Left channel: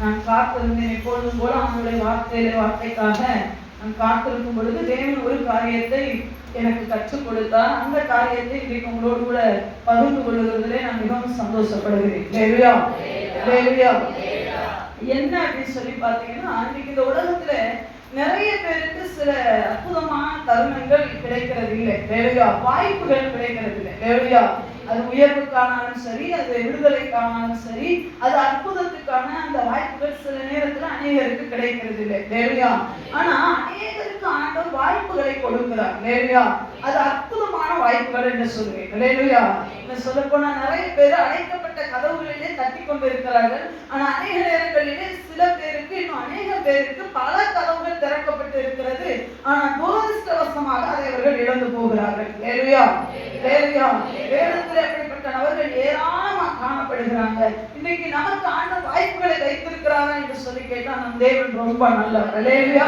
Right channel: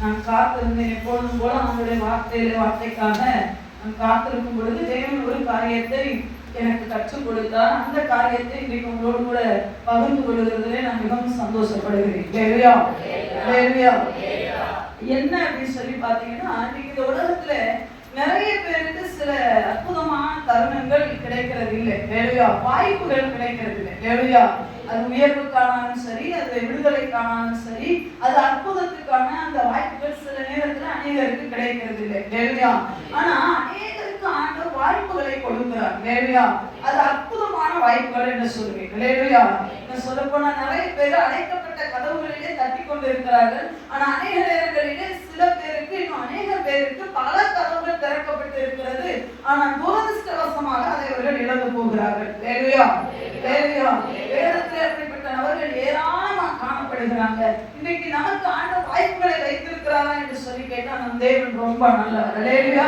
நான் காத்திருந்தேன். எப்பொழுதும் போல அவனுடைய வார்த்தைக்காக நான் காத்திருக்கும் பொழுது தேவன் ஒரு காரியத்தை எனக்கு கற்றுக் கொடுத்தார். அந்த காரியத்தை இன்றைக்கு உங்களோடு கூட பகிர்ந்து கொள்வதிலே நான் மிகவும் சந்தோஷப்படுகிறேன். ஹல்லேலூயா, ஹல்லேலூயா. என்ன அப்படின்னு சொல்லி பார்த்தீங்கன்னா, இன்னைக்கு இந்த உலகத்துல நிறைய பேருக்கு சில அற்புதமான தருணங்கள் கிடைக்கிறது இல்லை. ஹல்லேலூயா. வாய்ப்புகள் கிடைக்கிறது இல்லை. ஹல்லேலூயா. அது உயர்வுக்கானாலும் சரி, அது விடுதலைக்கானாலும் சரி, அது அற்புதத்துக்கான அந்த வாய்ப்புகள் சில நேரத்துல அநேகருக்கு கிடைக்கிறது இல்லை. ஹல்லேலூயா. ஆனா அநேகருக்கு ஆண்டவர் வாய்ப்புகளை கொடுக்கிறார். ஹல்லேலூயா. அது அற்புதமான வாய்ப்புகள் என்று சொல்லுவேன். ஹல்லேலூயா. நான் சொல்ல போனா நிறைய பேர் அடைக்கப்பட்ட கதவுகளிலே தட்டி கொண்டு இருக்கிறார்கள். ஆனா அநேக நேரங்களிலே சில பேருக்கு, இன்னும் அநேக பேருக்கு பல கதவுகள் திறக்கப்பட்டு இருக்கிறது. ஆனா துரதிர்ஷ்டவசமாக அதை அவர்கள் இழந்து போகிறார்கள். ஹல்லேலூயா, ஹல்லேலூயா. வேதத்தில் அப்படிப்பட்ட நபர்கள் ஏராளமாக காணப்படுகிறாங்க. இன்னைக்கு நமக்கு ஆண்டவர் வாய்ப்புகளை வைத்திருக்கிறாரா என்று சொல்லி கேட்டா, நம் தேவன் ரொம்ப நல்லவர். ஹல்லேலூயா.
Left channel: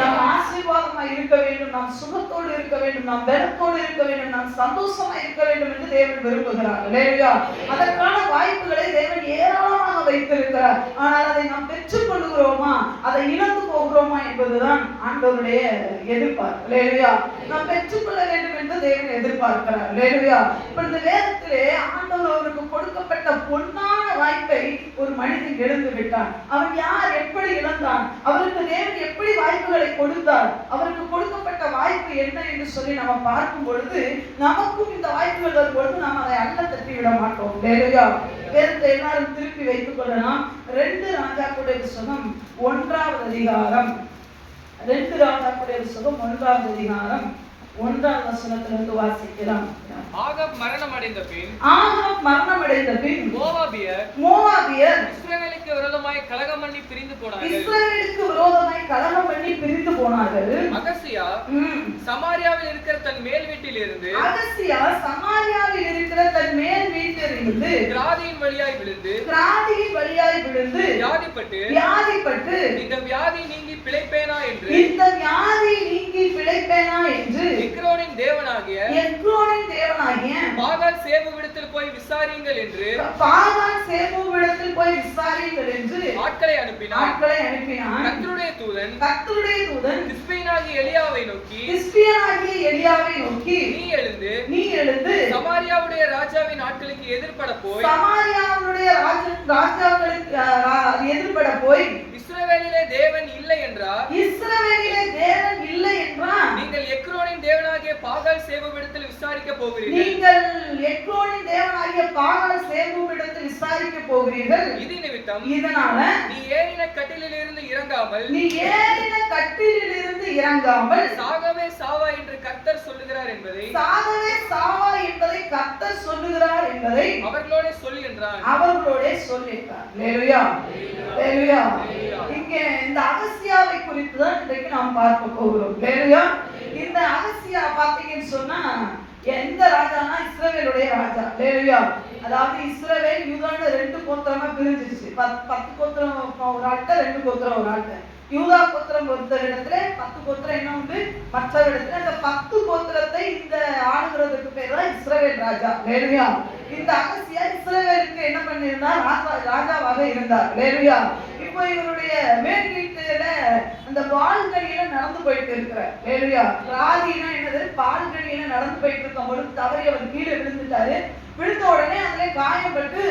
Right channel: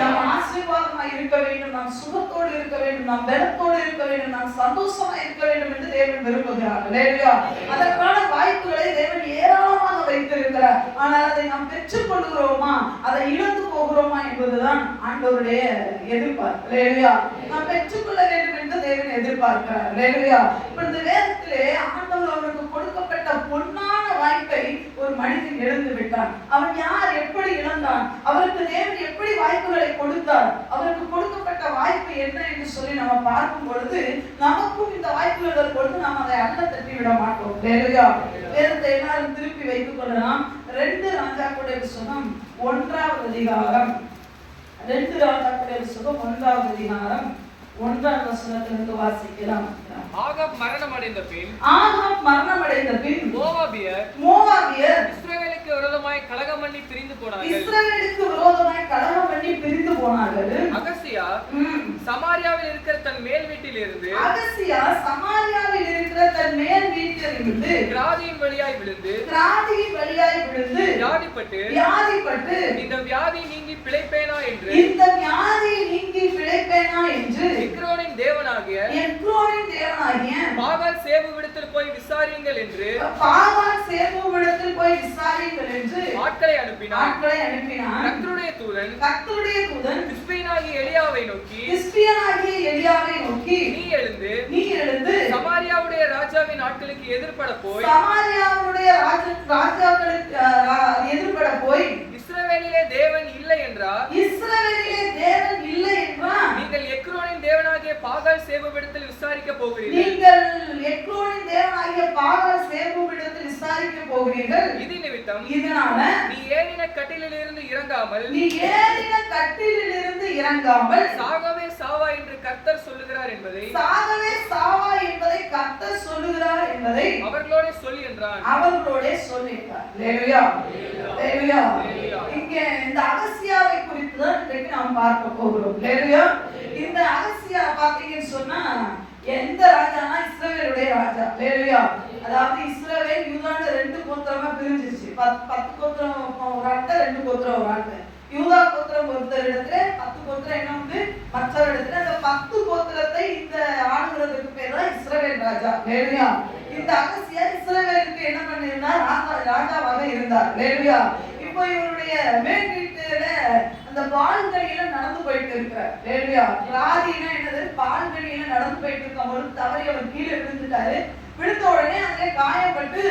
நாம் ஆசீர்வாதமா இருக்க வேண்டும், நாம் சுகத்தோடு இருக்க வேண்டும், நாம் பலத்தோடு இருக்க வேண்டும், நாம் சந்தோஷமா இருக்க வேண்டும் என்று தேவன் விரும்புகிறார். ஹல்லேலூயா. அதற்கான வாய்ப்புகளை தேவன் ஏராளமாக வைத்திருக்கிறார். ஆனால் அதை நாம் பெற்றுக் கொள்கிறோமா, அதை இழந்து போகிறோமா என்பதுதான் ஆண்டவருடைய எதிர்பார்ப்பு. ஹல்லேலூயா. நாம் பெற்றுக்கொள்ள வேண்டும் என்று தேவன் எதிர்பார்க்கிறார். ஹல்லேலூயா. இப்ப இந்த வேதத்திலே ஆண்டவர் அவருக்கு கொடுக்கப்பட்ட பொன்னான வாய்ப்பை ஒரு மனிதன் இழந்து விட்டான். அவன் யார், எப்படி இழந்தான், அவருக்கு தேவன் எப்படி வாய்ப்புகளை கொடுத்தார், அவருக்கு கொடுக்கப்பட்ட வாய்ப்பு என்ன என்று சொல்லி நம்ம பார்க்கும் பொழுது, நமக்கும் இந்த வாய்ப்புகள் பொழுது நாம் அதை அள்ள தட்டி விட மாட்டோம். ஹல்லேலூயா. வேதத்தை எல்லாரும் திருப்பி வைத்துக் கொள்ளலாம். 2 ராஜாக்களுடைய புத்தகம் 1ஆவது அதிகாரம், 2 ராஜாக்களுடைய புத்தகம் 1ஆவது அதிகாரம் 1ஆம் வசனத்திலிருந்து வாசிக்கலாம். ஆகாப் மரணம் அடைந்த பின் மோவாபியர் இஸ்ரவேலுக்கு விரோதமாய் கலகம் பண்ணி பிரிந்து போனார்கள். அகசியா சமாரியாவில் இருக்கிற தன் மேல் வீட்டிலிருந்து கிராதியின் வழியாய் விழுந்து வியாதிப்பட்டு இந்த வியாதி நீங்கி பிழைப்பேனா என்று எக்ரோனின் தேவனாகிய பாகால் சேபுவிடத்தில் போய் விசாரியுங்கள் என்று ஆட்களை அனுப்பினார். கர்த்தருடைய தூதன் திஸ்பியனாகிய எலியாவை நோக்கி, நீ எழுந்து சமாரியாவுடைய ராஜாவின் ஆட்களுக்கு எதிர்பட போய் இஸ்ரவேலிலே தேவன் இல்லை என்றார். நீங்கள் எக்ரோனின் தேவனாகிய பாகால் சேபுவிடத்தில் விசாரிக்க போகிறீர்கள். இது நிமித்தம் இதனால நீ ஏறின கட்டிலில் இருந்து இறங்காமல் சாகவே சாவா என்று கர்த்தர் சொல்லுகிறார் என்பதை அவர்களோட சொல்லி என்றான். இங்கே இந்த அகசியாவை குறித்து தான் இன்றைக்கு நாம் பார்க்க போகிறோம். ஹல்லேலூயா. இந்த அகசியா பாத்தீங்கன்னு சொன்னா எந்த ராஜானா, இஸ்ரவேலுடைய ராஜா. ஹல்லேலூயா. அதாவது இஸ்ரவேல் யூதான்னு 2 கோத்திரமா பிரிஞ்சிருச்சு. 10 கோத்திரம் ஒரு ஆட்ட, 2 கோத்திரம் ஒரு ஆட்ட. யூதா கோத்திரம் ஒருத்தர் இடத்துல, 10 கோத்திரம் என்ன உண்டு மற்ற இடத்துல. அந்த 10 கோத்திரத்தை இந்த ஆளுகிறதுக்கு பேர் தான் இஸ்ரவேல் ராஜா. ஹல்லேலூயா. இந்த அகசியா இஸ்ரவேலுக்கு என்ன பண்ணியிருந்தார், ராஜாவாக இருந்தார். ஹல்லேலூயா. இப்போ இவருடைய மேல் வீட்டுல அந்த பால்கனியில நடந்து போயிட்டு இருக்கிறார். ஹல்லேலூயா. ராதினா என்னது, பால்கனியில நடந்து போயிட்டு இருக்கும் பொழுது தவறி அவர் கீழே விழுந்துட்டாரு. விழுந்த உடனே அதிலே காயப்பட்டு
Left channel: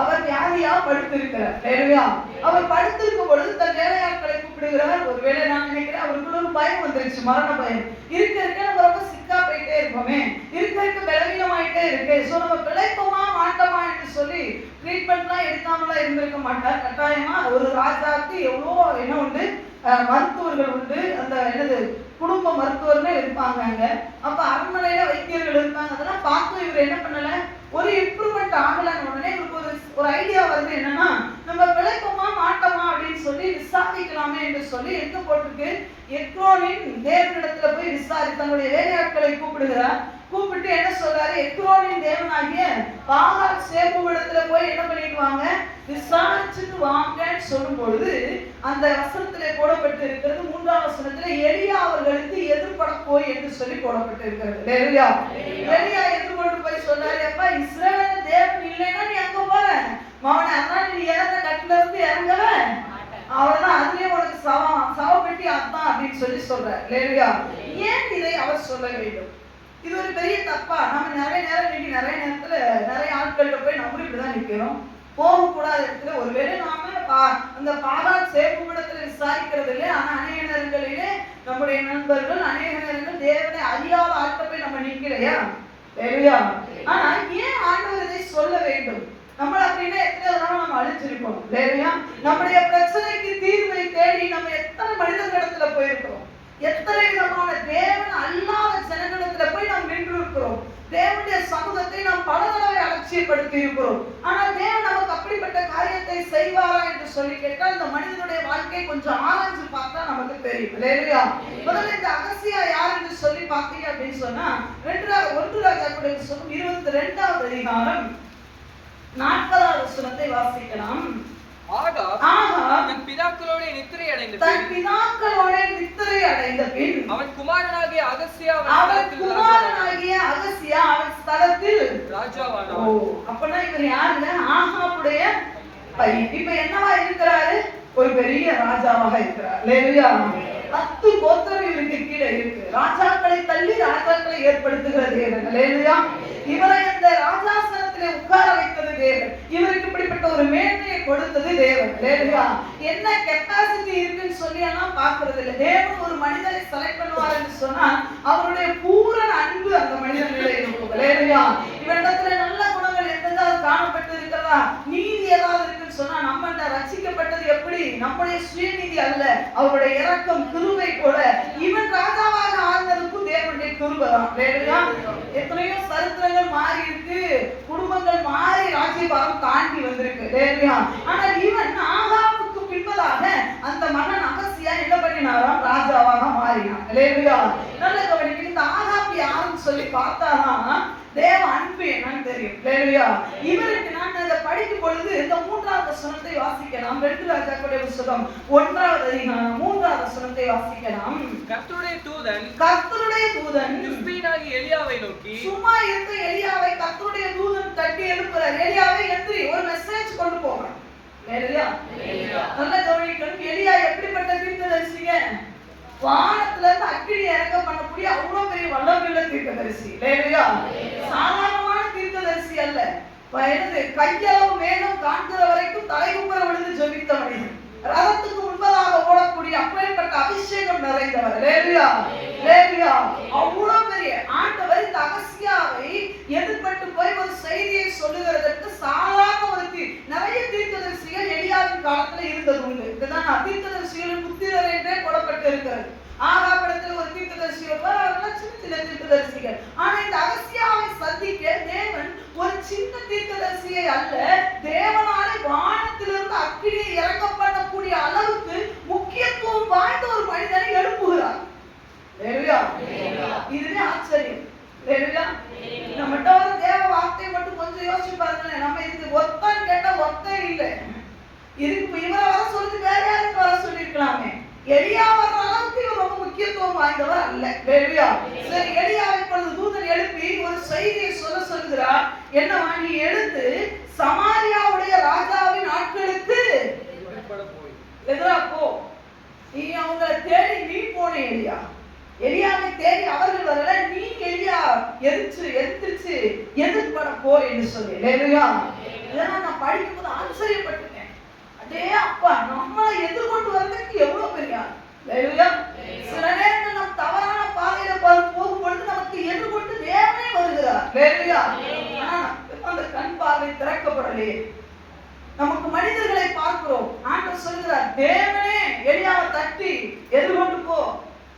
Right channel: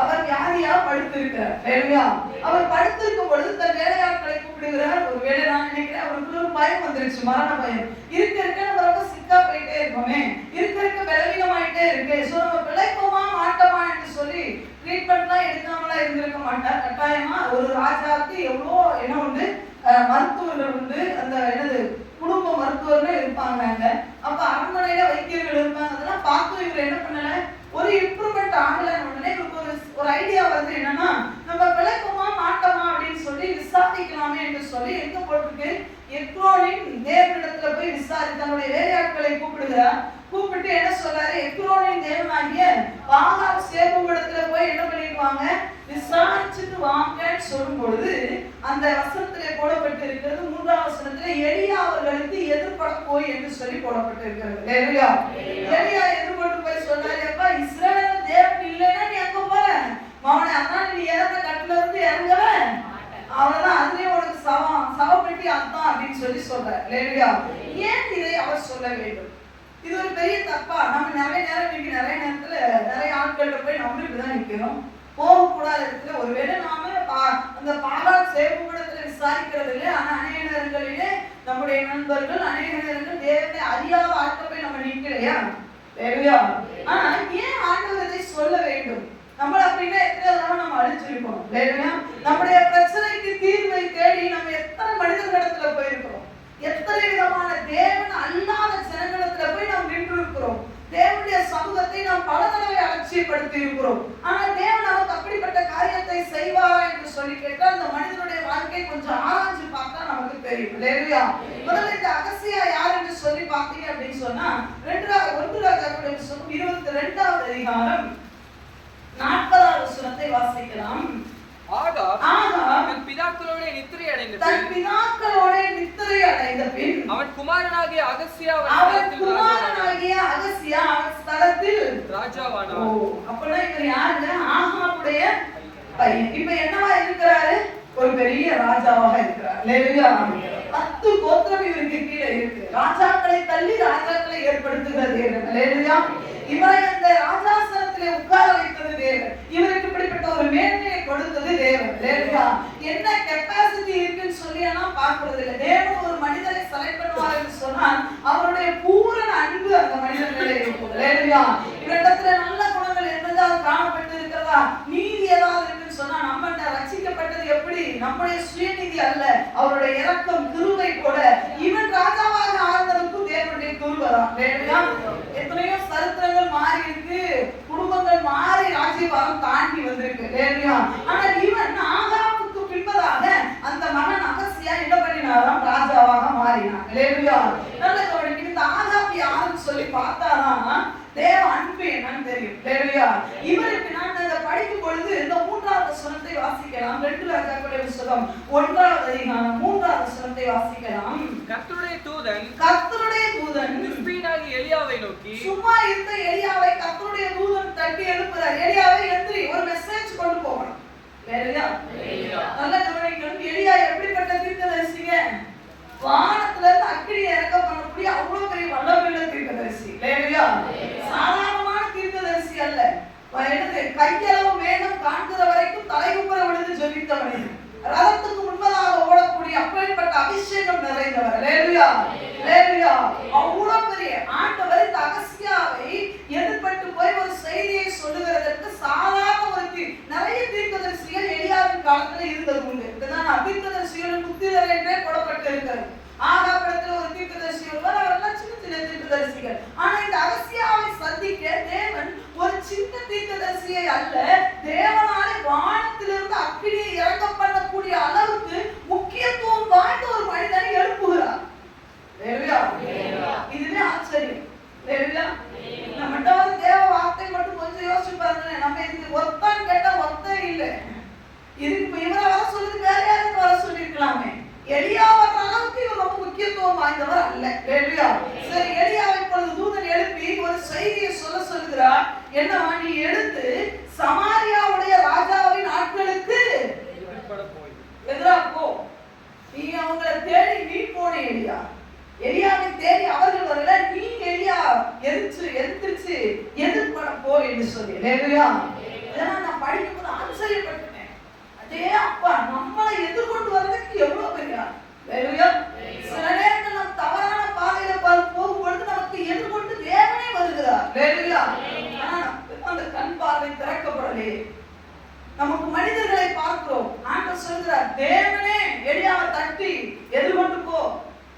அவர் வியாதியா படுத்திருக்கிறார். ஹல்லேலூயா. அவர் படுத்திருக்கும் பொழுது தன் வேலையாட்களை கூப்பிடுகிறார். ஒரு வேலை நான் நினைக்கிறேன் அவருக்கு ஒரு பயம் வந்துருச்சு, மரண பயம். இருக்க நம்ம ரொம்ப சிக்கா போயிட்டே இருக்கோமே, இருக்க பலவீனமாயிட்டே இருக்கு, சோ நம்ம பிழைப்போமா மாட்டோமா என்று சொல்லி ட்ரீட்மெண்ட்லாம் எடுக்காமலாம் இருந்திருக்க மாட்டார். கட்டாயமா ஒரு ராஜாவுக்கு எவ்வளோ என்ன உண்டு, மருத்துவர்கள் உண்டு, அந்த என்னது குடும்ப மருத்துவர்கள் இருப்பாங்க அங்க. அப்ப அரண்மனையில வைத்தியர்கள் இருக்காங்க. அதெல்லாம் பார்த்து இவர் என்ன பண்ணல, ஒரு இம்ப்ரூவ்மெண்ட் ஆகலன்னு உடனே ஒரு ஐடியா வருது. என்னன்னா, நம்ம பிழைப்போமா மாட்டோமா அப்படின்னு சொல்லி விசாரிக்கலாமே என்று சொல்லி எங்க போட்டிருக்கு, எக்ரோனின் தேவனிடத்துல போய் விசாரி தன்னுடைய வேலையாட்களை கூப்பிடுகிறார். கூப்பிட்டு என்ன சொல்றாரு, எக்ரோனின் தேவனாகிய பாகால் சேபுவிடத்துல போய் என்ன பண்ணிட்டு வாங்க, விசாரிச்சுட்டு வாங்கன்னு சொல்லும் பொழுது அந்த வசனத்திலே போடப்பட்டு இருக்கிறது 3ஆம் வசனத்திலே எலியா அவர்களுக்கு எதிர்பட போய் என்று சொல்லி போடப்பட்டு இருக்கிறது. ஹல்லேலூயா. எலியா எதிர்பட்டு போய் சொன்னாரு, அப்பா இஸ்ரவேல் தேவன் இல்லைன்னா நீ அங்க போற மகனே, அதனால நீ இறந்த கட்டில இருந்து இறங்கவே அவ்வளவுதான், அதுலயே உனக்கு சவப்பெட்டி அதான் அப்படின்னு சொல்றாரு. இல்லையா? ஏன் இதை அவர் சொல்ல வேண்டும்? இது ஒரு பெரிய தப்பா? நம்ம நிறைய நேரம் இன்னைக்கு நிறைய நேரத்துல நிறைய ஆட்கள்கிட்ட போய் நம்மளும் இப்படிதான் நிக்கிறோம். போகக்கூடாத இடத்துல ஒருவேளை நாம அந்த பாராட் சேவகத்துல விசாரிக்கிறது இல்லை. ஆனா அநேக நேரங்களிலே நம்முடைய நண்பர்கள் அநேக நேரங்கள் தேவனை அறியாத ஆட்கள் போய் நம்ம நிற்கிறையா? இல்லையா? ஆனா ஏன் ஆண்டவர் இதை சொல்ல வேண்டும்? நம்ம அப்படின்னா எத்தனை தடவை நம்ம அழிச்சிருக்கோம் இல்லையா? நம்முடைய பிரச்சனைக்கு தீர்வை தேடி நம்ம எத்தனை மனிதர்களிடத்துல போயிருக்கிறோம், எத்தனை விதமான தேவன் அல்லாத ஜனங்களிடத்துல போய் நாம் நின்று இருக்கிறோம். தேவனுடைய சமூகத்தை நாம் பல தடவை அலட்சியப்படுத்தி இருக்கிறோம். ஆனா தேவன் நமக்கு அப்படிப்பட்ட காரியத்தை செய்வாரா என்று சொல்லி கேட்டால் அந்த மனிதனுடைய வாழ்க்கை கொஞ்சம் ஆராய்ச்சி பார்த்தா நமக்கு தெரியும். இல்லையா? முதல்ல இந்த அகசியா யார் என்று சொல்லி பார்த்தீங்க அப்படின்னு சொன்னா 1 ராஜாக்களுடைய புத்தகம் 22வது அதிகாரம் 40வது வசனத்தை வாசிக்கலாம். தன் பிதாக்களோட நித்திரை அடைந்த பின் அவன் குமாரனாகிய அகசியா அவன் ஸ்தலத்தில் ராஜாவானான். அப்பனா இவர் யாருங்க? ஆகாபுடைய பையன். இப்ப என்னவா இருக்கிறாரு? ஒரு பெரிய ராஜாவாக இருக்கிறார். இல்லையா? 10 கோத்திரம் இவருக்கு கீழே இருக்கு. ராஜாக்களை தள்ளி ராஜாக்களை ஏற்படுத்துகிற தேவன். இல்லையா? இவரை அந்த ராஜாசனத்திலே உட்கார வைத்தது தேவன். இவருக்கு இப்படிப்பட்ட ஒரு மேன்மையை கொடுத்தது தேவன். இல்லையா? என்ன கெப்பாசிட்டி இருக்குன்னு சொல்லி பார்க்கறது இல்லை. தேவன் ஒரு மனிதனை செலக்ட் பண்ணுவார் என்று சொன்னால் அவருடைய பூரண அன்பு அந்த மனிதனிலே இருக்கும். இல்லையா? இவரிடத்துல நல்ல குணங்கள் எதாவது காணப்பட்டு இருக்கிறதா, நீதி ஏதாவது இருக்குன்னு சொன்னா நம்ம ரட்சிக்கப்பட்டது எப்படி? நம்முடைய சுயநீதி அல்ல, அவருடைய இரக்கம் கிருபை போல. இவன் ராஜாவாக ஆனதுக்கும் தேவனுடைய கிருபை தான். எத்தனையோ சரித்திரங்கள் மாறி இருக்கு, குடும்பங்கள் மாறி ராஜ்யபாரம் தாண்டி வந்திருக்கு. இல்லையா? ஆனால் இவன் ஆகாபுக்கு பின்பதாக அந்த மகன் அகசியா என்ன பண்ணினாராம்? ராஜாவாக மாறினான். இல்லையா? நல்ல கவனிக்க. இந்த ஆகாபு யாருன்னு சொல்லி பார்த்தாதான் தேவ அன்பு என்னன்னு தெரியும். இல்லையா? இவருக்கு நான் இதை படிக்கும் பொழுது இந்த 3வது வசனத்தை வாசிக்கலாம். 2 ராஜாக்களுடைய புத்தகம் 1வது அதிகாரம் 3வது வசனத்தை வாசிக்கலாம். கர்த்தருடைய தூதன் திஸ்பியனாகிய எலியாவை நோக்கி, சும்மா இருந்த எலியாவை கர்த்தருடைய தூதன் தட்டி எழுப்புறார். எலியாவை எந்திரி, ஒரு மெசேஜ் கொண்டு போகணும். இல்லையா? நல்ல கவனிக்கணும். எலியா எப்படிப்பட்ட தீர்க்கதரிசிங்க? வானத்துல இருந்து அக்கினி இறக்க பண்ணக்கூடிய அவ்வளவு பெரிய வல்லமையுள்ள தீர்க்கதரிசி. இல்லையா? சாதாரணமான தீர்க்கதரிசி அல்ல. கையளவு மேகம் காண்கிற வரைக்கும் தலைகுப்புற விழுந்து ஜெபித்த மனிதன். ரதத்துக்கு முன்பதாக ஓடக்கூடிய அப்பேற்பட்ட அபிஷேகம் நிறைந்தவர். இல்லையா? அவ்வளவு பெரிய ஆண்டவர் இந்த அகசியாவை எதிர்பட்டு போய் ஒரு செய்தியை சொல்லுகிறதற்கு சாதாரண ஒரு நிறைய தீர்க்கதரிசிகள் எலியாவின் காலத்துல இருந்தது உண்டு. இதுதான் தீர்க்கதரிசிகளின் புத்திரர் என்றே போடப்பட்டு இருக்கிறது. ஆகாபுரத்துல ஒரு தீர்க்கதரிசி வருவார். அவரெல்லாம் சின்ன சின்ன தீர்க்கதரிசிகள். ஆனா இந்த அகசியாவை சந்திக்க தேவன் ஒரு சின்ன தீர்க்கதரிசியை அல்ல, தேவனாலே வானத்திலிருந்து அக்கினியை இறக்க பண்ணக்கூடிய அளவுக்கு முக்கியத்துவம் வாய்ந்த ஒரு மனிதனை எழுப்புகிறார். இதுவே ஆச்சரியம். நம்மகிட்ட வர தேவ வார்த்தை மட்டும் கொஞ்சம் யோசிச்சு பாருங்க. நம்ம இதுக்கு ஒத்தான்னு கேட்டா ஒத்தே இல்லை. இதுக்கு இவரை வர சொல்லி வேற யாருக்கு வர சொல்லி இருக்கலாமே. எலியா வர்ற அளவுக்கு இவர் ரொம்ப முக்கியத்துவம் வாய்ந்தவர் அல்ல. சரி, எலியாவை இப்பொழுது தூதன் எழுப்பி ஒரு செய்தியை சொல்லுகிறார். என்னவா? நீ எழுந்து சமாரியாவுடைய ராஜாவின் ஆட்களுக்கு எதிரா போ. நீ அவங்களை தேடி நீ போன எலியா. எலியாவை தேடி அவர்கள் வரல, நீ எலியா எதிர்த்து எதிர்பட போ என்று சொல்லி. இதெல்லாம் நான் படிக்கும் போது ஆச்சரியப்பட்டேன். அதே அப்பா நம்மளை எதிர்கொண்டு வர்றதுக்கு எவ்வளவு பெரிய. சில நேரங்கள் நம் தவறான பாதையில போகும்பொழுது நமக்கு எதிர்கொண்டு தேவனே வருகிறார். ஆனா அந்த கண் பார்வை திறக்கப்படலையே. நமக்கு மனிதர்களை பார்க்கிறோம். ஆண்டவர் சொல்கிறார், தேவனே எலியாவை தட்டி எதிர்கொண்டு போ.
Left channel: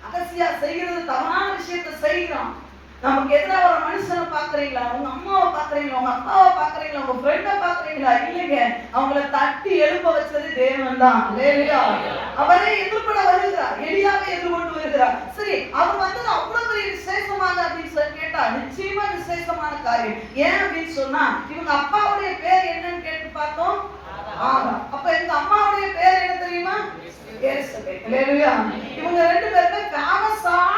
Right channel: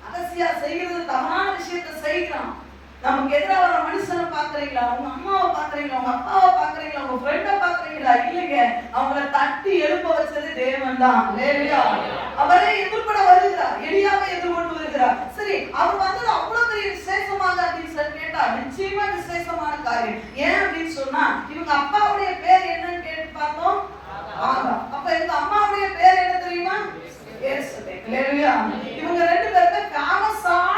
அகசியா செய்கிறது தவறான விஷயத்தை செய்கிறான். நமக்கு எதிராக ஒரு மனுஷனை பாக்குறீங்களா? உங்க அம்மாவை பாக்குறீங்களா? உங்க அப்பாவை பாக்குறீங்களா? உங்க ஃப்ரெண்டை பாக்குறீங்களா? இல்லைங்க, அவங்களை தட்டி எழுப்ப வச்சது தேவன் தான். அவரே எதிர்பட வருகிறார். எலியாவை எதிர்கொண்டு வருகிறார். சரி, அவர் வந்தது அவ்வளவு பெரிய விசேஷமாக அப்படின்னு சொல்லி கேட்டா நிச்சயமா விசேஷமான காரியம். ஏன் அப்படின்னு சொன்னா இவங்க அப்பாவுடைய பேர் என்னன்னு கேட்டு பார்த்தோம். அப்ப எங்க அம்மாவுடைய பேர் என்ன தெரியுமா? இவங்க 2 பேருமே ஃபேமஸான.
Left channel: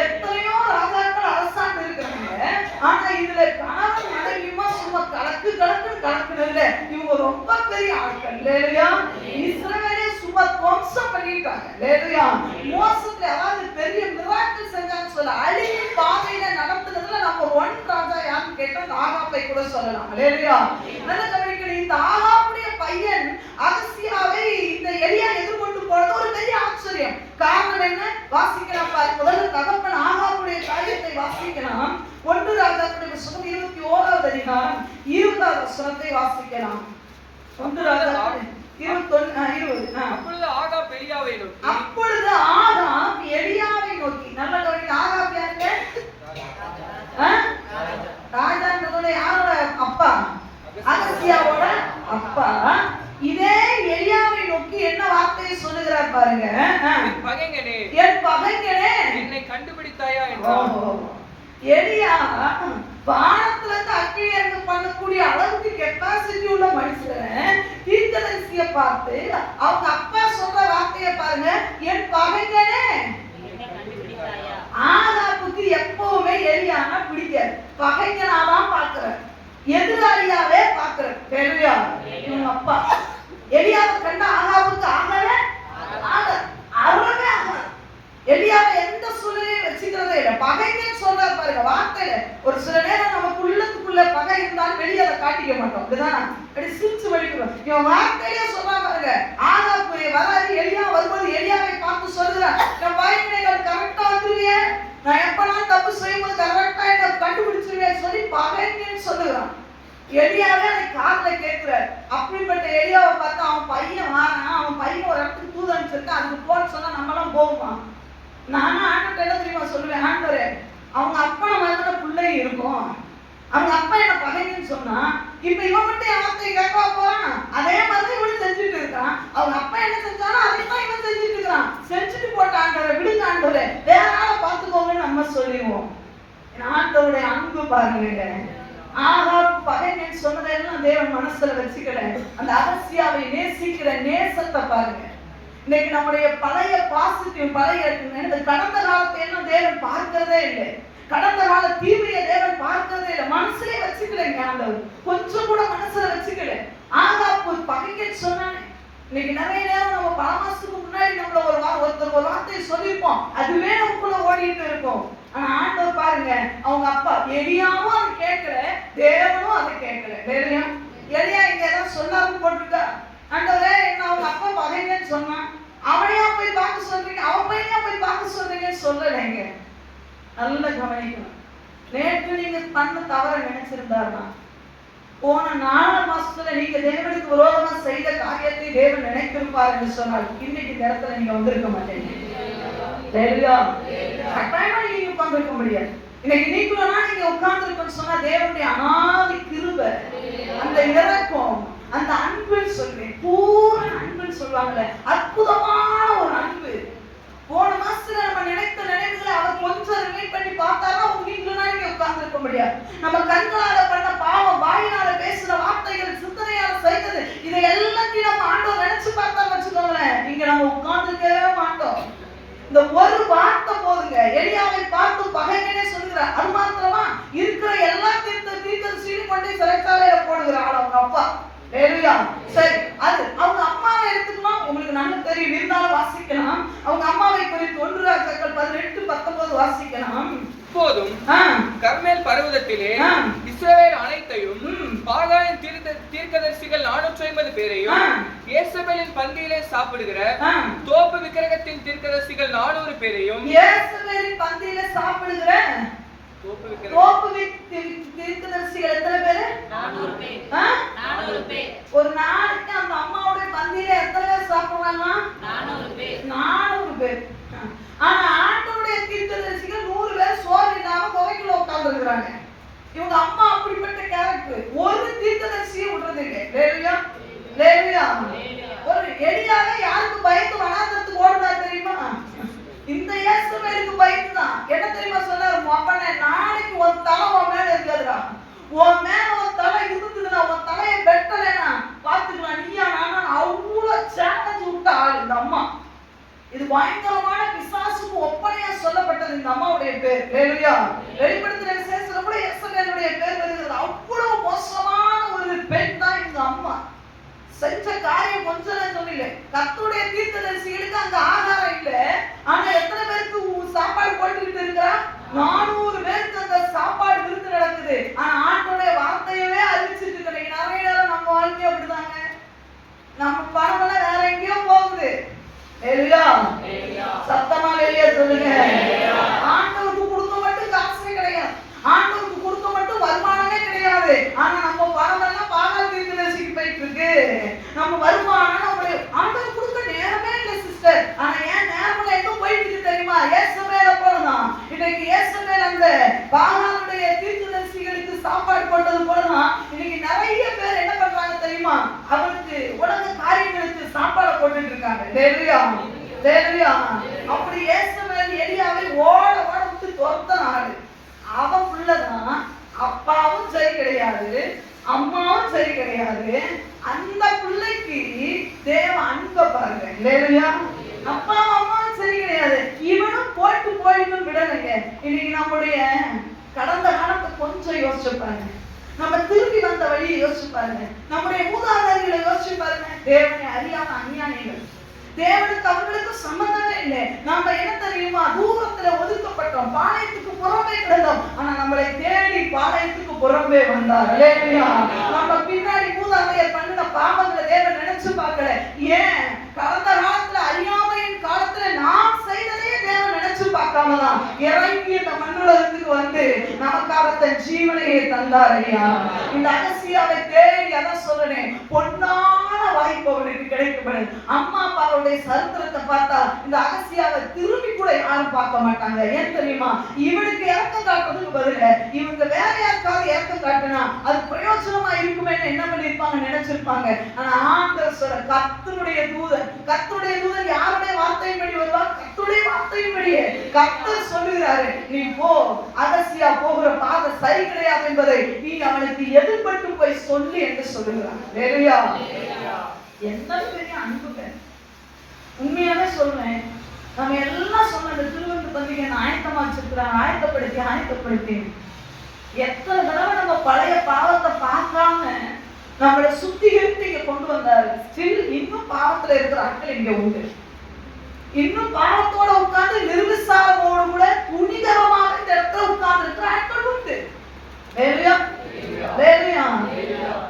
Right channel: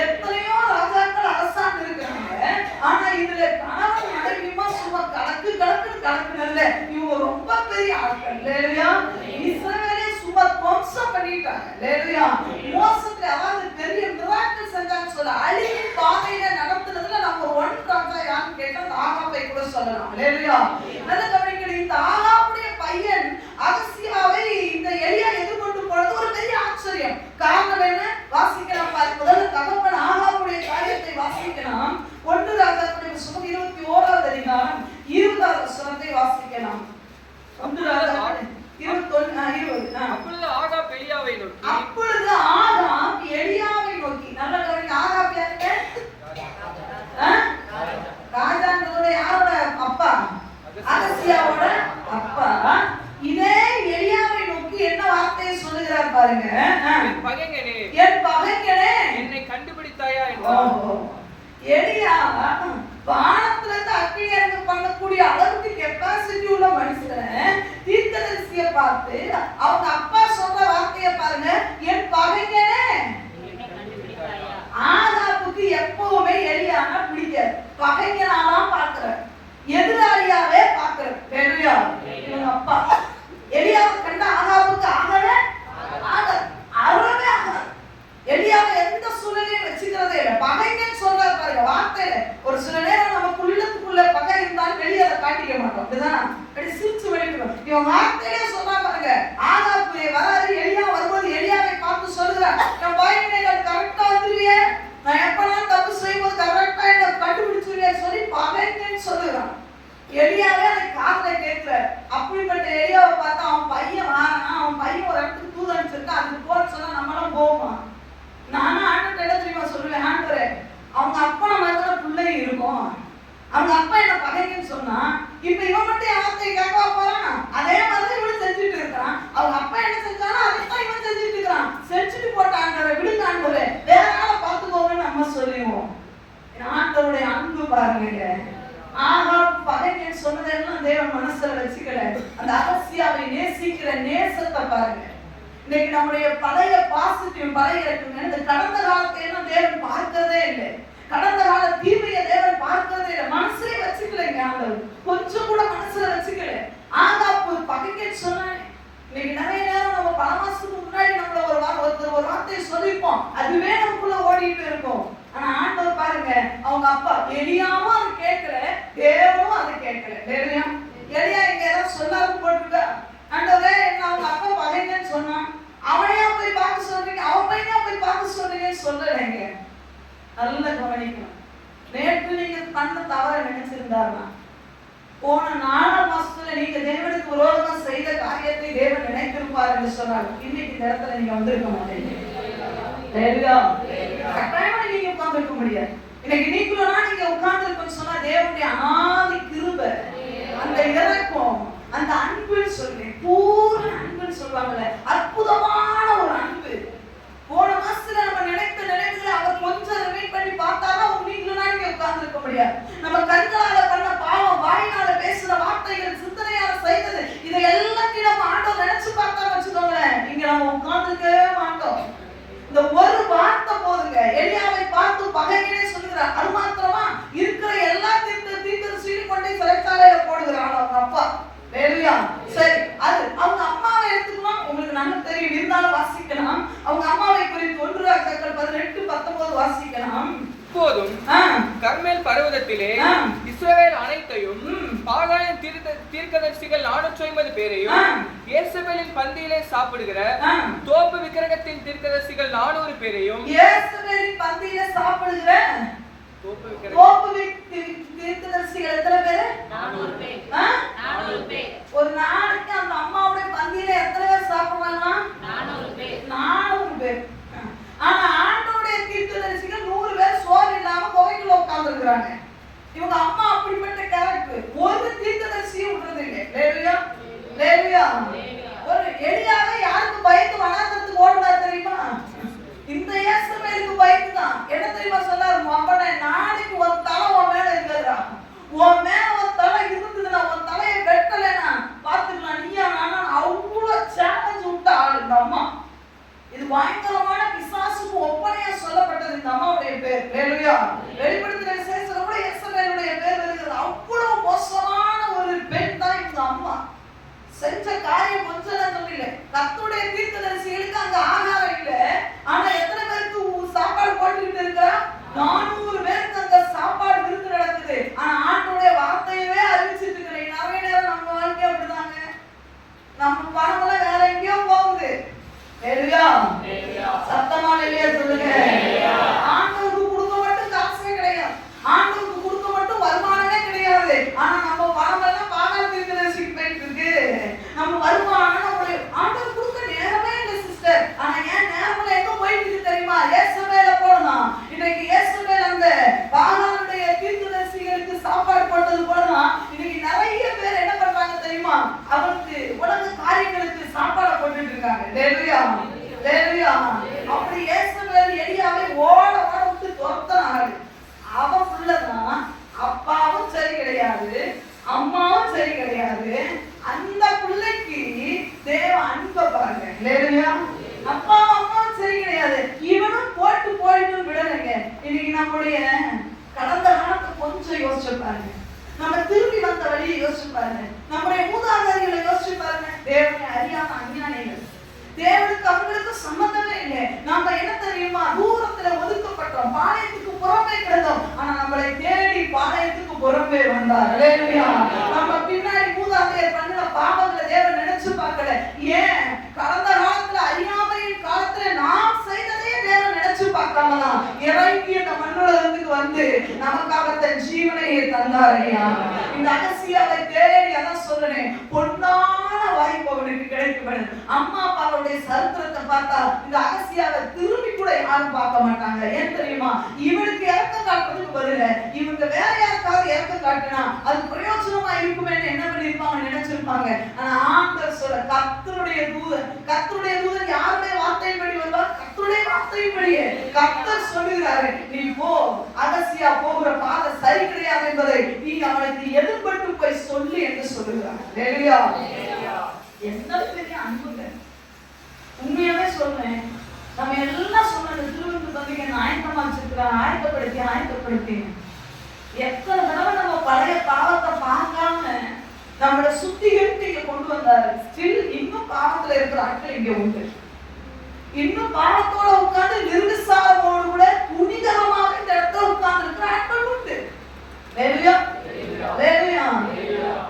எத்தனையோ ராஜாக்கள் அரசாண்டு இருக்கிறாங்க. ஆனா இதுல கணவன் மனைவியுமா சும்மா கலக்குனதுல இவங்க ரொம்ப பெரிய ஆட்கள். இஸ்ரவேல் பண்ணிட்டாங்க. ஹalleluya. மோசத்துல அதாவது பெரிய மிராக்கிள் செஞ்சான்னு சொல்ல அழிவின் பாதையில நடத்துனதுல நம்ம ஒன் ராஜா யாருன்னு கேட்டா ஆகாபை கூட சொல்லலாம். ஹalleluya. நல்ல கவனிக்கணும். இந்த ஆகாபுடைய பையன் அகசியாவை இந்த எலியா எதிர்கொண்டு போனது ஒரு பெரிய ஆச்சரியம். காரணம் என்ன? வாசிக்கலாம் பாருங்க. முதல்ல தகப்பன் ஆகாபுடைய காரியத்தை வாசிக்கலாம். 1 ராஜாக்களுடைய புத்தகம் 21வது அதிகாரம் 20வது வசனத்தை வாசிக்கலாம். 1 ராஜாக்கள் 21:20. அப்பொழுது ஆகாப் எலியாவை நோக்கி நல்ல கவனிங்க. ஆகாப் யாரு? ராஜான்றதோட யாரோட அப்பா? அகசியாவோட அப்பா. இதே எலியாவை நோக்கி என்ன வார்த்தையை சொல்லுகிறார் பாருங்க. என் பகைஞனே என்னை கண்டுபிடித்தாயா என்றார். எலியா வானத்துல இருந்து அக்கினி இறங்க பண்ணக்கூடிய அளவுக்கு கெப்பாசிட்டி உள்ள மனுஷனை தீர்க்கதரிசிய பார்த்து அவங்க அப்பா சொல்ற வார்த்தையை பாருங்க. என் பகைஞனே. ஆகாபுக்கு எப்பவுமே எலியானா பிடிக்காது. பகைஞனாதான் பார்க்கிறார், எதிராளியாவே பார்க்கிறார். ஹalleluya. இவங்க அப்பா எலியாவை கண்ட ஆகாபுக்கு ஆகவே ஆகாது. எலியாவை எந்த சூழ்நிலையும் வச்சுக்கிறதே இல்லை. பகைங்கன்னு சொல்றாரு பாருங்க வார்த்தையில. ஒரு சில நேரம் நமக்கு உள்ளத்துக்குள்ள பகை இருந்தாலும் வெளியே அதை காட்டிக்க மாட்டோம். அப்படிதான் அப்படி சிரிச்சு வெளிக்கிறோம். இவன் வார்த்தையிலே சொல்றா பாருங்க. ஆகாபுடைய வராது எலியா வரும்போது எலியாவை பார்த்து சொல்லுறான், என் பகைஞர்கள் கரெக்டா வந்துருவியே, நான் எப்பனாலும் தப்பு செய்யும்போது கரெக்டா என்ன கண்டுபிடிச்சிருவேன் சொல்லி பகைங்கன்னு சொல்லுறான். எலியாவே அதை காதுல கேட்கிறார். அப்படிப்பட்ட எலியாவை பார்த்தா அவன் பையன் வாரானா, அவன் பையன் ஒரு இடத்துக்கு தூது அனுப்பிச்சிருக்கா, அதுக்கு போன்னு சொன்னா நம்மளும் போவோமா? நானும் ஆண்டவர்கிட்ட என்ன தெரியுமா சொல்லுவேன், ஆண்டவரே அவங்க அப்பா மாதிரி பிள்ளை இருக்கும், அவங்க அப்பா என்ன பகைங்கன்னு சொன்னா இப்ப இவன் மட்டும் என் வார்த்தையை கேட்கவா போறான்? அதே மாதிரி இவன் செஞ்சுட்டு இருக்கான். அவங்க அப்பா என்ன செஞ்சானோ அதைத்தான் இவன் செஞ்சுட்டு இருக்கிறான். செஞ்சுட்டு போட்ட ஆண்டவரை விடுங்க, ஆண்டவரே வேற ஆளை பார்த்துக்கோங்கன்னு நம்ம சொல்லிடுவோம். ஆண்டவருடைய அன்பு பாருங்க. ஆகாப் பகைங்கன்னு சொன்னதெல்லாம் தேவன் மனசுல வச்சுக்கல. அந்த அகசியாவை நேசிக்கிற நேசத்தை பாருங்க. இன்னைக்கு நம்முடைய பழைய பாசிட்டிவ் பழைய இந்த கடந்த காலத்தை எல்லாம் தேவன் பார்க்கிறதே இல்லை. கடந்த கால தீமையை தேவன் பார்க்கிறதே இல்லை. மனசுலயே வச்சுக்கலைங்க. ஆண்டவர் கொஞ்சம் கூட மனசுல வச்சுக்கல. ஆகாப் ஒரு பகைங்கன்னு சொன்னானே. இன்னைக்கு நிறைய நேரம் நம்ம பல மாசத்துக்கு முன்னாடி நம்மள ஒருத்தர் ஒரு வார்த்தையை சொல்லியிருப்போம், அதுவே நமக்குள்ள ஓடிட்டு இருக்கும். ஆனா ஆண்டவர் பாருங்க, அவங்க அப்பா எலியாவும் அதை கேட்கல, தேவனும் அதை கேட்கல. வேறையும் எலியா இங்க ஏதாவது சொல்லாம போட்டுருக்கா? ஆண்டவரே என்ன அவங்க அப்பா பகைங்கன்னு சொன்னான், அவனையா போய் பார்க்க சொல்றீங்க, அவன் பையனையா போய் பார்க்க சொல்றீங்கன்னு சொல்லலைங்க. நல்ல கவனிக்கணும். நேற்று நீங்க பண்ண தவற நினைச்சிருந்தாருன்னா போன 4 மாசத்துல நீங்க தேவனுக்கு விரோதமா செய்த காரியத்தை தேவன் நினைத்திருப்பார் என்று சொன்னால் இன்னைக்கு இந்த இடத்துல நீங்க வந்திருக்க மாட்டீங்க. கட்டாயமா நீங்க உட்கார்ந்துருக்க முடியாது. இன்னைக்கு நீங்களும் நீங்க உட்கார்ந்துருக்கோன்னு சொன்னா தேவனுடைய அனாதி கிருபை, அந்த இரக்கம், அந்த அன்புன்னு சொல்றேன், பூரண அன்புன்னு சொல்லுவாங்கல்ல, அற்புதமான ஒரு அன்பு. போன மாசத்துல நம்ம நினைத்த நினைவுகளை அவர் கொஞ்சம் ரிமைண்ட் பண்ணி பார்த்தாலும் நீங்களும் நீங்க உட்கார்ந்துருக்க முடியாது. நம்ம கண்களால பண்ண பாவம், வாயினால பேசுற வார்த்தைகள், சிந்தனையால செய்தது, இதை எல்லாத்தையும் நம்ம ஆண்டவர் நினைச்சு பார்த்தா வச்சுக்கோங்களேன், இங்க நம்ம உட்கார்ந்துருக்கவே மாட்டோம். இந்த ஒரு வார்த்தை போதுங்க. எலியாவை பார்த்து பகைங்கனே சொல்லுகிறார். அது மாத்திரமா இருக்கிற எல்லா தீர்க்கதரிசியும் கொண்டு சிறைச்சாலையில போடுகிறாள் அவங்க அப்பா. சரி, அது அவங்க அம்மாவை எடுத்துக்கலாம். உங்களுக்கு நல்லா தெரியும், இருந்தாலும் வாசிக்கலாம். அவங்க அம்மாவை குறித்து 1 ராஜாக்கள் 18:19 வாசிக்கலாம். இப்போதும் கர்மேல் பர்வதத்திலே இஸ்ரவேல் அனைத்தையும் பாகாலின் தீர்க்கதரிசிகள் 450 பேரையும் யேசபேலின் பந்தியிலே சாப்பிடுகிற தோப்பு விக்கிரகத்தின் தீர்க்கதரிசிகள் 400 பேரையும் யேசபேலின் பந்தியிலே சாப்பிடுகிற தோப்பு தீர்க்கதரிசிகள் எத்தனை பேரு? 400 பேர். 400 பேர். ஒரு நாளைக்கு அந்த அம்மாவுடைய பந்தியில எத்தனை பேர் சாப்பிடுவாங்க? 400 பேர். 400 பேர். ஆனா ஆண்டவருடைய தீர்க்கதரிசிகள் 100 பேர் சோறு இல்லாம குகைக்குள்ள உட்கார்ந்து இருக்காங்க. இவங்க அம்மா அப்படிப்பட்ட கேரக்டர். ஒரு தீர்க்கதரிசியை விடுறது இல்லை. லேவியா ஒரு எலியாவே யாருக்கு பயந்து வனாந்தரத்துக்கு ஓடுனார் தெரியுமா? இந்த யேசபேலுக்கு பயந்து தான். என்ன தெரியுமா சொன்னார்? அப்பனே நாளைக்கு ஒரு தலை உன் மேல இருக்குதுடா, உன் மேல ஒரு தலை இருக்குதுன்னா உன் தலையை வெட்டலைன்னா பாத்துக்கலாம், நீயா நானா அவ்வளவு சேலஞ்ச் விட்ட ஆள் இந்த அம்மா. இது பயங்கரமான பிசாசுக்கு ஒப்பனையா சொல்லப்பட்டது இந்த அம்மாவுடைய பேர். வெளிப்படுத்தின விசேஷத்துல கூட யேசபேலுடைய பேர் வருகிறது. அவ்வளவு மோசமான ஒரு பெண் தான் இந்த அம்மா. செஞ்ச காரியம் கொஞ்சம் சொல்லல. கர்த்தருடைய தீர்க்கதரிசிகளுக்கு அங்க இருக்காங்க. ஹல்லேலூயா, ஹல்லேலூயா. அப்படி யேசபேல் எலியாவை ஓட ஓட விட்டு துரத்தினாரு. அவன் புள்ளதான், அப்பாவும் சரி கிடையாது, அம்மாவும் சரி கிடையாது. அந்த பிள்ளைக்கு தேவ அன்பை பாருங்க. ஹல்லேலூயா. அப்பா அம்மாவும் சரி கிடையாது, இவனும் போட்டு போயிட்டு விடலைங்க. இன்னைக்கு நம்முடைய கடந்த காலத்தை கொஞ்சம் யோசிச்சு பாருங்க, நம்ம திரும்பி வந்த வழியை யோசிச்சு பாருங்க, நம்முடைய மூதாதையர்களை யோசிச்சு பாருங்க. தேவனை அறியாம அநியாயங்கள், தேவனுக்கு அவங்களுக்கு சம்பந்தமே இல்லை. நாம என்ன தெரியுமா, தூரத்துல ஒதுக்கப்பட்டோம், பாளையத்துக்கு புறம்பே கிடந்தோம். ஆனா நம்மளை தேடி பாளையத்துக்கு புறம்பே வந்தார். ஹல்லேலூயா. நம்ம பின்னாடி மூதாதையர் பண்ணின பாவங்களை தேவன் நினைச்சு பார்க்கல. ஏன்? கடந்த காலத்துல அறியாமையின் காலத்துல நாம் செய்ததையே தேவன் நினைச்சு பார்க்காம தான் இறங்கி இந்த மண்ணுலகத்துக்கு வந்து நமக்காக தன் ஜீவனையை தந்தார். ஐயா, இந்த அகசியாவை தேடி அதான் சொல்றேன், பொன்னான வாய்ப்பு அவனுக்கு கிடைக்கும். அம்மா அப்பாவுடைய சரித்திரத்தை பார்த்தா இந்த அகசியாவை திரும்பி கூட யாரும் பார்க்க மாட்டாங்க. ஏன் தெரியுமா? இவனுக்கு இறக்கம் காட்டுறதுக்கு பதில இவங்க வேற யாருக்காவது இறக்கம் காட்டினா அது பிரயோஜனமா இருக்குமே என்ன பண்ணிருப்பாங்க, நினைச்சிருப்பாங்க. ஆனா ஆண்டவர் சொல்ற, கர்த்தருடைய தூதன் யாருடைய வார்த்தையின்படி வருவார்? கர்த்தருடைய வார்த்தையின்படியே கர்த்தர் சொல்லுகிறாரு, நீ போ, அகசியா போகிற பாதை சரி கிடையாது என்பதை நீ அவனுக்கு எதிர்பட்டு போய் சொல்லி என்று சொல்லுகிறார். ஹல்லேலூயா. என்ன பெரிய அன்புங்க. உண்மையாவே சொல்றேன், நம்ம எல்லாம் சொன்ன அந்த திருவிருந்து பத்திரிகை ஆயத்தமா வச்சிருக்கிறாங்க, ஆயத்தப்படுத்தி எத்தனை தடவை நம்ம பழைய பாவத்தை பார்க்காம நம்மளை சுத்திகரித்து இங்க கொண்டு வந்தாரு. ஸ்டில் இன்னும் பாவத்துல இருக்கிற ஆட்கள் இங்க உண்டு. இன்னும் பாவத்தோட உட்கார்ந்து நிர்விசாரமோடு கூட துணிகரமாக இந்த இடத்துல உட்கார்ந்து இருக்கிற ஆட்கள் உண்டு.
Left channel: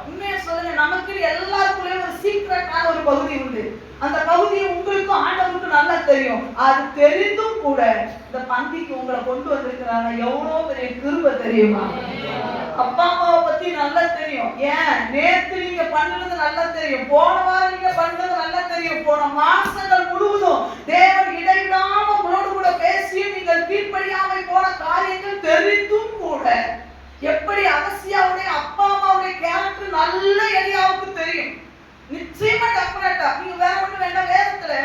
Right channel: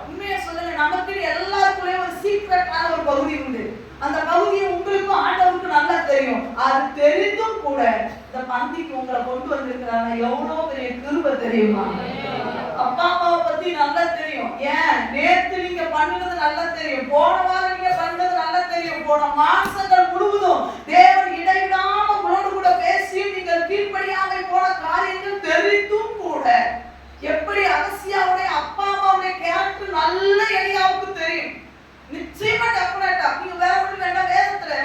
உண்மையா சொல்லுங்க, நமக்கு எல்லாருக்குள்ளேயும் ஒரு சீக்ரெட்டான ஒரு பகுதி உண்டு. அந்த பகுதியை உங்களுக்கும் ஆண்டவருக்கும் நல்லா தெரியும். அது தெரிந்தும் கூட இந்த பந்திக்கு உங்களை கொண்டு வந்திருக்கிறாங்க. எவ்வளவு பெரிய கிருபை தெரியுமா? அப்பா அம்மாவை பத்தி நல்லா தெரியும். ஏன்? நேத்து நீங்க பண்ணது நல்லா தெரியும், போன வாரம் நீங்க பண்ணது நல்லா தெரியும், போன மாசங்கள் முழுவதும் தேவன் இடைவிடாம உங்களோடு கூட பேசி நீங்கள் கீழ்ப்படியாம போன காரியங்கள் தெரிந்தும் கூட எப்படி அகசியாவுடைய அப்பா அம்மாவுடைய கேரக்டர் நல்ல எலியாவுக்கு தெரியும். நிச்சயமா டெஃபினட்டா நீங்க வேற ஒண்ணு வேண்டாம். வேதத்துல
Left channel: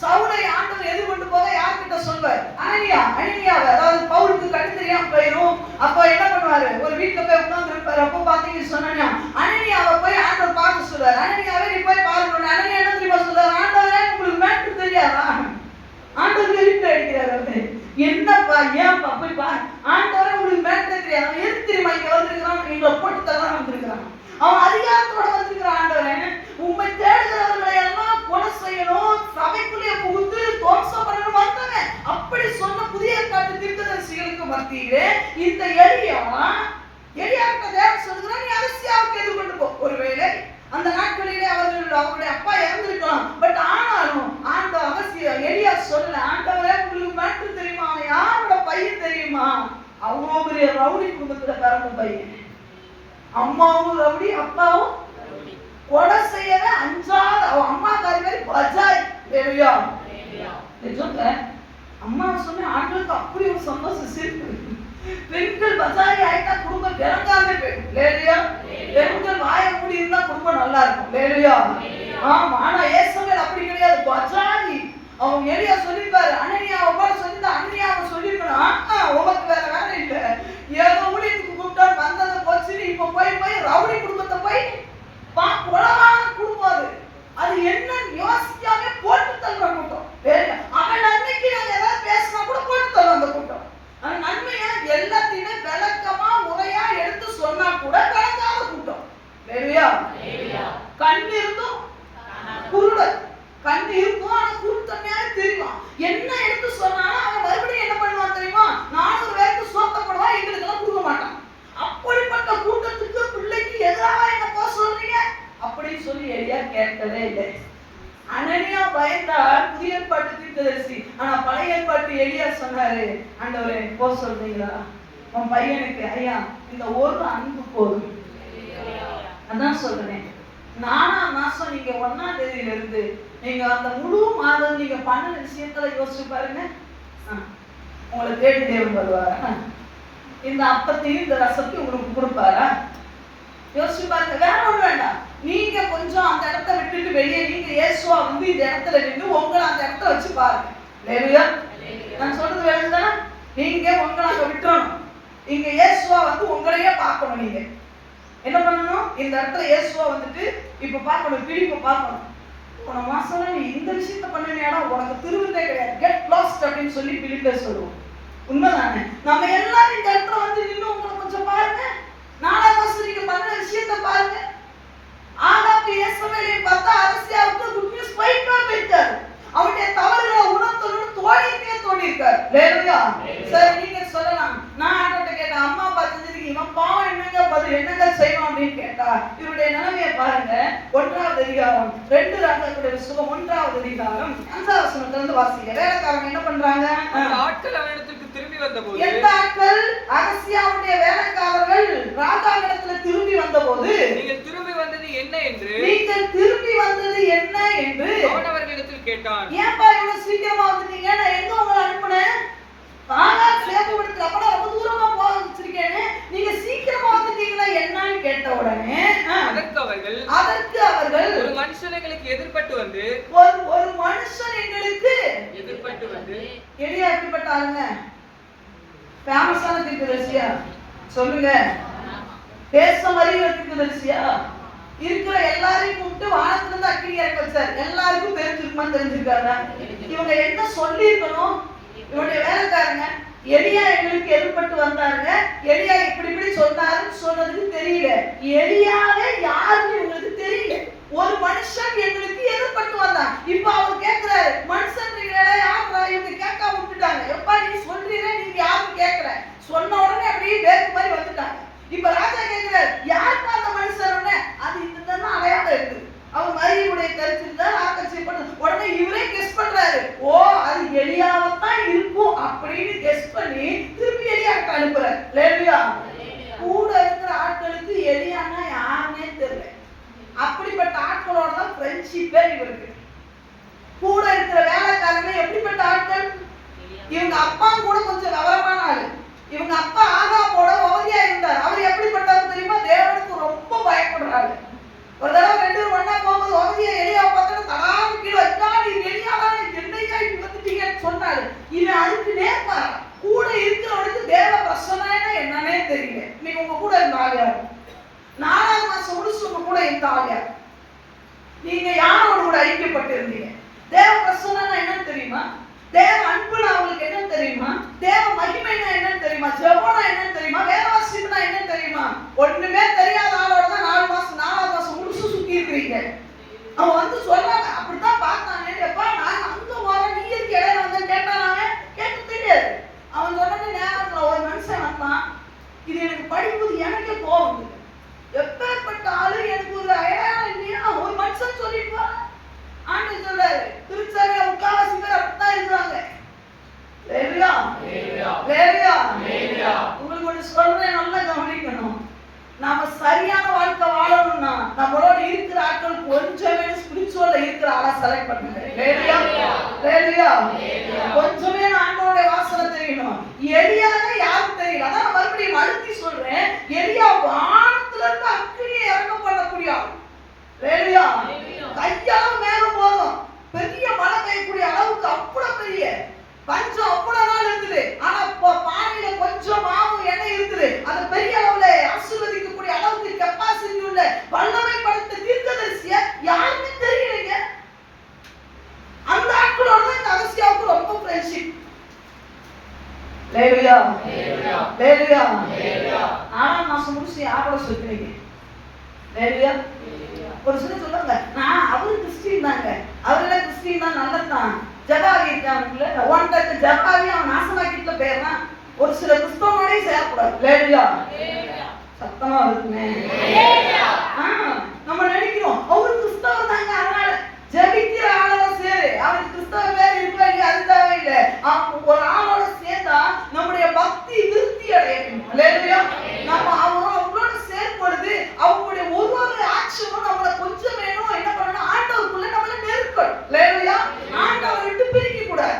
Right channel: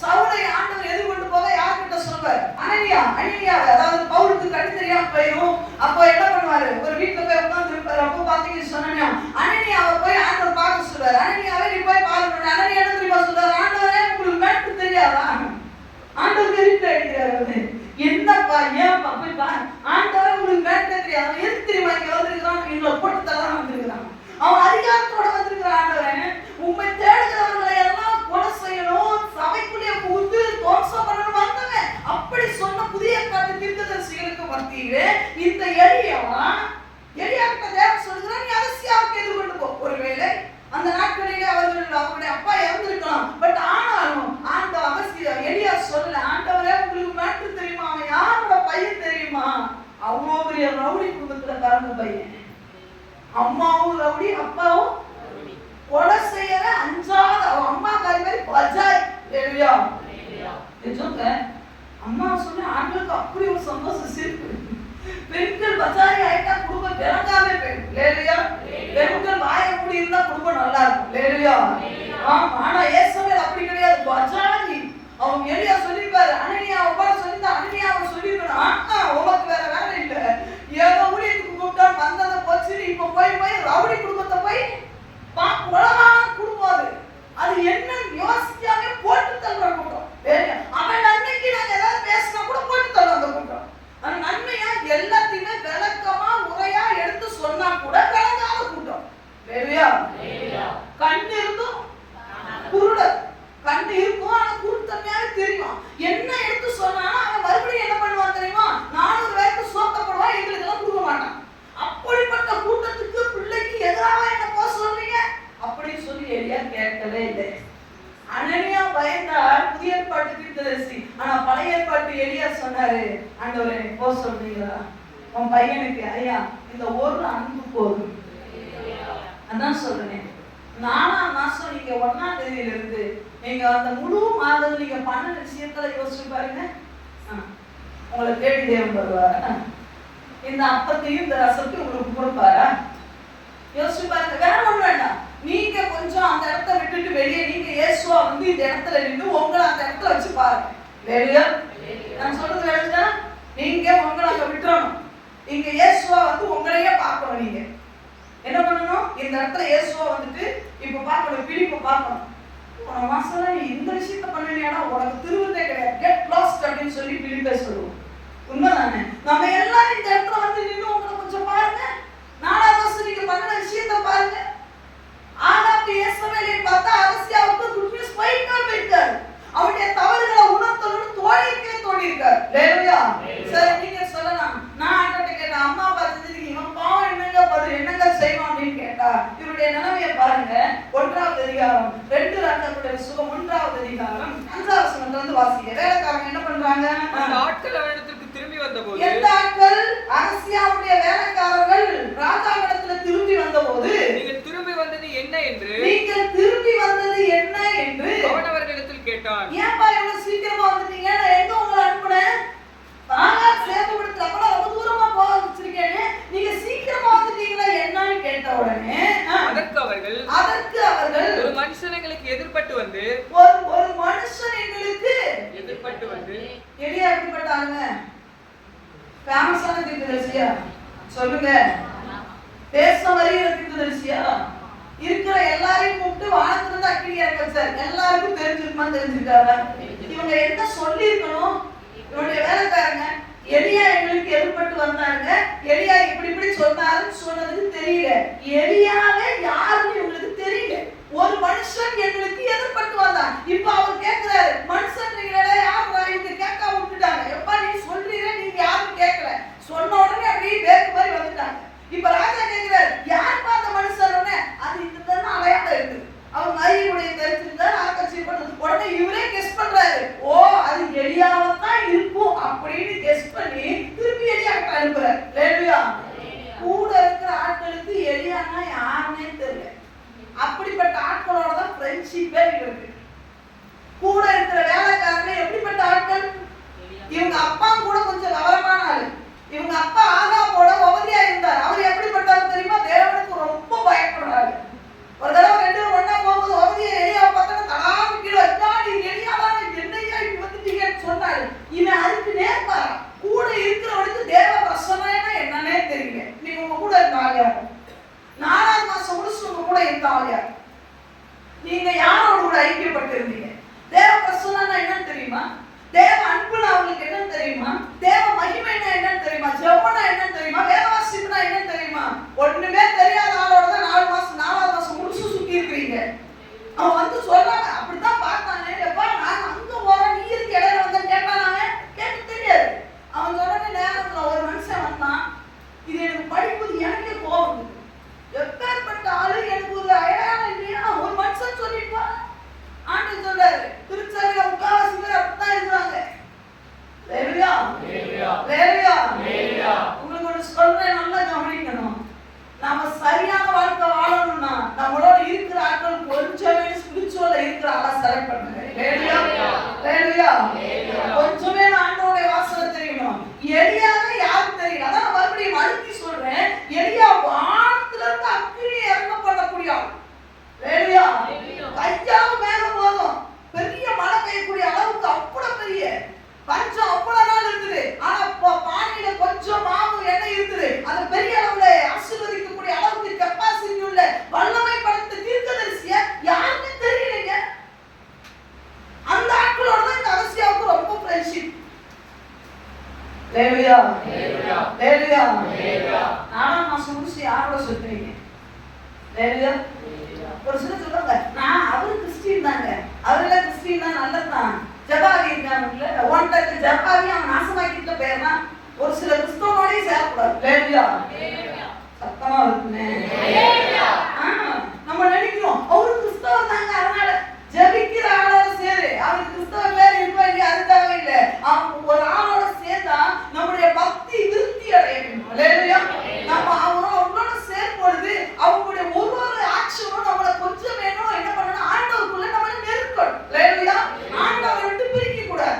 சவுலை ஆண்டவர் எது கொண்டு போக யார்கிட்ட சொல்வார்? அனனியாவை. அதாவது பவுலுக்கு கண்ணு தெரியாம போயிடும். அப்போ என்ன பண்ணுவாரு? ஒரு வீட்டுல போய் உட்கார்ந்து இருப்பாரு. அப்போ பாத்தீங்கன்னு சொன்னா அனனியாவை போய் ஆண்டவர் பார்க்க சொல்றாரு. அனனியாவே நீ போய் பாருங்க. அனனியா என்ன தெரியுமா சொல்றாரு? ஆண்டவரே உங்களுக்கு மேட்டு தெரியாதா? ஆண்டவர் இருட்டு அடிக்கிறாரு. என்னப்பா ஏன்ப்பா போய் பாரு, ஆண்டவரே உங்களுக்கு மேட்டு தெரியாது. எது தெரியுமா இங்க வந்திருக்கிறான்? இவங்களை போட்டு தரலாம் வந்திருக்கிறான். அவன் அதிகாரத்தோட வந்திருக்கிற ஆண்டவரே, உண்மை தேடுகிறவர்களை எல்லாம் கொலை செய்யணும், சபைக்குள்ளே புகுந்து தோற்றம் பண்ணணும் வந்தவன். அப்படி சொன்ன புதிய காட்டு தீர்க்கதரிசிகளுக்கு மத்தியிலே இந்த எலியா கிட்ட தேவன் சொல்லுகிறான், நீ அகசியாவுக்கு எதிர்கொண்டு போ. ஒருவேளை அந்த நாட்களிலே அவருடைய அப்பா இறந்திருக்கலாம். பட் ஆனாலும் ஆண்ட அகசியா எலியா சொல்ல, ஆண்டவரே உங்களுக்கு மேட்டு தெரியுமா? அவன் யாரோட பையன் தெரியுமா? அவ்வளோ பெரிய ரவுடி குடும்பத்துல பிறந்த பையன். அம்மாவும் ரவுடி, அப்பாவும் கொலை செய்யவே அஞ்சாத அம்மா காரி பஜாய். அம்மா சொன்ன ஆண்களுக்கு அப்படி ஒரு சந்தோஷம் சிரிப்பு. பெண்கள் பஜாரி ஆயிட்டா குடும்பம் பிறங்காமே போயிடும். பெண்கள் வாய மூடி இருந்தா குடும்பம் நல்லா இருக்கும். ஆமா. ஆனா ஏசபேல் அப்படி கிடையாது, பஜாரி. அவங்க எலியா சொல்லிப்பாரு, அனனியாவை கூட சொல்லிதான் அனனியாவை சொல்லிருக்கணும். உனக்கு வேற வேலை இல்ல, ஏதோ ஊழியத்துக்கு கூப்பிட்டா வந்ததை போச்சுன்னு இப்ப போய் ரவுடி குடும்பத்தை போய் குளமான குடும்பம். அது என்ன யோசிக்காம போட்டு தள்ளுற கூட்டம். அவன் நன்மைக்கு நாங்க ஏதாவது பேசினா கூட போட்டு தள்ளும் அந்த கூட்டம். அது நன்மையா எல்லாத்தையுமே விளக்கமா முறையா எடுத்து சொன்னா கூட விளங்காத கூட்டம். கண் இருந்தும் குருடர். கண் இருக்கும் ஆனா குருத்தன்மையாக தெரியும். என்ன எடுத்து சொன்னாலும் அவன் மறுபடியும் என்ன பண்ணுவான் தெரியுமா? 400 பேருக்கு சோத்தப்படுவான், எங்களுக்கு எல்லாம் கொடுக்க மாட்டான். அப்படிப்பட்ட கூட்டத்துக்கு பிள்ளைக்கு எதிராக என்ன போக சொல்றீங்க அப்படின்னு சொல்லி எலியா கேட்கவே இல்லை. அனனியா பயந்தார் புதிய ஏற்பாட்டு தீர்க்கதரிசி. ஆனா பழைய ஏற்பாட்டு எலியா சொன்னாரு, ஆண்டவரே போக சொல்றீங்களா உன் பையனுக்கு? ஐயா இந்த ஒரு அன்பு போதும். அதான் சொல்றேன். 4ஆம் மாசம் நீங்க 1ஆம் தேதியில இருந்து நீங்க அந்த முழு மாதம் நீங்க பண்ண விஷயத்துல யோசிச்சு பாருங்க. உங்களை தேடி தேவன் வருவாரா? இந்த அப்பத்தையும் இந்த ரசத்தையும் உங்களுக்கு கொடுப்பாரா? யோசிச்சு பாருங்க. வேற ஒண்ணு வேண்டாம். நீங்க கொஞ்சம் அந்த இடத்தை விட்டுட்டு வெளியே நீங்க இயேசுவா வந்து இந்த இடத்துல நின்று உங்களை அந்த இடத்துல வச்சு பாருங்க. இல்லையா? நான் சொல்றது வேணுதா? நீங்க உங்களை அங்க விட்டுறணும். இங்க இயேசுவா வந்து உங்களையே பார்க்கணும். நீங்க என்ன பண்ணணும்? இந்த இடத்துல இயேசுவா வந்துட்டு இப்ப பார்க்கணும், பிலிப்பை பார்க்கணும். போன மாசம் நீ இந்த விஷயத்த பண்ணினா உனக்கு திருவிழே கிடையாது, கெட் லாஸ்ட் அப்படின்னு சொல்லி பிலிப்பை சொல்லுவோம். உண்மைதானே? நம்ம எல்லாரும் இந்த இடத்துல வந்து நின்று உங்களை கொஞ்சம் பாருங்க. 4ஆம் வருஷம் நீங்க பண்ண விஷயத்த பாருங்க. ஆகாப்பு இயேசுவேலை பார்த்தா அரசியாவுக்கு குட் நியூஸ் போயிட்டாரு. அவருடைய தவறுகளை உணர்த்தணும்னு தோணியிருக்காரு. ஹalleluya. சரி, நீங்க சொல்லலாம், நான் ஆண்டவர்ட்ட கேட்டேன், அம்மா அப்பா செஞ்சதுக்கு இவன் பாவம் என்னங்க பதில் என்னங்க செய்வான் அப்படின்னு கேட்டா, இவருடைய நிலைமையை பாருங்க. 1வது அதிகாரம் 2 ராஜாக்களுடைய புத்தகம் 1வது அதிகாரம் 5வது வசனத்துல இருந்து வாசிங்க. வேலைக்காரங்க என்ன பண்றாங்க? ஆட்கள் அவரிடத்துக்கு திரும்பி வந்தபோது, எந்த ஆட்கள்? அரசியாவுடைய வேலைக்காரர்கள் ராஜாவிடத்துல திரும்பி வந்தபோது, நீங்கள் திரும்பி வந்தது என்ன என்று அவன் அவர்களிடத்தில் கேட்டான். ஏன்பா இவ்வளவு சீக்கிரமா வந்துட்டீங்க? நான் எங்க உங்களை அனுப்புனேன்? சேப்பப்படுத்தல அப்ப ரொம்ப தூரமா போக வச்சிருக்கேன், நீங்க சீக்கிரமா வந்துட்டீங்களா என்னன்னு கேட்ட உடனே அதற்கு அவர்கள் ஒரு மனுஷன் எங்களுக்கு எதிர்பட்டு வந்து எலியா எப்படிப்பட்ட ஆளுங்க? ஃபேமஸான தீர்க்கதரிசியா? சொல்லுங்க. தேசம் அறிகிற தீர்க்கதரிசியா? இருக்கிற எல்லாரையும் கூப்பிட்டு வானத்துல இருந்து அக்கினி இறங்க வச்சார். எல்லாருக்கும் தெரிஞ்சிருக்குமான்னு தெரிஞ்சிருக்காரா? இவங்க என்ன சொல்லி இருக்கணும்? இவருடைய வேலைக்காரங்க எலியா எங்களுக்கு எதிர்பட்டு வந்தாங்க, எலியா இப்படி சொன்னாருன்னு சொன்னதுக்கு தெரியல. எலியாவே யாருன்னு உங்களுக்கு தெரியல. ஒரு மனுஷன் எங்களுக்கு எதிர்பட்டு வந்தான். இப்ப அவர் கேட்கிறாரு, மனுஷன் யாரா? இவங்க கேட்காம விட்டுட்டாங்க. எப்பா நீ சொல்றீங்க, நீங்க யாரும் கேட்கல. சொன்ன உடனே அப்படியே பேக்கு மாதிரி வந்துட்டாங்க. இப்ப ராஜா கேட்கிறாரு, யாருப்பா அந்த மனுஷன்? அது இந்த அடையாளம் இருக்கு. அவங்க அறிவுடைய தெரிஞ்சிருந்தாரு ஆக்கட்சிப்பட்டது. உடனே இவரே கெஸ் பண்றாரு, ஓ அது எலியாவத்தான் இருக்கும் அப்படின்னு கெஸ் பண்ணி திருப்பி எலியாட்ட அனுப்புறாரு. ஹalleluya. கூட இருக்கிற ஆட்களுக்கு எலியானா யாருன்னே தெரியல. அப்படிப்பட்ட ஆட்களோட தான் ஃப்ரெண்ட்ஷிப்பே இவருக்கு. கூட இருக்கிற வேலைக்காரங்க எப்படிப்பட்ட ஆட்கள்? இவங்க அப்பா கூட கொஞ்சம் விவரமான ஆளு. இவங்க அப்பா ஆகாபோட ஓதியா இருந்தார். அவர் எப்படிப்பட்டாரு தெரியுமா? தேவனுக்கு ரொம்ப பயப்படுறாரு. ஒரு தடவை 2 பேரும் ஒண்ணா போகும்போது ஓதியா எலியா பார்த்தா தடாம கீழே வச்சாடி, எலியாதான் என்னையா இப்படி வந்துட்டீங்கன்னு சொன்னாரு. இவன் அதுக்கு நேர்மாறா. கூட இருக்கிறவனுக்கு தேவ பிரசன்னா என்னன்னே தெரியல. நீங்க உங்க கூட இருந்த ஆளியா? 4ஆவது மாசம் முடிச்சு உங்க கூட இருந்த ஆளியா? நீங்க யாரோட கூட ஐக்கியப்பட்டு இருந்தீங்க? தேவ பிரசன்னா என்னன்னு தெரியுமா? தேவ அன்புனா அவங்களுக்கு என்னன்னு தெரியுமா? தேவ மகிமைனா என்னன்னு தெரியுமா? ஜெபம்னா என்னன்னு தெரியுமா? வேதவாசிப்புனா என்னன்னு தெரியுமா? ஒண்ணுமே தெரியாத ஆளோட தான் 4ஆவது மாசம் முடிச்சு சுத்தி இருக்கிறீங்க. அவன் வந்து சொல்றாங்க, அப்படித்தான் பார்த்தாங்க. எப்பா நான் அங்க போறேன், நீ இருக்கு இடையில வந்து கேட்டானாங்க. கேட்டு தெரியாது. அவன் சொன்ன நேரத்துல ஒரு மனுஷன் வந்தான். இது எனக்கு படிக்கும்போது எனக்கே கோபம். எப்பேற்பட்ட ஆளு, எனக்கு ஒரு அடையாளம் இல்லையா? ஒரு மனுஷன் சொல்லிட்டு ஆண்டவர் சொல்றாரு, திருச்சபையில முக்காவாசி பேர் அப்படித்தான் இருக்காங்க. உங்களுக்கு ஒண்ணு சொல்றேன், நல்லா கவனிக்கணும். நாம சரியான வாழ்க்கை வாழணும்னா நம்மளோட இருக்கிற ஆட்கள் கொஞ்சமே ஸ்பிரிச்சுவல்ல இருக்கிற ஆளா செலக்ட் பண்ணுங்க. கொஞ்சமே ஆண்டவருடைய வாசனை தெரியணும். எலியாவே யாருக்கு தெரியல. அதான் மறுபடியும் அழுத்தி சொல்றேன், எலியா வானத்துல இருந்து அக்கினி இறங்க பண்ணக்கூடிய ஆள். கையால மேல போதும், பெரிய மழை பெய்யக்கூடிய அளவுக்கு அவ்வளவு பெரிய பஞ்சம் அவ்வளவு நாள் இருக்குது. ஆனா பானையில கொஞ்சம் மாவு எண்ணெய் இருக்குது. அது பெரிய அளவுல ஆசீர்வதிக்கக்கூடிய அளவுக்கு கெப்பாசிட்டி உள்ள வல்லமை படைத்த தீர்க்கதரிசிய யாருமே தெரியலைங்க. அந்த ஆட்களோட தான் இந்த அரசியாவுக்கு ரொம்ப ஃப்ரெண்ட்ஷிப். ஹalleluya. 4ஆம் மாசம் முடிச்சு யாரோட சொல்றீங்க? ஒரு சிலர் சொல்லுவாங்க, நான் அவரு கிறிஸ்டின் தாங்க, அவரெல்லாம் கிறிஸ்டின் தான், நல்லதான். ஜபாவி இருக்காங்கல்ல, ஒன்றுக்கு ஜபாவி அவன் நாசமாக்கிட்ட பேர்னா ஒரு சில கிறிஸ்தவனோடய சேரக்கூடாது. சத்தமா இருக்குமே. நம்ம நினைக்கிறோம் அவரு கிறிஸ்தவர் தாங்க, அதனால ஜபிக்கிற ஆளோட சேரு. அவருக்கு கிறிஸ்தவ பேர் இருக்கா இல்லையா அது தேவையில்லை. ஒரு ஆளோட சேர்ந்தா நம்முடைய பக்தி திருப்தி அடையும். நம்ம அவங்களோட சேர்ப்பொழுது அவங்களுடைய ஒரு ஆக்ஷனும் நம்மளை கொஞ்சம் வேணும் என்ன பண்ணணும், ஆண்டவருக்குள்ள நம்மள நெருக்கணும். ஆண்டவரை விட்டு பிரிக்க கூடாது.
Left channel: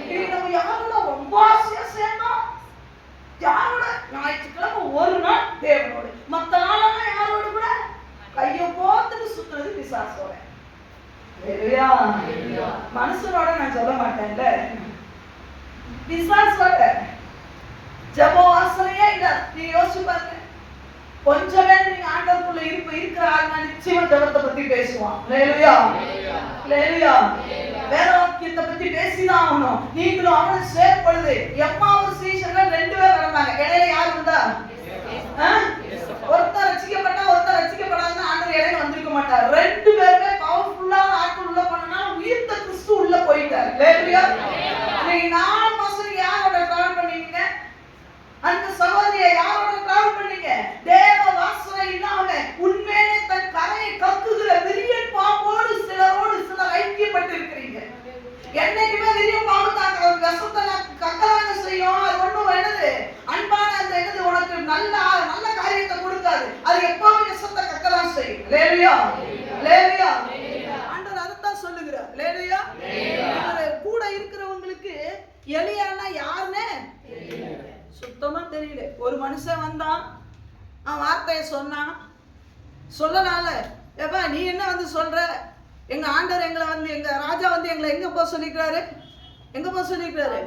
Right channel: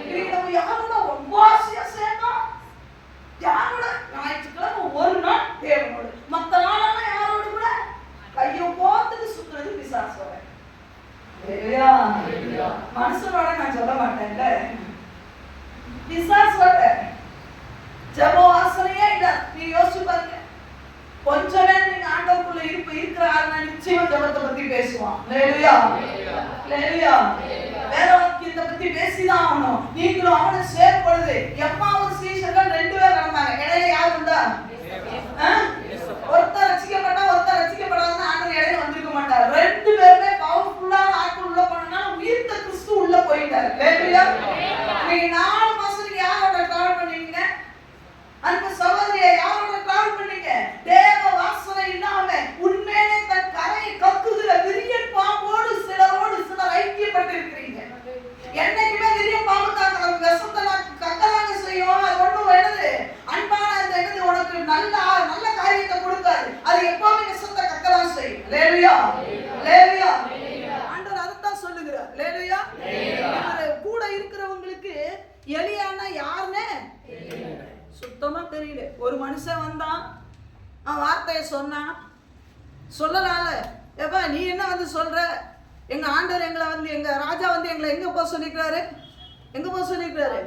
இன்னைக்கு நம்ம யாரோட ரொம்ப ஆசையா சேர்ந்தோம்? யாரோட? ஞாயிற்றுக்கிழமை ஒரு நாள் தேவனோடு, மத்த நாளெல்லாம் யாரோடு கூட கையோ ஹalleluya. மனுஷனோட நான் சொல்ல மாட்டேன்ல, பிசாசோட ஜெப வாசனையே இல்ல. நீ யோசிச்சு பாருங்க, கொஞ்சம் நேரம் நீங்க ஆண்டவருக்குள்ள இருக்கிற ஆளுங்க நிச்சயமா ஜெபத்தை பத்தி பேசுவான். ஹalleluya, ஹalleluya. வேற வாக்கியத்தை பத்தி பேசிதான் ஆகணும். நீங்களும் அவனும் சேர்ப்படுது. எம்மாவும் சீஷர்கள் 2 பேர் நடந்தாங்க. இடையில யார் இருந்தா? ஒருத்தர் ரட்சிக்கப்பட்டா ஒருத்தர் ரட்சிக்கப்படாதுன்னு ஆண்டவர் இடையில வந்திருக்க மாட்டார். 2 பேருமே பவர்ஃபுல்லான ஆட்கள் உள்ள போனனால உயிர்த்த கிறிஸ்து உள்ள போயிட்டார். ஹalleluya. நீங்க 4 மாசம் யாரோட டிராவல் பண்ணீங்க? அந்த சகோதரியை யாரோட டிராவல் பண்ணீங்க? தேவ வாசனை இல்லாம உண்மையிலே தன் கரையை கக்குகிற விரியன் பாம்போடு சிலரோடு சிலர் ஐக்கியப்பட்டு இருக்கிறீங்க. என்னைக்குமே விரியன் பாம்பு தான் விஷத்தை கக்கலாங்க செய்யும். அது ஒண்ணும் என்னது அன்பான அந்த என்னது உனக்கு நல்ல நல்ல காரியத்தை கொடுக்காது. அது எப்பவுமே விஷத்தை கக்கலாம் செய்யும். ஹalleluya, ஹalleluya. ஆண்டவர் அதைத்தான் சொல்லுகிறார். ஹalleluya. இவர் கூட இருக்கிறவங்களுக்கு எலியான்னா யாருன்னு சுத்தமா தெரியல. ஒரு மனுஷன் வந்தான், அவன் வார்த்தையை சொன்னான். சொல்லலாம்ல, ஏப்பா நீ என்ன வந்து சொல்ற? எங்க ஆண்டவர் எங்களை வந்து எங்க ராஜா வந்து எங்களை எங்க போக சொல்லிக்கிறாரு? எங்க போக சொல்லிக்கிறாரு?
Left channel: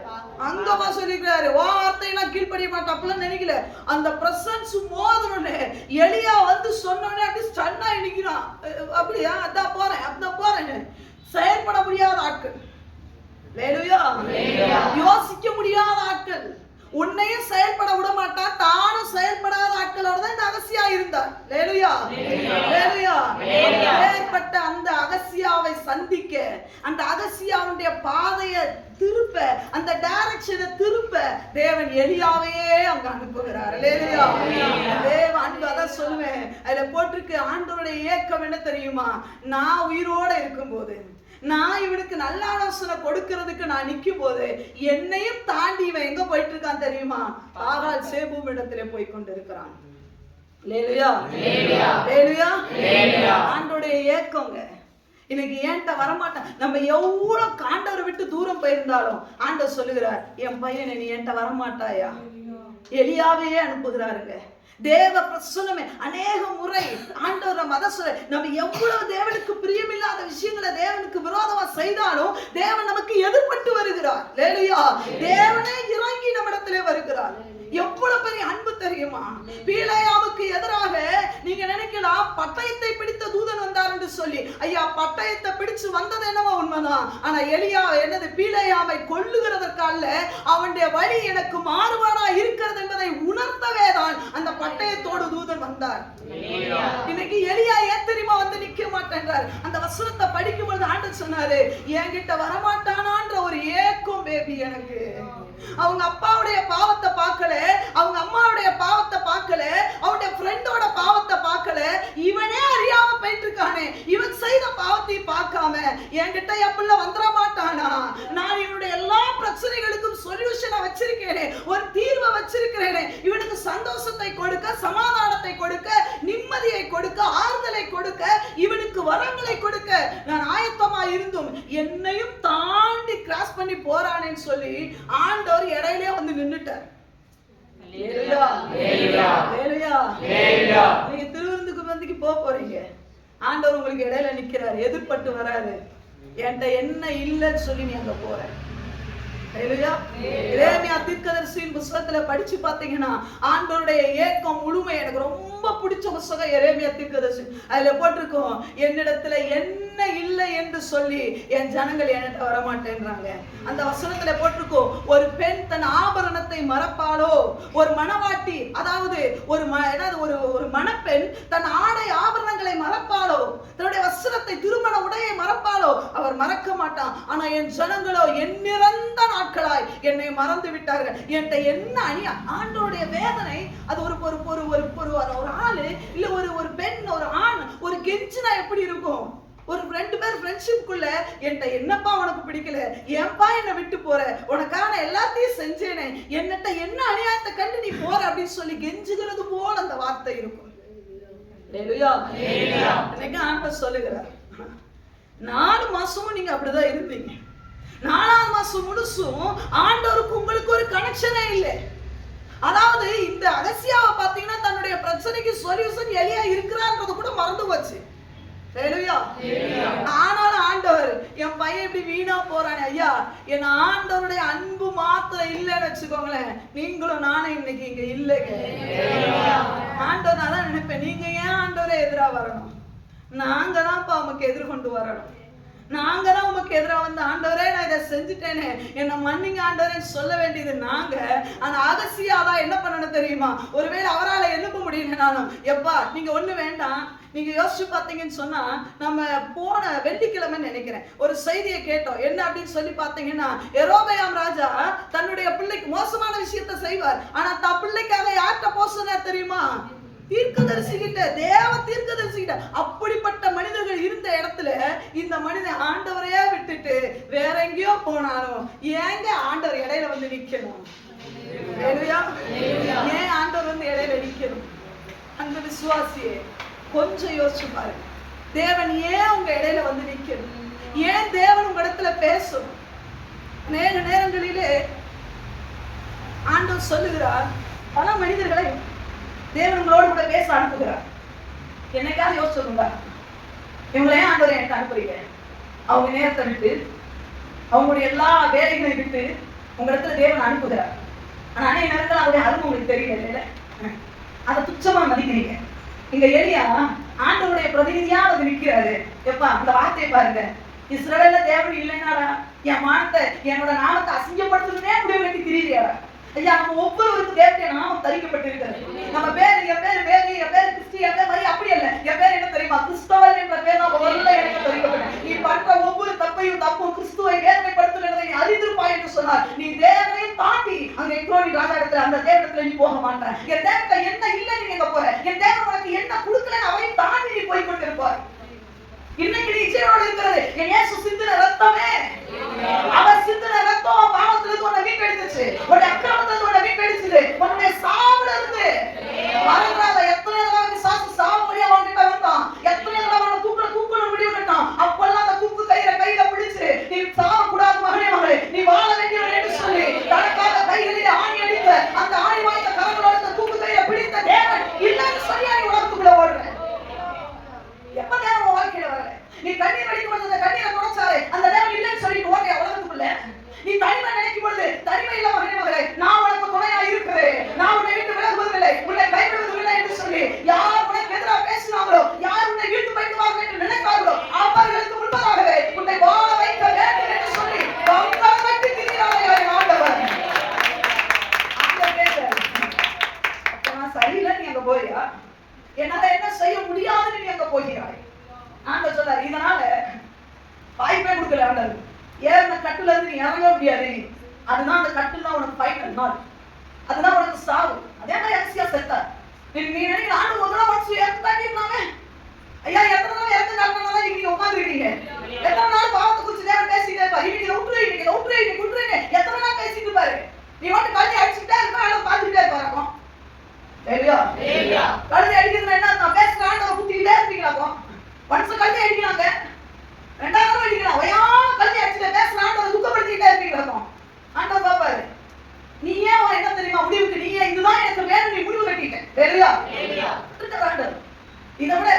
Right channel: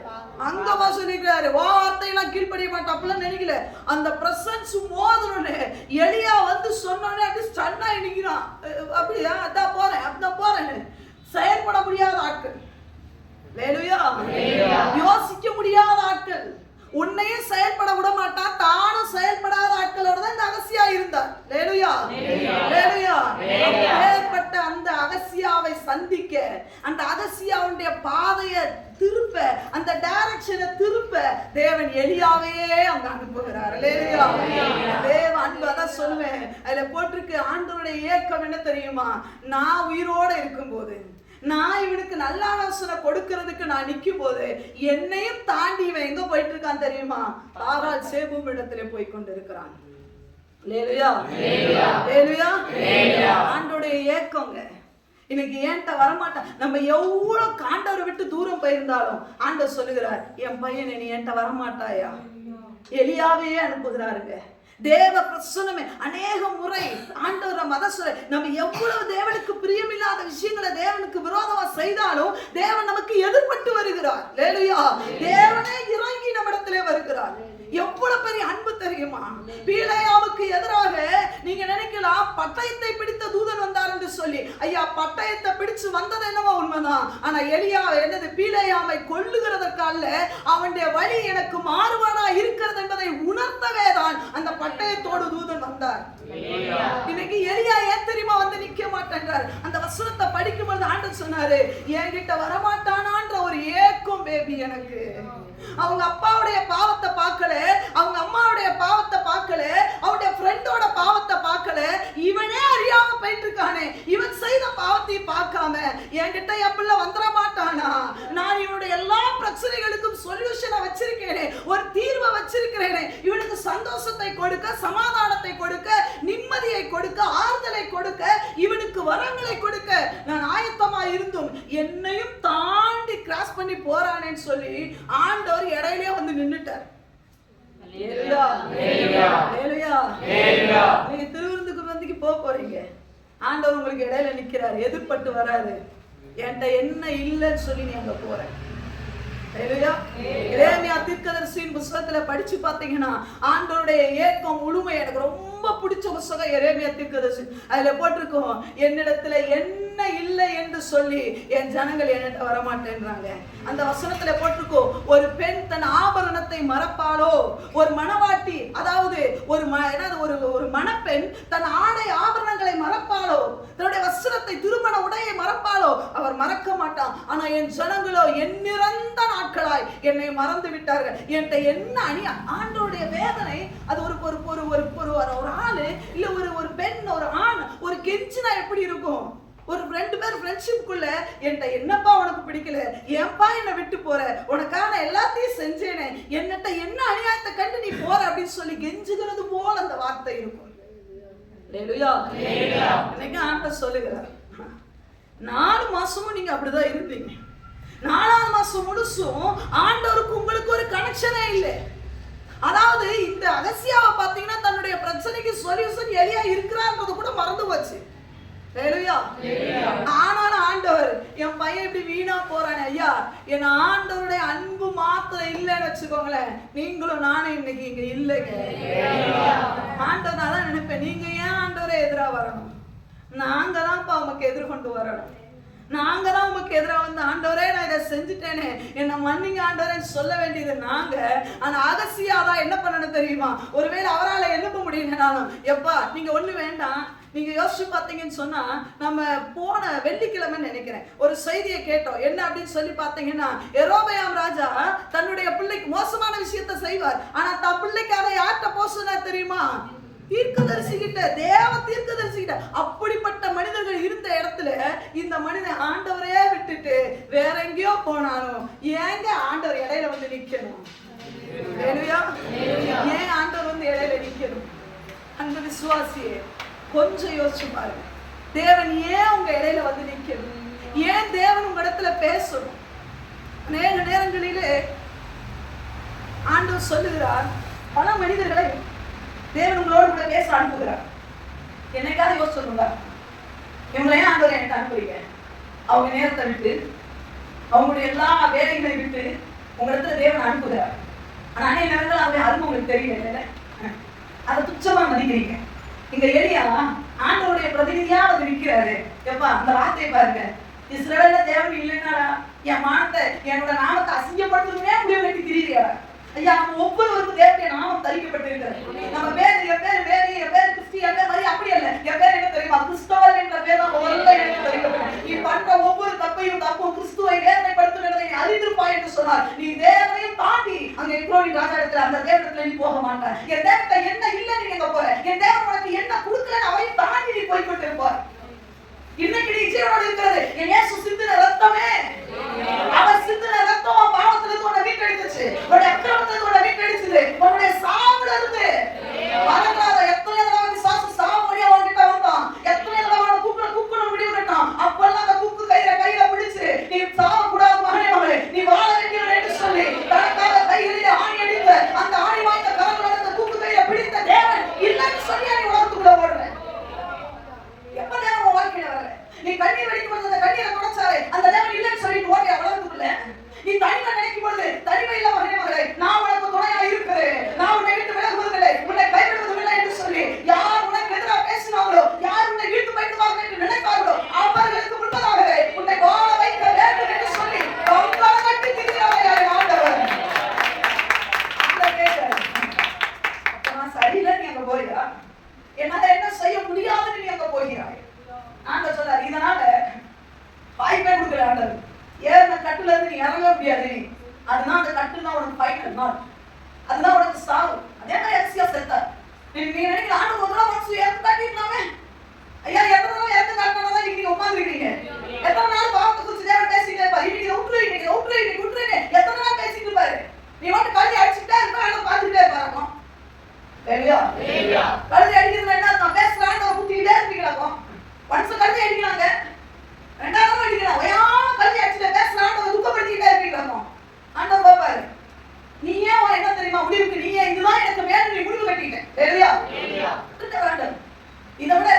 அங்க போக சொல்லிக்கிறாரு. வார்த்தையெல்லாம் கீழ்ப்படிய மாட்டோம் அப்படிலாம் நினைக்கல. அந்த பிரசன்ஸ் மோதனே எலியா வந்து சொன்னோடனே அப்படி ஸ்டன்னா நிக்கிறான். அப்படியா? அதான் போறேன். செயல்பட முடியாத ஆட்கள். ஹalleluya. யோசிக்க முடியாத ஆட்கள். உன்னையும் செயல்பட விட மாட்டான். தானும் செயல்படாத ஆட்களோட தான் இந்த அகசியா இருந்தார். ஹalleluya, ஹalleluya. அப்பேற்பட்ட அந்த அகசியாவை சந்திக்க, அந்த அகசியாவுடைய பாதையை திருப்ப, அந்த டைரக்ஷனை திருப்ப தேவன் எலியாவையே அங்க அனுப்புகிறார். ஹalleluya. தேவ அன்பு அதான் சொல்லுவேன். அதுல போட்டிருக்கு ஆண்டவருடைய ஏக்கம் என்ன தெரியுமா? நான் உயிரோட இருக்கும்போது, நான் இவனுக்கு நல்ல ஆலோசனை கொடுக்கிறதுக்கு நான் நிற்கும் போது என்னையும் தாண்டி இவன் எங்க போயிட்டு இருக்கான் தெரியுமா? ஆகால் சேபூம் இடத்துல போய் கொண்டு இருக்கிறான். ஹalleluya, ஹalleluya. ஆண்டவருடைய ஏக்கங்க இன்னைக்கு ஏன்ட்ட வரமாட்டான். நம்ம எவ்வளவு ஆண்டவரை விட்டு தூரம் போயிருந்தாலும் ஆண்டவர் சொல்லுகிறார், என் பையனை நீ ஏன்ட்ட வரமாட்டாயா? எலியாவையே அனுப்புகிறாருங்க. தேவ பிரசன்னமே அநேக முறை ஆண்டவர் மத சொல்ல, நம்ம எவ்வளவு தேவனுக்கு பிரியமில்லாத விஷயங்களை தேவனுக்கு விரோதமா செய்தாலும் தேவன் நமக்கு எதிர்பட்டு வருகிறார். ஹalleluya. தேவனே இறங்கி நம்மிடத்திலே வருகிறார். எவ்வளவு பெரிய அன்பு தெரியுமா? பீலேயாமுக்கு எதிராக நீங்க நினைக்கலாம் பட்டயத்தை பிடித்த தூதன் வந்தார் என்று சொல்லி. ஐயா, பட்டயத்தை பிடிச்சு வந்தது என்னவோ உண்மைதான். ஆனா எலியா என்னது பீலேயாமை கொல்லுகிறதற்கால அவனுடைய வழி எனக்கு மாறுபாடா இருக்கிறது என்பதை உணர்த்தவே தான் அந்த பட்டயத்தோடு தூதன் வந்தார். இன்னைக்கு எலியா ஏன் தெரியுமா வந்து நிக்க மாட்டேன்றார்? அந்த வசனத்தை படிக்கும் பொழுது ஆண்டவர் சொன்னாரு, என்கிட்ட வரமாட்டானான்ற ஒரு ஏக்கம் பேபி எனக்கு. அவங்க அப்பாவுடைய பாவத்தை பார்க்கல, அவங்க அம்மாவுடைய பாவத்தை பார்க்கல, அவனுடைய ஃப்ரெண்டோட பாவத்தை பார்க்கல, இவனே அறியாம போயிட்டு இருக்கானே, இவன் செய்த பாவத்தை பார்க்காம என்கிட்ட எப்பள்ள வந்துட மாட்டானா? நான் இவனுடைய எல்லா பிரச்சனைகளுக்கும் சொல்யூஷனை வச்சிருக்கேனே, ஒரு தீர்வை வச்சிருக்கிறேனே, இவனுக்கு சந்தோஷத்தை கொடுக்க, சமாதானத்தை கொடுக்க, நிம்மதியை கொடுக்க, ஆறுதலை கொடுக்க, இவனுக்கு வரங்களை கொடுக்க நான் ஆயத்தமா இருந்தும் என்னையும் தாண்டி கிராஸ் பண்ணி போறானேன்னு சொல்லி ஆண்டவர் இடையிலே வந்து நின்னுட்டார். ஹalleluya, ஹalleluya, ஹalleluya. நீங்க திருவிருந்துக்கு போறீங்க, ஆண்டவர் உங்களுக்கு இடையில நிக்கிறார், எதிர்பட்டு வராரு. என்கிட்ட என்ன இல்லைன்னு சொல்லி நீ அங்க போற. ஹalleluya. எரேமியா தீர்க்கதரிசியின் புத்தகத்துல படிச்சு பாத்தீங்கன்னா ஆண்டவருடைய ஏக்கம் முழுமை. எனக்கு ரொம்ப பிடிச்ச புத்தகம் எரேமியா தீர்க்கதரிசி. அதுல போட்டிருக்கோம், என்னிடத்துல என்ன இல்லை என்று சொல்லி என் ஜனங்கள் என்கிட்ட வரமாட்டேன்றாங்க. அந்த வசனத்துல போட்டிருக்கோம், ஒரு பெண் தன் ஆபரணத்தை மறப்பாளோ, ஒரு மணவாட்டி அதாவது ஒரு மணப்பெண் தன் ஆடை ஆபரணங்களை மறப்பாளோ, தன்னுடைய வஸ்திரத்தை திருமண உடையை மறப்பாளோ, அவர் மறக்க மாட்டான். ஆனா என் ஜனங்களோ எண்ணிறந்த நாட்களாய் என்னை மறந்து விட்டார்கள். என்கிட்ட என்ன அணியா? ஆண்டவருடைய வேதனை அது ஒரு ஆளு இல்ல ஒரு பெண் ஒரு ஆண் ஒரு கெஞ்சினா எப்படி இருக்கும்? ஒரு 2 பேர் ஃப்ரெண்ட்ஷிப்குள்ள என்கிட்ட என்னப்பா உனக்கு பிடிக்கல, ஏன்பா என்னை விட்டு போற, உனக்கான எல்லாத்தையும் செஞ்சேனே, என்னட்ட என்ன அநியாயத்தை கண்டு நீ போற அப்படின்னு சொல்லி கெஞ்சுகிறது போல அந்த வார்த்தை இருக்கும். ஹalleluya. இன்னைக்கு ஆண்டவர் சொல்லுகிறார், 4 மாசமும் நீங்க அப்படிதான் இருந்தீங்க. 4ஆம் மாசம் முழுசும் ஆண்டவருக்கு உங்களுக்கு ஒரு கனெக்ஷனே இல்லை. அதாவது இந்த அகசியாவை பார்த்தீங்கன்னா தன்னுடைய பிரச்சனைக்கு சொல்யூஷன் எலியா இருக்கிறார்ன்றது கூட மறந்து போச்சு. ஹalleluya. ஆனாலும் ஆண்டவர் என் பையன் இப்படி வீணா போறானே ஐயா, என் ஆண்டவருடைய அன்பு மாத்திரம் இல்லைன்னு வச்சுக்கோங்களேன், நீங்களும் நானும் இன்னைக்கு இங்க இல்லைங்க. ஆண்டவர் தான் நினைப்பேன், நீங்க ஏன் ஆண்டவரை எதிரா வரணும்? நாங்க தான்ப்பா உமக்கு எதிர்கொண்டு வரணும். நாங்க தான் உமக்கு எதிராக வந்து ஆண்டவரே நான் இதை செஞ்சுட்டேனே என்னை மன்னிங்க ஆண்டவரேன்னு சொல்ல வேண்டியது நாங்க. அந்த அகசியாதான் என்ன பண்ணணும் தெரியுமா? ஒருவேளை அவரால் எழுப்ப முடியலனாலும், எப்பா நீங்க ஒண்ணு வேண்டாம், நீங்க யோசிச்சு பார்த்தீங்கன்னு சொன்னா, நம்ம போன வெள்ளிக்கிழமை நினைக்கிறேன் ஒரு செய்தியை கேட்டோம். என்ன அப்படின்னு சொல்லி பார்த்தீங்கன்னா, யெரொபெயாம் ராஜா தன்னுடைய பிள்ளைக்கு மோசமான விஷயத்தை செய்வார். ஆனா தன் பிள்ளைக்காக யார்கிட்ட போக சொன்னார் தெரியுமா? தீர்க்கதரிசிகிட்ட, தேவ தீர்க்கதரிசிகிட்ட. அப்படிப்பட்ட மனிதர்கள் இருந்த இடத்துல இந்த மனிதன் ஆண்டவரையே விட்டுட்டு வேற எங்கேயோ போனாலும் ஏங்க ஆண்டவர் இடையில வந்து நிக்கணும்? ஏன் ஆண்டவர் வந்து இடையில நிக்கணும்? அந்த விசுவாசியே கொஞ்சம் யோசிச்சு பாருங்க. தேவன் ஏன் உங்க இடையில வந்து நிக்கணும்? ஏன் தேவன் உங்க இடத்துல பேசணும்? அநேக நேரங்களிலே ஆண்டவர் சொல்லுகிறார், பல மனிதர்களை தேவன் உங்களோடு கூட பேச அனுப்புகிறார். என்னைக்காவது யோசிச்சுங்களா, இவங்களை ஏன் ஆண்டவரை எனக்கு அனுப்புறீங்க? அவங்க நேரத்தை விட்டு, அவங்களுடைய எல்லா வேலைகளை விட்டு உங்க இடத்துல தேவன் அனுப்புகிறார். ஆனா அநேக நேரத்தில் அவருடைய அருமை உங்களுக்கு தெரியல, அதை துச்சமா மதிக்கிறீங்க. இங்க எலியா ஆண்டவருடைய பிரதிநிதியா அவர் நிற்கிறாரு. எப்பா அந்த வார்த்தையை பாருங்க, இஸ்ரவேல்ல தேவன் இல்லைன்னாரா என் மானத்தை என்னோட நாமத்தை அசிங்கப்படுத்துறதே முடிவு கட்டி திரியா? ஐயா, நம்ம ஒவ்வொருவருக்கும் தேவனுடைய நாமம் தரிக்கப்பட்டிருக்கிறது. நம்ம பேர் என் பேர் வேறு, என் பேர் கிறிஸ்டி, என் பேர் மாதிரி அப்படி அல்ல. என் பேர் என்ன தெரியுமா? கிறிஸ்தவன் என்ற பேர் தான் முதல்ல எனக்கு தரிக்கப்பட்டது. நீ பண்ற ஒவ்வொரு தப்பையும் கிறிஸ்துவை வேதனைப்படுத்துகிறதை நீ அறிந்திருப்பாய் என்று சொன்னார். நீ தேவனையும் தாண்டி அங்க எக்ரோனி ராஜா இடத்துல அந்த தேவனத்துல நீ போக மாட்டாய். என் தேவத்தை என்ன இல்லைன்னு நீ எங்க போற? என் தேவன் உனக்கு என்ன கொடுக்கலன்னு அவரையும் தாண்டி நீ போய்கொண்டிருப்பார். இன்னைக்கு நீ ஜீவனோடு இருக்கிறது என் இயேசு சிந்தின ரத்தமே. அவர் சிந்தின ரத்தம் பாவத்துல இருந்து உன்னை மீட்டெடுத்துச்சு, உன்னுடைய அக்கிரமத்துல இருந்து உன்னை மீட்டெடுத்துது, உன்னுடைய சாவுல இருந்து. மறக்காத, எத்தனை தடவை விசுவாசி சாவு முடிய வாங்கிட்ட வந்தான், எத்தனை தடவை அவனை தூக்கணும் முடிவு கட்டான். அப்பெல்லாம் அந்த தூக்கு கையில பிடிச்சு நீ சாவ கூடாது மகனே, மகளே நீ வாழ வேண்டியவன் என்று சொல்லி தனக்காக கைகளிலே ஆணி அடித்த அந்த ஆணி வாய்ந்த கரங்களோட தூக்கு கையில பிடித்த தேவன் இல்லைன்னு சொல்லி நீ உலகத்துக்குள்ள ஓடுற. எப்ப தேவன் உன் வாழ்க்கையில வரல? நீ கண்ணீர் வடிக்கும் போது அந்த கண்ணீரை தொடச்சாரு அந்த தேவன் இல்லைன்னு சொல்லிட்டு ஓடிய உலகத்துக்குள்ள. நீ தனிமை நினைக்கும் பொழுது தனிமையில மகனே மகளே நான் உனக்கு துணையா இருக்கிறேன், நான் உன்னை விட்டு விலகுவதில்லை, உன்னை கைவிடுவதில்லை என்று சொல்லி யார் உனக்கு எதிராக பேசினாங்களோ, யார் உன்னை வீட்டு பயந்துவார்கள் என்று நினைத்தார்களோ அவர்களுக்கு முன்பதாகவே உன்னை வாழ வைக்க வேண்டும் என்று சொல்லி கட்டி திரிகிறார்கள் ஆண்டவர். அப்ப சரியில்லை நீ அங்க போறியா? என்னால என்ன செய்ய முடியாதுன்னு நீ அங்க போகிறாய். ஆண்டவர் சொல்றாரு, இதனால வாய்ப்பே கொடுக்கல ஆண்டவர். ஏறின கட்டுல இருந்து நீ இறங்க முடியாது. அதுதான் அந்த கட்டுல உனக்கு ஃபைனல் நாள், அதுதான் உனக்கு சாவு. அதே மாதிரி அரிசியா செத்தார். நீ நினைக்கிற ஆண்டு ஒரு தடவை மனசு இறந்தாக்கிடலாமே. ஐயா, எத்தனை தடவை இறந்து காட்டினாதான் நீங்க உட்காந்துருக்கீங்க. எத்தனை நாள் பாவத்தை குறிச்சு தேவன் பேசிட்டே இருப்பாரு. இன்னைக்கு விட்டுருங்க எத்தனை நாள் பேசிட்டு இருப்பாரு. நீ மட்டும் கல்வி அடிச்சுட்டா இருக்க பார்த்துக்கிட்டே இருப்பாருக்கும். கழுதை அடிக்கிறது என்ன? நான் பேசுறான்னு குத்திக்கிட்டே இருப்பீங்களாக்கும். ஒன்ஸ் கல்வி அடிக்கிறாங்க, ரெண்டாவது அடிக்கலாம், ஒயான கல்வி அடிச்சுட்டு பேசுறான்னு துக்கப்படுத்திக்கிட்டே இருப்பீங்களாக்கும். ஆண்டவர் பாப்பாரு, நீ ஏன் என்ன தெரியுமா முடிவுக்கு நீ இதுதான் எனக்கு வேணும் நீ முடிவு கட்டிட்டேன் வேறையா? இதை விட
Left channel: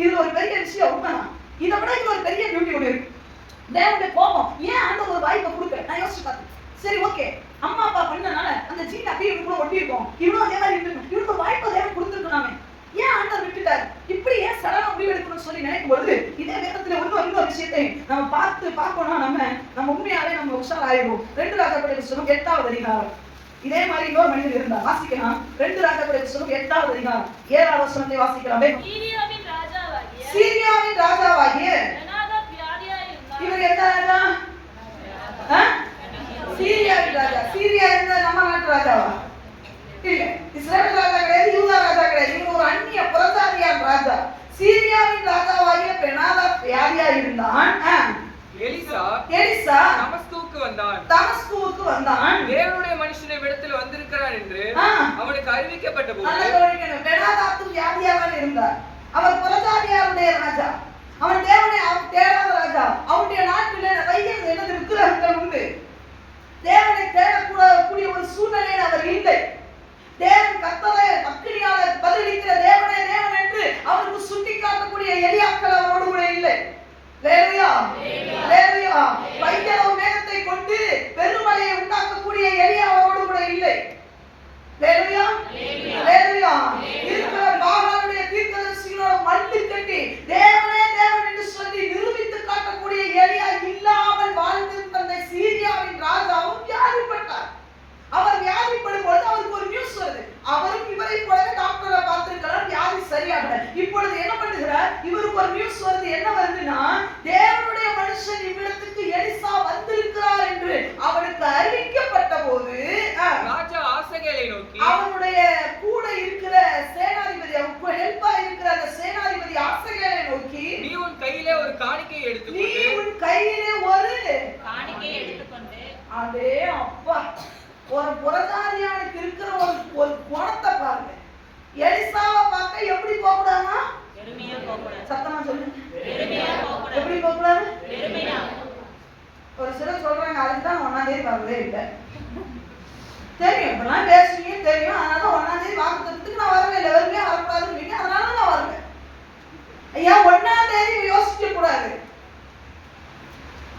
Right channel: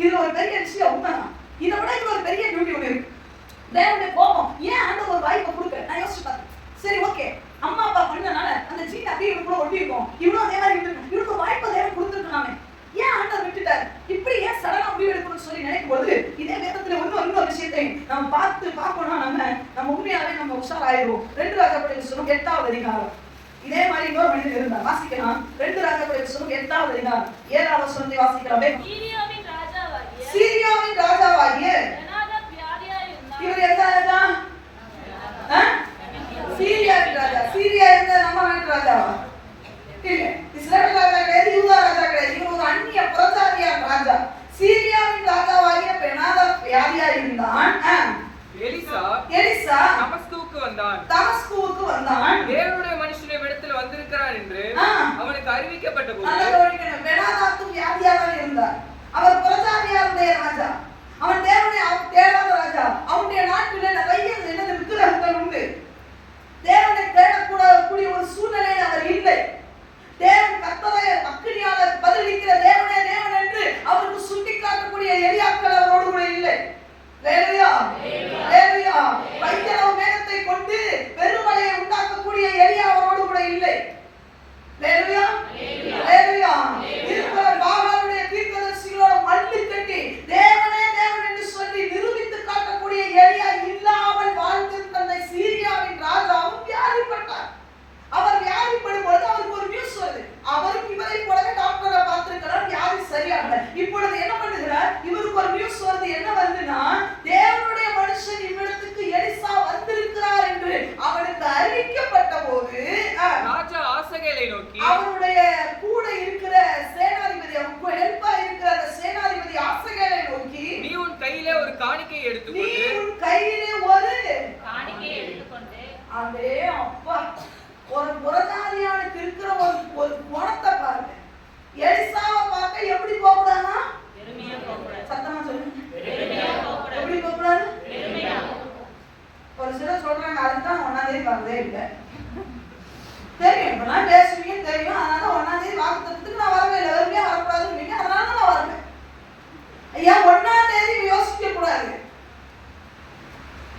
இதுல ஒரு பெரிய விஷயம் உண்மைதான். இதை விட இது ஒரு பெரிய டியூட்டி ஒன்று இருக்கு. தேவனுடைய கோபம் ஏன் ஆண்டவர் ஒரு வாய்ப்பை கொடுக்க நான் யோசிச்சு பார்த்தேன். சரி ஓகே, அம்மா அப்பா பண்ணனால அந்த ஜீன் அப்படியே இவனுக்குள்ள ஒட்டி இருக்கும், இவனும் அதே மாதிரி இருந்திருக்கும், இவனுக்கு ஒரு வாய்ப்பை தேவன் கொடுத்துருக்கலாமே, ஏன் ஆண்டவர் விட்டுட்டாரு? இப்படி ஏன் சடனா முடிவெடுக்கணும்னு சொல்லி நினைக்கும் பொழுது இதே வேதத்துல இன்னொரு விஷயத்தை நம்ம பார்க்கணும்னா நம்ம உண்மையாவே நம்ம உஷாராயிருவோம். 2 ராஜாக்களுடைய புத்தகம் 8வது அதிகாரம். இதே மாதிரி இன்னொரு மனிதர் இருந்தார், வாசிக்கலாம். 2 ராஜாக்களுடைய புத்தகம் 8வது அதிகாரம் 7வது வசனத்தை வாசிக்கலாமே. சீரியாவின் ராஜாவாகிய இவர் எந்த ராஜா? சீரியாவின் ராஜா. சீரியா என்ன நம்ம நாட்டு ராஜாவா? இல்ல, இஸ்ரவேல் ராஜா கிடையாது, யூதா ராஜா கிடையாது. இவர் ஒரு அந்நிய புறஜாதியான ராஜா. சீரியாவின் ராஜாவாகிய பெனாதாத் வியாதியா இருந்தான். எலிசா தமஸ்குவுக்கு வந்தான். தேவனுடைய மனுஷனை இடத்தில் வந்திருக்கிறார் என்று அவனுக்கு அறிவிக்கப்பட்ட போது பெனாதாத் வியாதியா தான் இருந்தார். அவர் புறஜாதியாருடைய ராஜா, அவன் தேவனை தேடாத ராஜா. அவனுடைய நாட்டில நிறைய என்னது விக்கிரகங்கள் உண்டு. தேவனை தேடக்கூடக்கூடிய ஒரு சூழ்நிலையில் அவர் இல்லை. தேவன் கர்த்தரை அக்கினியால பதிலளிக்கிற தேவனே தேவன் என்று அவருக்கு சுட்டி காட்டக்கூடிய எலியாக்கள் அவரோடு கூட இல்லை. வேலையா கையளவு மேகத்தை கொண்டு பெருமழையை உண்டாக்கக்கூடிய எலியா அவரோடு கூட இல்லை. ஹல்லேலூயா, ஹல்லேலூயா. இருக்கிற பாகாலுடைய தீர்க்கதரிசிகளோட மல்லு கட்டி தேவனே தேவன் என்று சொல்லி நிரூபித்து காட்டக்கூடிய எலியா இல்லாமல் வாழ்ந்திருந்த சீரியாவின் ராஜாவும் வியாதிப்பட்டார். அவர் வியாதிப்படும் பொழுது அவருக்கு ஒரு நியூஸ் வருது. அவரும் இவரை போலவே டாக்டரை பார்த்திருக்கிறார், வியாதி சரியாகல. இப்பொழுது என்ன பண்ணுகிறார்? இவருக்கு ஒரு நியூஸ் வருது. என்ன வருதுன்னா, தேவனுடைய மனுஷன் இவ்விடத்துக்கு எலிசா வந்திருக்கிறார் என்று அவனுக்கு அறிவிக்கப்பட்ட போது ராஜா ஆசகேலை நோக்கி, அவனுடைய கூட இருக்கிற சேனாதிபதி, அவனுக்கு ஹெல்ப்பா இருக்கிற அந்த சேனாதிபதி ஆசகேலை நோக்கி, நீ உன் கையிலே ஒரு காணிக்கையை எடுத்துக்கொண்டு அதே அப்பா ஒரு புறஜாதியானுக்கு இருக்கிற ஒரு குணத்தை பாருங்க. எலிசாவை பார்க்க எப்படி போகக்கூடாதுன்னா, சத்தமா சொல்லுங்க, எப்படி போகக்கூடாது? ஒரு சிலர் சொல்றாங்க அதுதான் 1ஆம் தேதி பார்க்கவே இல்லை. தெரியும், இப்பெல்லாம் பேசுவீங்க தெரியும், அதனால 1ஆம் தேதி வாக்குத்தத்தத்துக்கு நான் வரவே இல்லை, வருவே வரக்கூடாதுன்னு, அதனால நான் வருவேன். ஐயா 1ஆம் தேதி யோசிக்க கூடாது.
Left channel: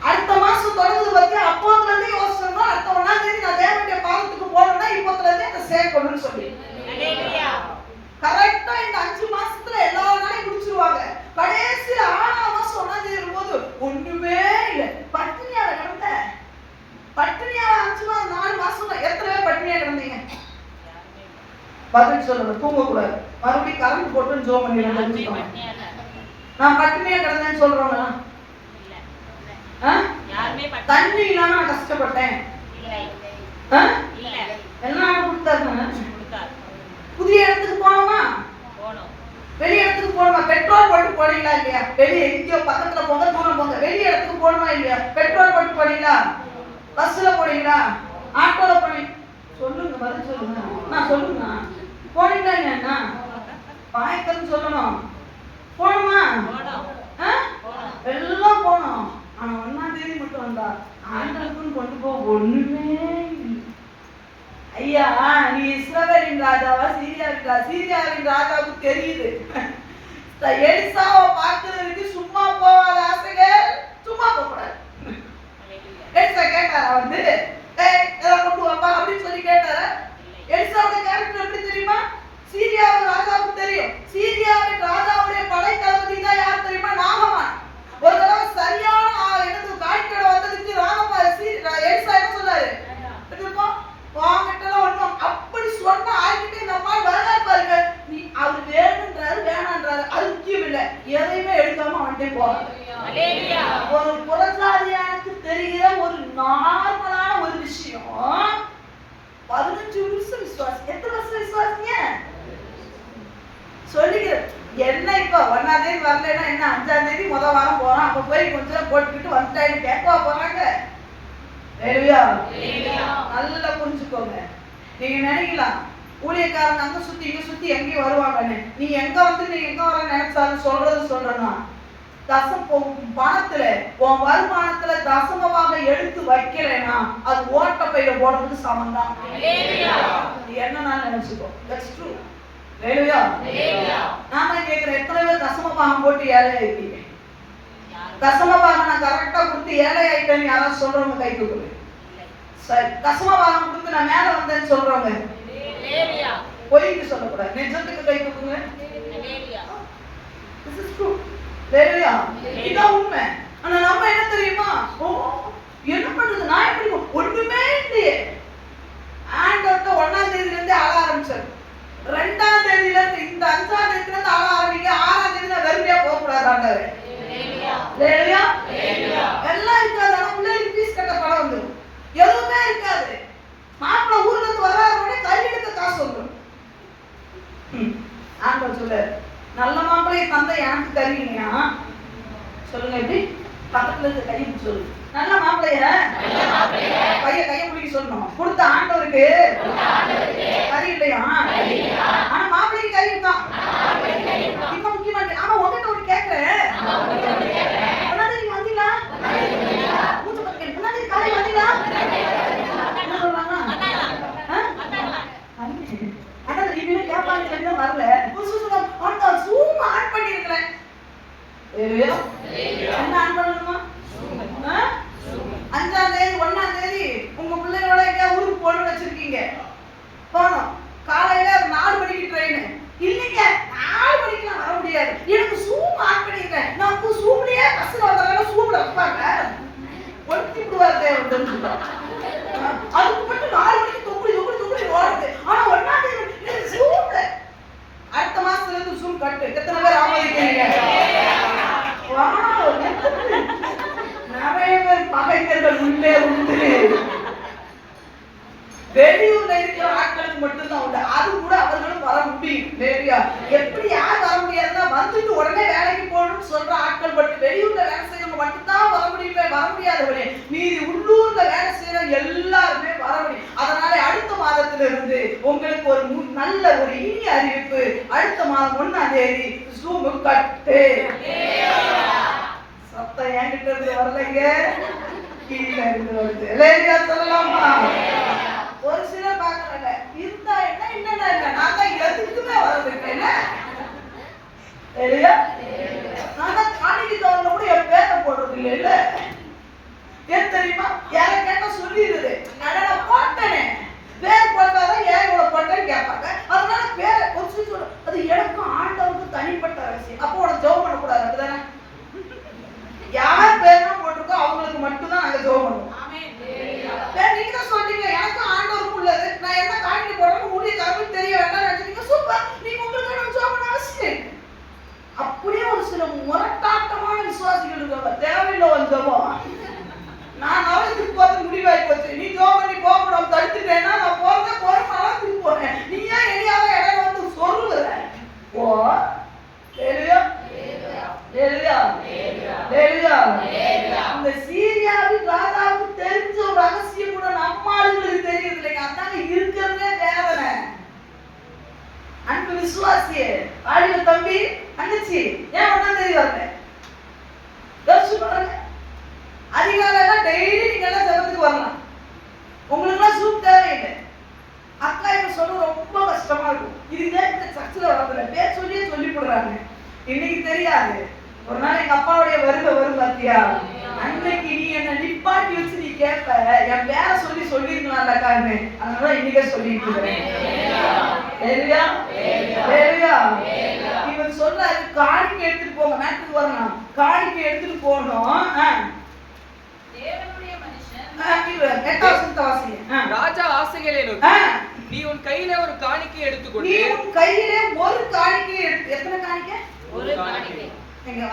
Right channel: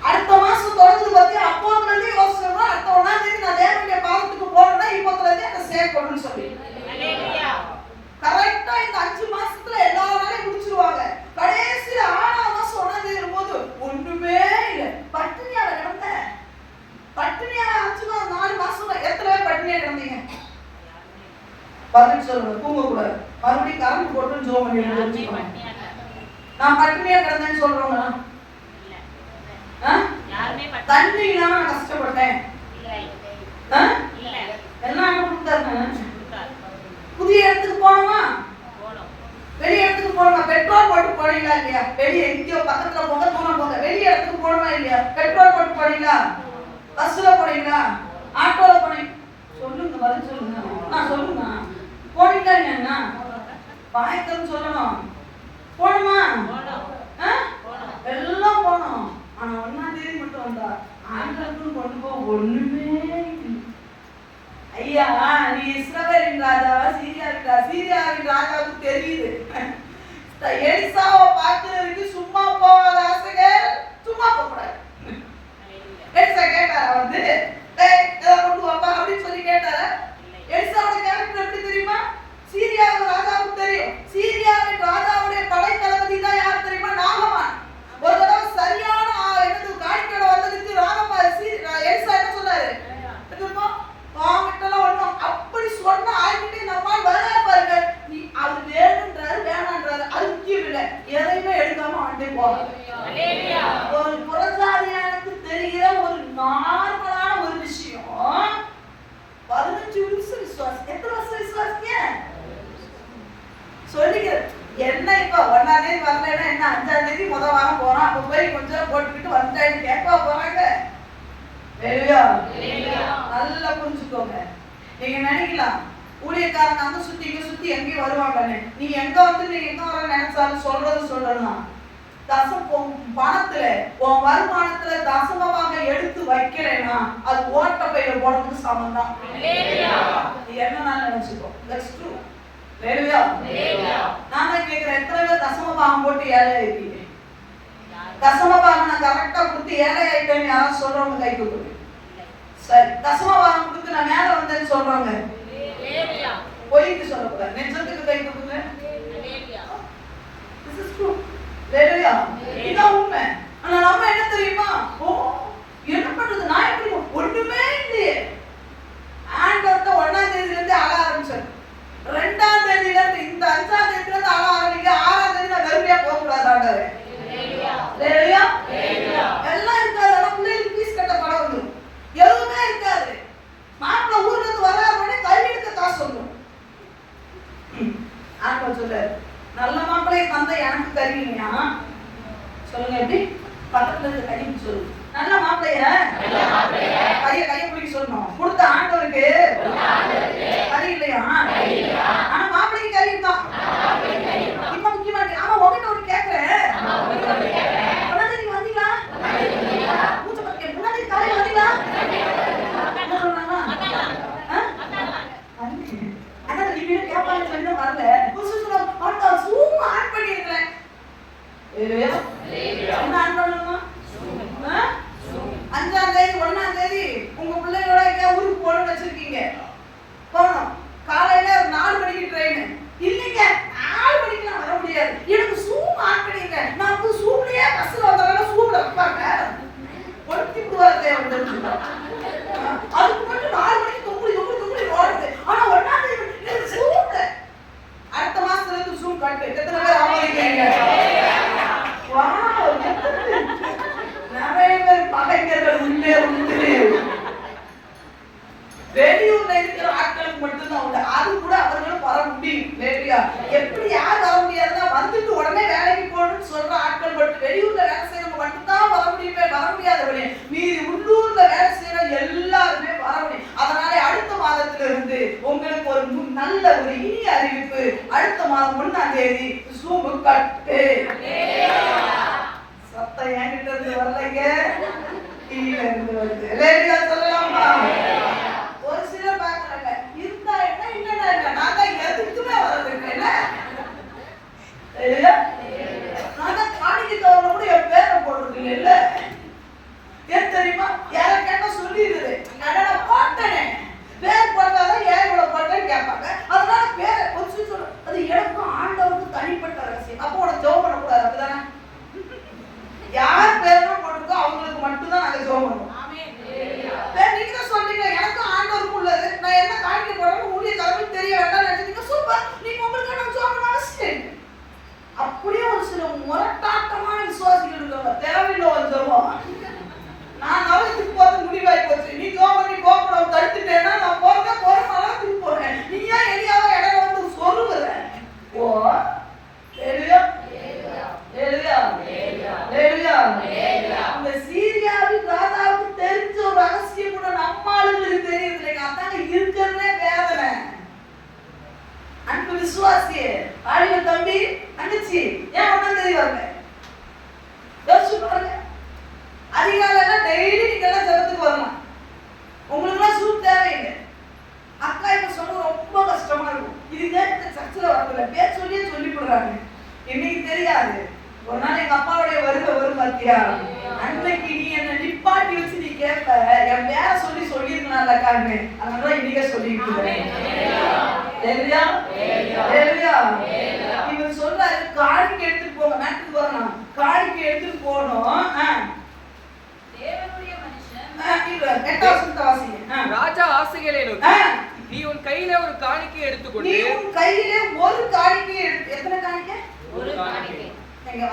அடுத்த மாசம் தொடங்குது பத்தி அப்போதுல இருந்து யோசிச்சோம்னா அடுத்த 1ஆம் தேதி நான் தேவனுடைய பாதத்துக்கு போகணும்னா இப்போதுல இருந்து என்ன சேர்க்கணும்னு சொல்லி கரெக்டா இந்த 5 மாசத்துல எல்லா வேலையும் முடிச்சிருவாங்க. கடைசியில 6ஆம் மாசம் 1ஆம் தேதி வரும்போது ஒண்ணுமே இல்லை, பட்டினியால கிடந்த. பட்டினியால 5 மாசம் 4 மாசம் எத்தனை பேர் பட்டினியா கிடந்தீங்க? பதில் சொல்லணும், தூங்க கூடாது. மறுபடியும் கரண்ட் போட்டு ஜோம் பண்ணி நான் பட்டினியா கிடந்தேன்னு சொல்றவங்களா? தண்ணி இல்லாம நான் கஷ்டப்பட்டேன். எல்லாம் கொடுத்தாங்க. புதிய இடத்துக்கு போனோமா, வெளி இடத்துக்கு போனோமா, பெட்ரோல் போட்டு போனீங்களா இல்லையா? வெளியே எங்கேயோ பக்கத்துல போங்க, தூரம் போங்க, வெளி இடத்துக்கு போனோமா இல்லையா? பெட்ரோல் போட்டு போனீங்களா? பஸ்ல போனீங்களா? ஆட்டோல போனீங்க? சொல்லுங்க, பதில் சொல்லுங்க. நான் சொல்லுங்க, போனீங்களா இல்லையா? பாயக்கன்னு சொல்லணும். போனோமா? எல்லாம் போனோம். ஆனா 1ஆம் தேதி மட்டும் வந்தா ஆண்களுக்குன்னு கொண்டு போக ஒண்ணுமே இல்லை. ஐயா நீ இஸ்ரவேலின் ராஜாவா சீரியாவின் ராஜாவுக்கு தெரியுது. எலிசாவை பார்க்கிறதுக்கு சும்மா போகாத ஆசைகள், சும்மா போகக்கூடாது. எலிசா கேட்டாரா வந்து கொண்டு வாப்பா அப்படின்னு சொல்லி கேட்டாரா? எலிசாவோட கேரக்டர் எப்படி தெரியுமா? சீரியாவின் ராஜாவுக்கு தெரியும். சீரியாவின் ராஜாவுடைய படை தளபதி தான் யார் தெரியுமா? நாகமான். ஒரு தடவை சரியான என்னது காணிக்கையோட வந்ததுக்கு எலிசா என்ன சொன்னாரு? வாங்கிட்டலாம் ஒண்ணும் அப்படி சொன்ன ஆகிட்டே நம்ம வராரு பாருங்க. நீ அவர் வேணுன்றாரு வேணான்றாரு, அது முக்கியம் இல்லை, எதையுமே எடுக்காம வந்துட்டே போறாரு. ஒரு புறஜாதியானுக்கு தெரிகிற ஒரு நார்மலான ஒரு விஷயம் 15 வருஷம் விசுவாசி. எத்தனை வருஷம் விசுவாசிங்க சொல்லிக்கிறேன். என்ன இப்ப 1ஆம் தேதி வரலன்னா என்ன, 5ஆம் தேதி முதல் வாரம் போறோம், அப்ப போய் கொஞ்சம் போட்டுக்கிட்டு வந்துட்டாங்க கேட்கவா போறாங்க? நல்லா புரிஞ்சுக்கோங்க. நீங்க நினைக்கலாம் ஊழியக்காரங்க அங்க சுத்தி இங்க சுத்தி எங்கேயும் வருவாங்கன்னு. நீ எங்க வந்து நீ எங்க வர நினைச்சாலும் சொல்றேன்னா, பணத்துல உன் வருமானத்துல தசமமாக எடுத்து வைக்கிறேன்னா அது ஓட்ட பையில போடுறதுக்கு சமம் தான். என்ன நினைச்சுக்கோ, தட்ஸ் ட்ரூ. நான் கேட்கிறேன், எத்தனை பேர் தசமபாகம் போட்டு ஏழை ஆயிட்டீங்க? தசமபாகம் நான் கரெக்டா கொடுத்து ஏழை ஆயிட்டேன்னு யாராவது சொல்றவங்க கை தூக்குங்க. சரி, தசமபாகம் கொடுத்து நான் மேல வந்தேன்னு சொல்றவங்க பொய்க்கு சொல்லக்கூடாது, நிஜத்துக்கு கை தூக்குங்க. இதான் உண்மை. ஆனா நம்ம என்ன தெரியுமா, என்ன பண்றது, நான் எப்படி ஒண்ணுமே இல்லையே. ஆண்டவர்கிட்ட 1ஆம் தேதியில இருந்து அழ ஆரம்பிச்சாரு. 2ஆம் தேதியில இருந்து இந்த 5ஆம் தேதியில இருந்து அழ ஆரம்பிங்க. 6ஆம் தேதி நான் வெறுமையா போக கூடாது ஆண்டவரே. எல்லாம் இருக்காது. ஆனா பிள்ளைகளுக்கு ஃபீஸ் கட்ட பணம் வந்துடும், எதுவுமே இருக்காது. மாப்பிள்ள ஊர்ல இருந்து வராருனே கையெழுத்த காசு வந்துடும். ஆண்டவர் சொல்றாரு, நல்ல மாப்பிள்ளையை தந்தை எனக்கு தருவீங்க. சொல்லுங்க எப்படி? பக்கத்துல இருக்க கையை பிடிச்சு சொல்லு. நல்ல மாப்பிள்ளைய கையை பிடிக்க சொல்லணும். கொடுத்த ஆண்டவருக்கு கறி இல்லையா? ஆனா மாப்பிள்ளைக்கு கறி தான். இப்ப முக்கியமா ஆனா உங்ககிட்ட ஒரு கேட்கிறேன், நீங்க வந்தீங்களா? மூச்சு பக்கம் முன்னாடி காலை வந்தீங்களா? என்ன சொல்றாங்க? ஆனா நீங்க கேட்பாங்க சொல்ல வரல. சும்மா ஆன் பண்ணி இருக்கல. என்ன ஆன் பண்ணணுமா? தெரிஞ்சுக்கோ. அதுக்கு மட்டும் 4 மணிக்கு தொங்குடி ஓடுது. ஆனா 1ஆம் தேதி சூப்ப அடுத்த மாசத்துல இருந்து ஜூம் கட்டு. எத்தனை பேர் ஆமோதிக்கிறீங்க? வாவ், நிறைய பேர் பகைஞர்கள் உள்ளே உண்டு. வெளியூர்ல இருக்கிற ஆட்களுக்கு மட்டும்தான் உண்டு. அது கூட அவர்களும் வர முடியும். இல்லையா? எப்படி யார் வர முடியாதுன்னா வந்துட்டு உடனே வேலைக்கு போகணும்னு சொல்ற ஆட்கள் மட்டும், வெளியூர்ல வேலை செய்யறவங்க மட்டும்தான் வர முடியுமே, வர முடியாதவனே. மீறி உள்ளூர்ல வேலை செய்யற எல்லாருமே வர முடியும். அதனால அடுத்த மாதத்துல இருந்து உங்களுக்கு ஒரு நல்ல ஒரு இனிய அறிவிப்பு. அடுத்த மாதம் 1ஆம் தேதி ஜூம் கட்டு. சத்தம் என்கிட்ட இருந்து வரலைங்க, கீழே இருந்து வருது. இல்லையா? சொல்லலாமா? ஒரு சிலர் பாக்குறாங்க, இருந்தா என்ன இல்லைன்னா என்ன, நான் தான் எதுக்குமே வரதுக்கு. நான் தான் காணிக்கை தவறுல கூட என் பேரை போடுறது இல்ல. ஏன் தெரியுமா? யாரை கேட்டா சொல்லிடுது, நான் போட்டேனே, பேர் போட்டாதான் ஏன் இவ்வளவு போட்டேன்னு கேட்பாங்க. அதனால பேரை கொஞ்சம் சொல்ல, அது எனக்கும் ஆண்டவருக்கும் தனிப்பட்ட ரகசியம். அப்போ உனக்கு ஜெபம் பண்ணக்கூடாது. அப்படிதானே? யார் பேரும் போட்டிருக்கோ அவங்களுக்கு மட்டும்தான் நாங்க ஜெபம் பண்ணுவோம். நீங்க தான் சொல்றீங்க எனக்கும் ஆண்டவருக்கும் உள்ளது, நான் என்ன காணிக்கை போடணும் ஊழிய கடவுள் தெரிய வேண்டாம் நினைச்சீங்க. சூப்பர், நீங்க உங்களுக்கு நம்ம ஜெபம் பண்ண அவசியம். அப்படியே ஒரு சில முரட்டாட்டமான விசுவாசிகள் இருக்காங்க, தேவையில்லை ஒரு ஜெபம். நான் நவலத்துக்கு போறது முடிவாகி போச்சு, நீ ஜெபம் பண்ணி போகணும் தடுத்துட்டேன்னா நான் போறேன் திருப்பி போறேன். நீ ஏன் எளியாவ இடையில வந்து சொல்லுற? ஓ இந்த சீரியாவின் ராஜாவுக்கு தெரிஞ்ச ஒரு ரகசியம் கூட நம்ம ஆளுங்களுக்கு தெரியுது இல்லைங்க. அதாங்க இருக்கிறதே வேதனை. அன்பு விசுவாசியே, ஆளுங்க தம்பி தங்கச்சி, ஏன் 1ஆம் தேதி வரல? யோசிச்சு பாருங்க. அதிகாலையில டெய்லி நீங்க எல்லாம் ஜெபத்துக்கு வரலாம், உங்களுக்கு எல்லாம் ஜூம் தேவையில்லை. அக்கா இப்ப சொல்றது ரொம்ப கஷ்டமா இருக்கும். இதுதான் இந்த சர்ச்சில் வரதில்ல, பேர் சொல்லியே சொல்லி போடுறாங்க. இன்னைக்கு தெரியாது, ஒரு நாள் எங்க அப்பாவுடைய வரும் பார்த்தியா, அன்னைக்கு நீ என்ன நிப்பாட்டி வச்சு நீ கேட்ப, என் பேர சொல்லிருக்கலாம்ல காரணு. அதனால இன்னைக்கே சொல்லிருக்கேன். இவன் சொல்றாரு காணிக்கை எடுத்துட்டு போங்க, மேட்டுக்கு வரணும், காணிக்கை எடுத்துட்டு போகணும். ராஜா ஆசைகளை நோக்கி, நீ உன் கையில ஒரு காணிக்கை எடுத்துக்கொண்டு, நீ உன் கையில ஒரு காணிக்கை எத்தனை காணிக்கை? ஒரு காணிக்கை.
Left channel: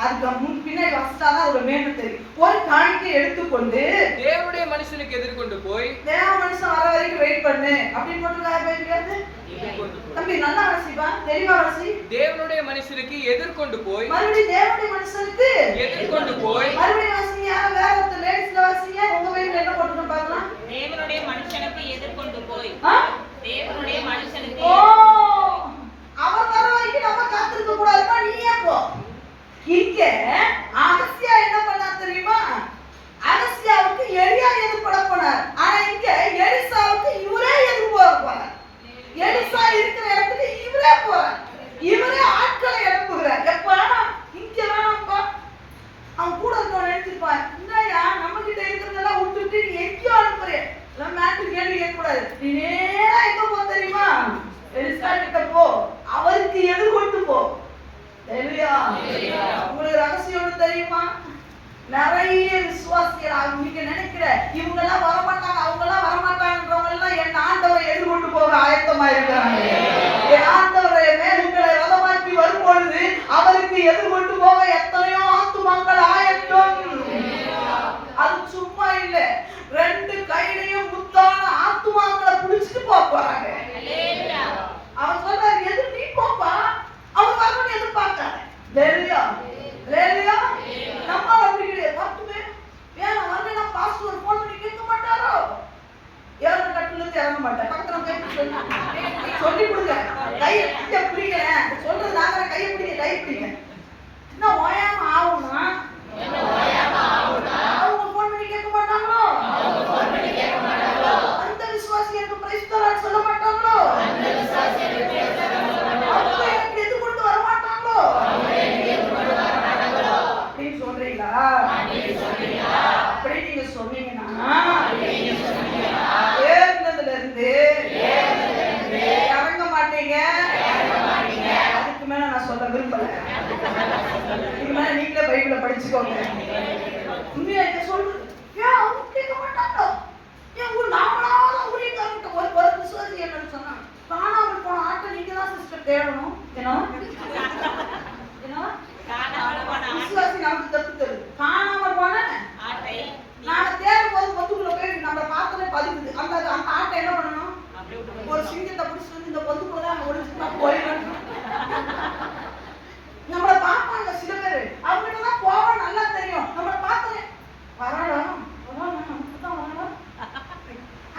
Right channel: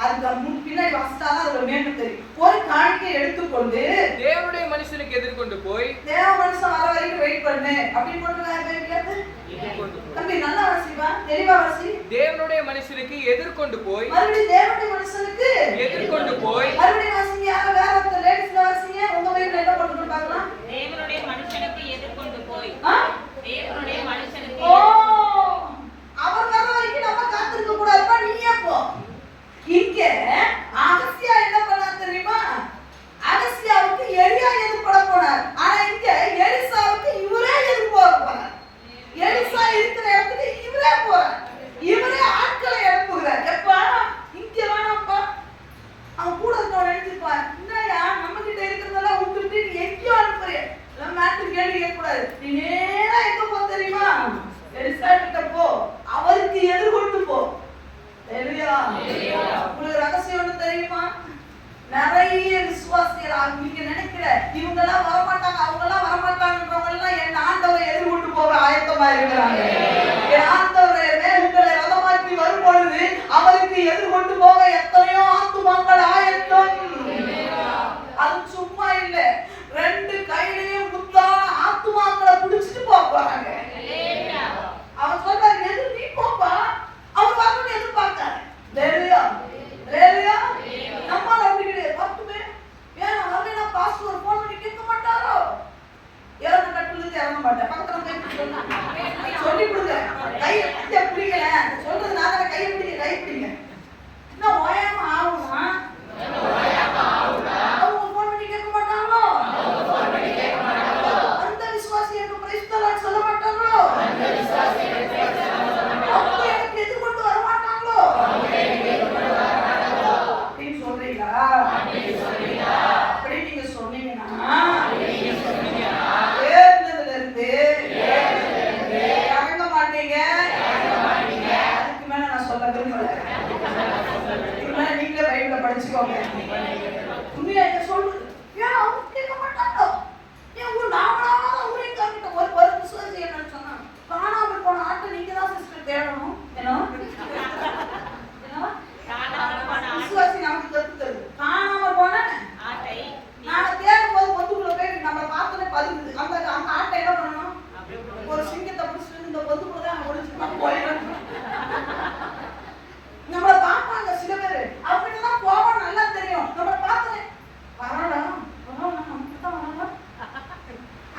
அதுக்கு பின்னாடி வசதாதான் அதோட மேன்மை தெரியும். ஒரு காணிக்கை எடுத்துக்கொண்டு தேவனுடைய மனுஷனுக்கு எதிர்கொண்டு போய், தேவ மனுஷன் வர வரைக்கும் வெயிட் பண்ணு அப்படின்னு போட்டு தம்பி நல்லா வாசிப்பா, தெளிவா வாசி. தேவனுடைய மனுஷனுக்கு எதிர்கொண்டு போய், மறுபடியும் தேவனுடைய மனுஷனுக்கு எதிர்கொண்டு போய், மறுபடியும் வாசிங்க. யாரும் வேற ஒருத்தர் லேடிஸ்ல வாசிங்க. உங்க வயசுல என்ன போட்டுட்டு பார்க்கலாம்? தேவனுடைய மனுஷனுக்கு எதிர்கொண்டு போய், தேவனுடைய மனுஷனுக்கு. ஓ, அவர் வர வரைக்கும் நம்ம காத்திருக்க கூடாதுப்பா, நீயே போ. இங்க அகசியா என்ன பண்ணா தெரியுமா? அகசியாவுக்கு எலியா எதிர்பட போனார். ஆனா இங்க எலிசாவுக்கு இவரே எதிர்போக போறார். எலிசா இருக்கிற இடத்துக்கு இவரே போறார். இவரே ஆட்களை அனுப்புகிறார். எப்பா இங்க வேணாம்ப்பா, அவன் கூட இருக்கவன் நினைச்சிருப்பான், என்னையா நம்ம கிட்ட இருக்கிறதெல்லாம் விட்டுட்டு நீ எங்கேயோ அனுப்புறிய, எல்லாம் மேட்டு கேள்வி கேட்கக்கூடாது, நீ நேரா எங்க போ தெரியுமா? எலிசா கிட்ட போ, அவருக்கு எதிர்கொண்டு போ. உங்களுக்கு ரகசியம் ஒண்ணு தெரியுமா? நிறைய விசுவாசிகள் நீங்க நினைக்கிற இவங்க எல்லாம் வரமாட்டாங்க, அவங்க எல்லாம் வரமாட்டாங்கன்றவங்க எல்லாம் என் ஆண்டவரை எதிர்கொண்டு போக ஆயத்தமா இருக்கிறாங்க. என் ஆண்டவரை மேலுங்களை ரதமாக்கி வரும் பொழுது அவருக்கு எதிர்கொண்டு போக எத்தனையோ ஆத்துமாக்கள் ஆயத்தம். அது சும்மா இல்ல, 2 கையிலையும் முத்தான ஆத்துமாக்களை பிடிச்சிட்டு போறாங்க. அவன் சொல்றாரு, எது நீ போப்பா, அவர் வரணும் எதிர்பார்க்காரு. நம்மளால அப்படி கிடையாது. பார்த்துமே வேணும் வரலன்னா பாஸ்வேர்ட் போன் பண்ணி கேட்க மாட்டாரோ? இறந்த கட்டுல இருந்து இறங்க மாட்டேன், பக்கத்துல கை சொல்லி கொடுங்க. கையை பிடிக்கல சொல்றது நாங்க, கையை பிடிக்க கை பிடிங்க. என்ன ஓயாம ஆகுமா? அவங்க போன் பண்ணி கேட்க மாட்டாங்களோ? அந்த விசுவாசி எனக்கு பிரைஸ் தரான்னு சொல்ல மாட்டாங்களோ? அவங்க எனக்கு எதிர்கொண்டு வர மாட்டாங்களோ அப்படின்னு சொல்றீங்களா? அப்படி நீங்க சொன்னீங்கன்னா ஏறினதுல இருந்து இறங்க மாட்டீங்க. அதுக்கு மேல நான் சொல்ல விரும்பல. தேடணும். ஏன்னா விசுவாசி நமக்கு கத்துக்கிறது. காணாம போன நாம தேடும் போது பொந்துக்குள்ள போய் நம்ம பார்த்தோன்னே பதுக்குது. அந்த ஆட்டை என்ன பண்ணணும்? ஒரு சிங்கத்தை பிடிச்சிட்டு வந்து இந்த பொந்துக்குள்ள தான் ஒழிச்சுமா போயிடும். நம்மளை பார்ப்பாங்க சில பேர், அவங்ககிட்ட தான் போவோம் நல்லா தெரியும். நம்மளை பார்த்தோன்னே வரலாம்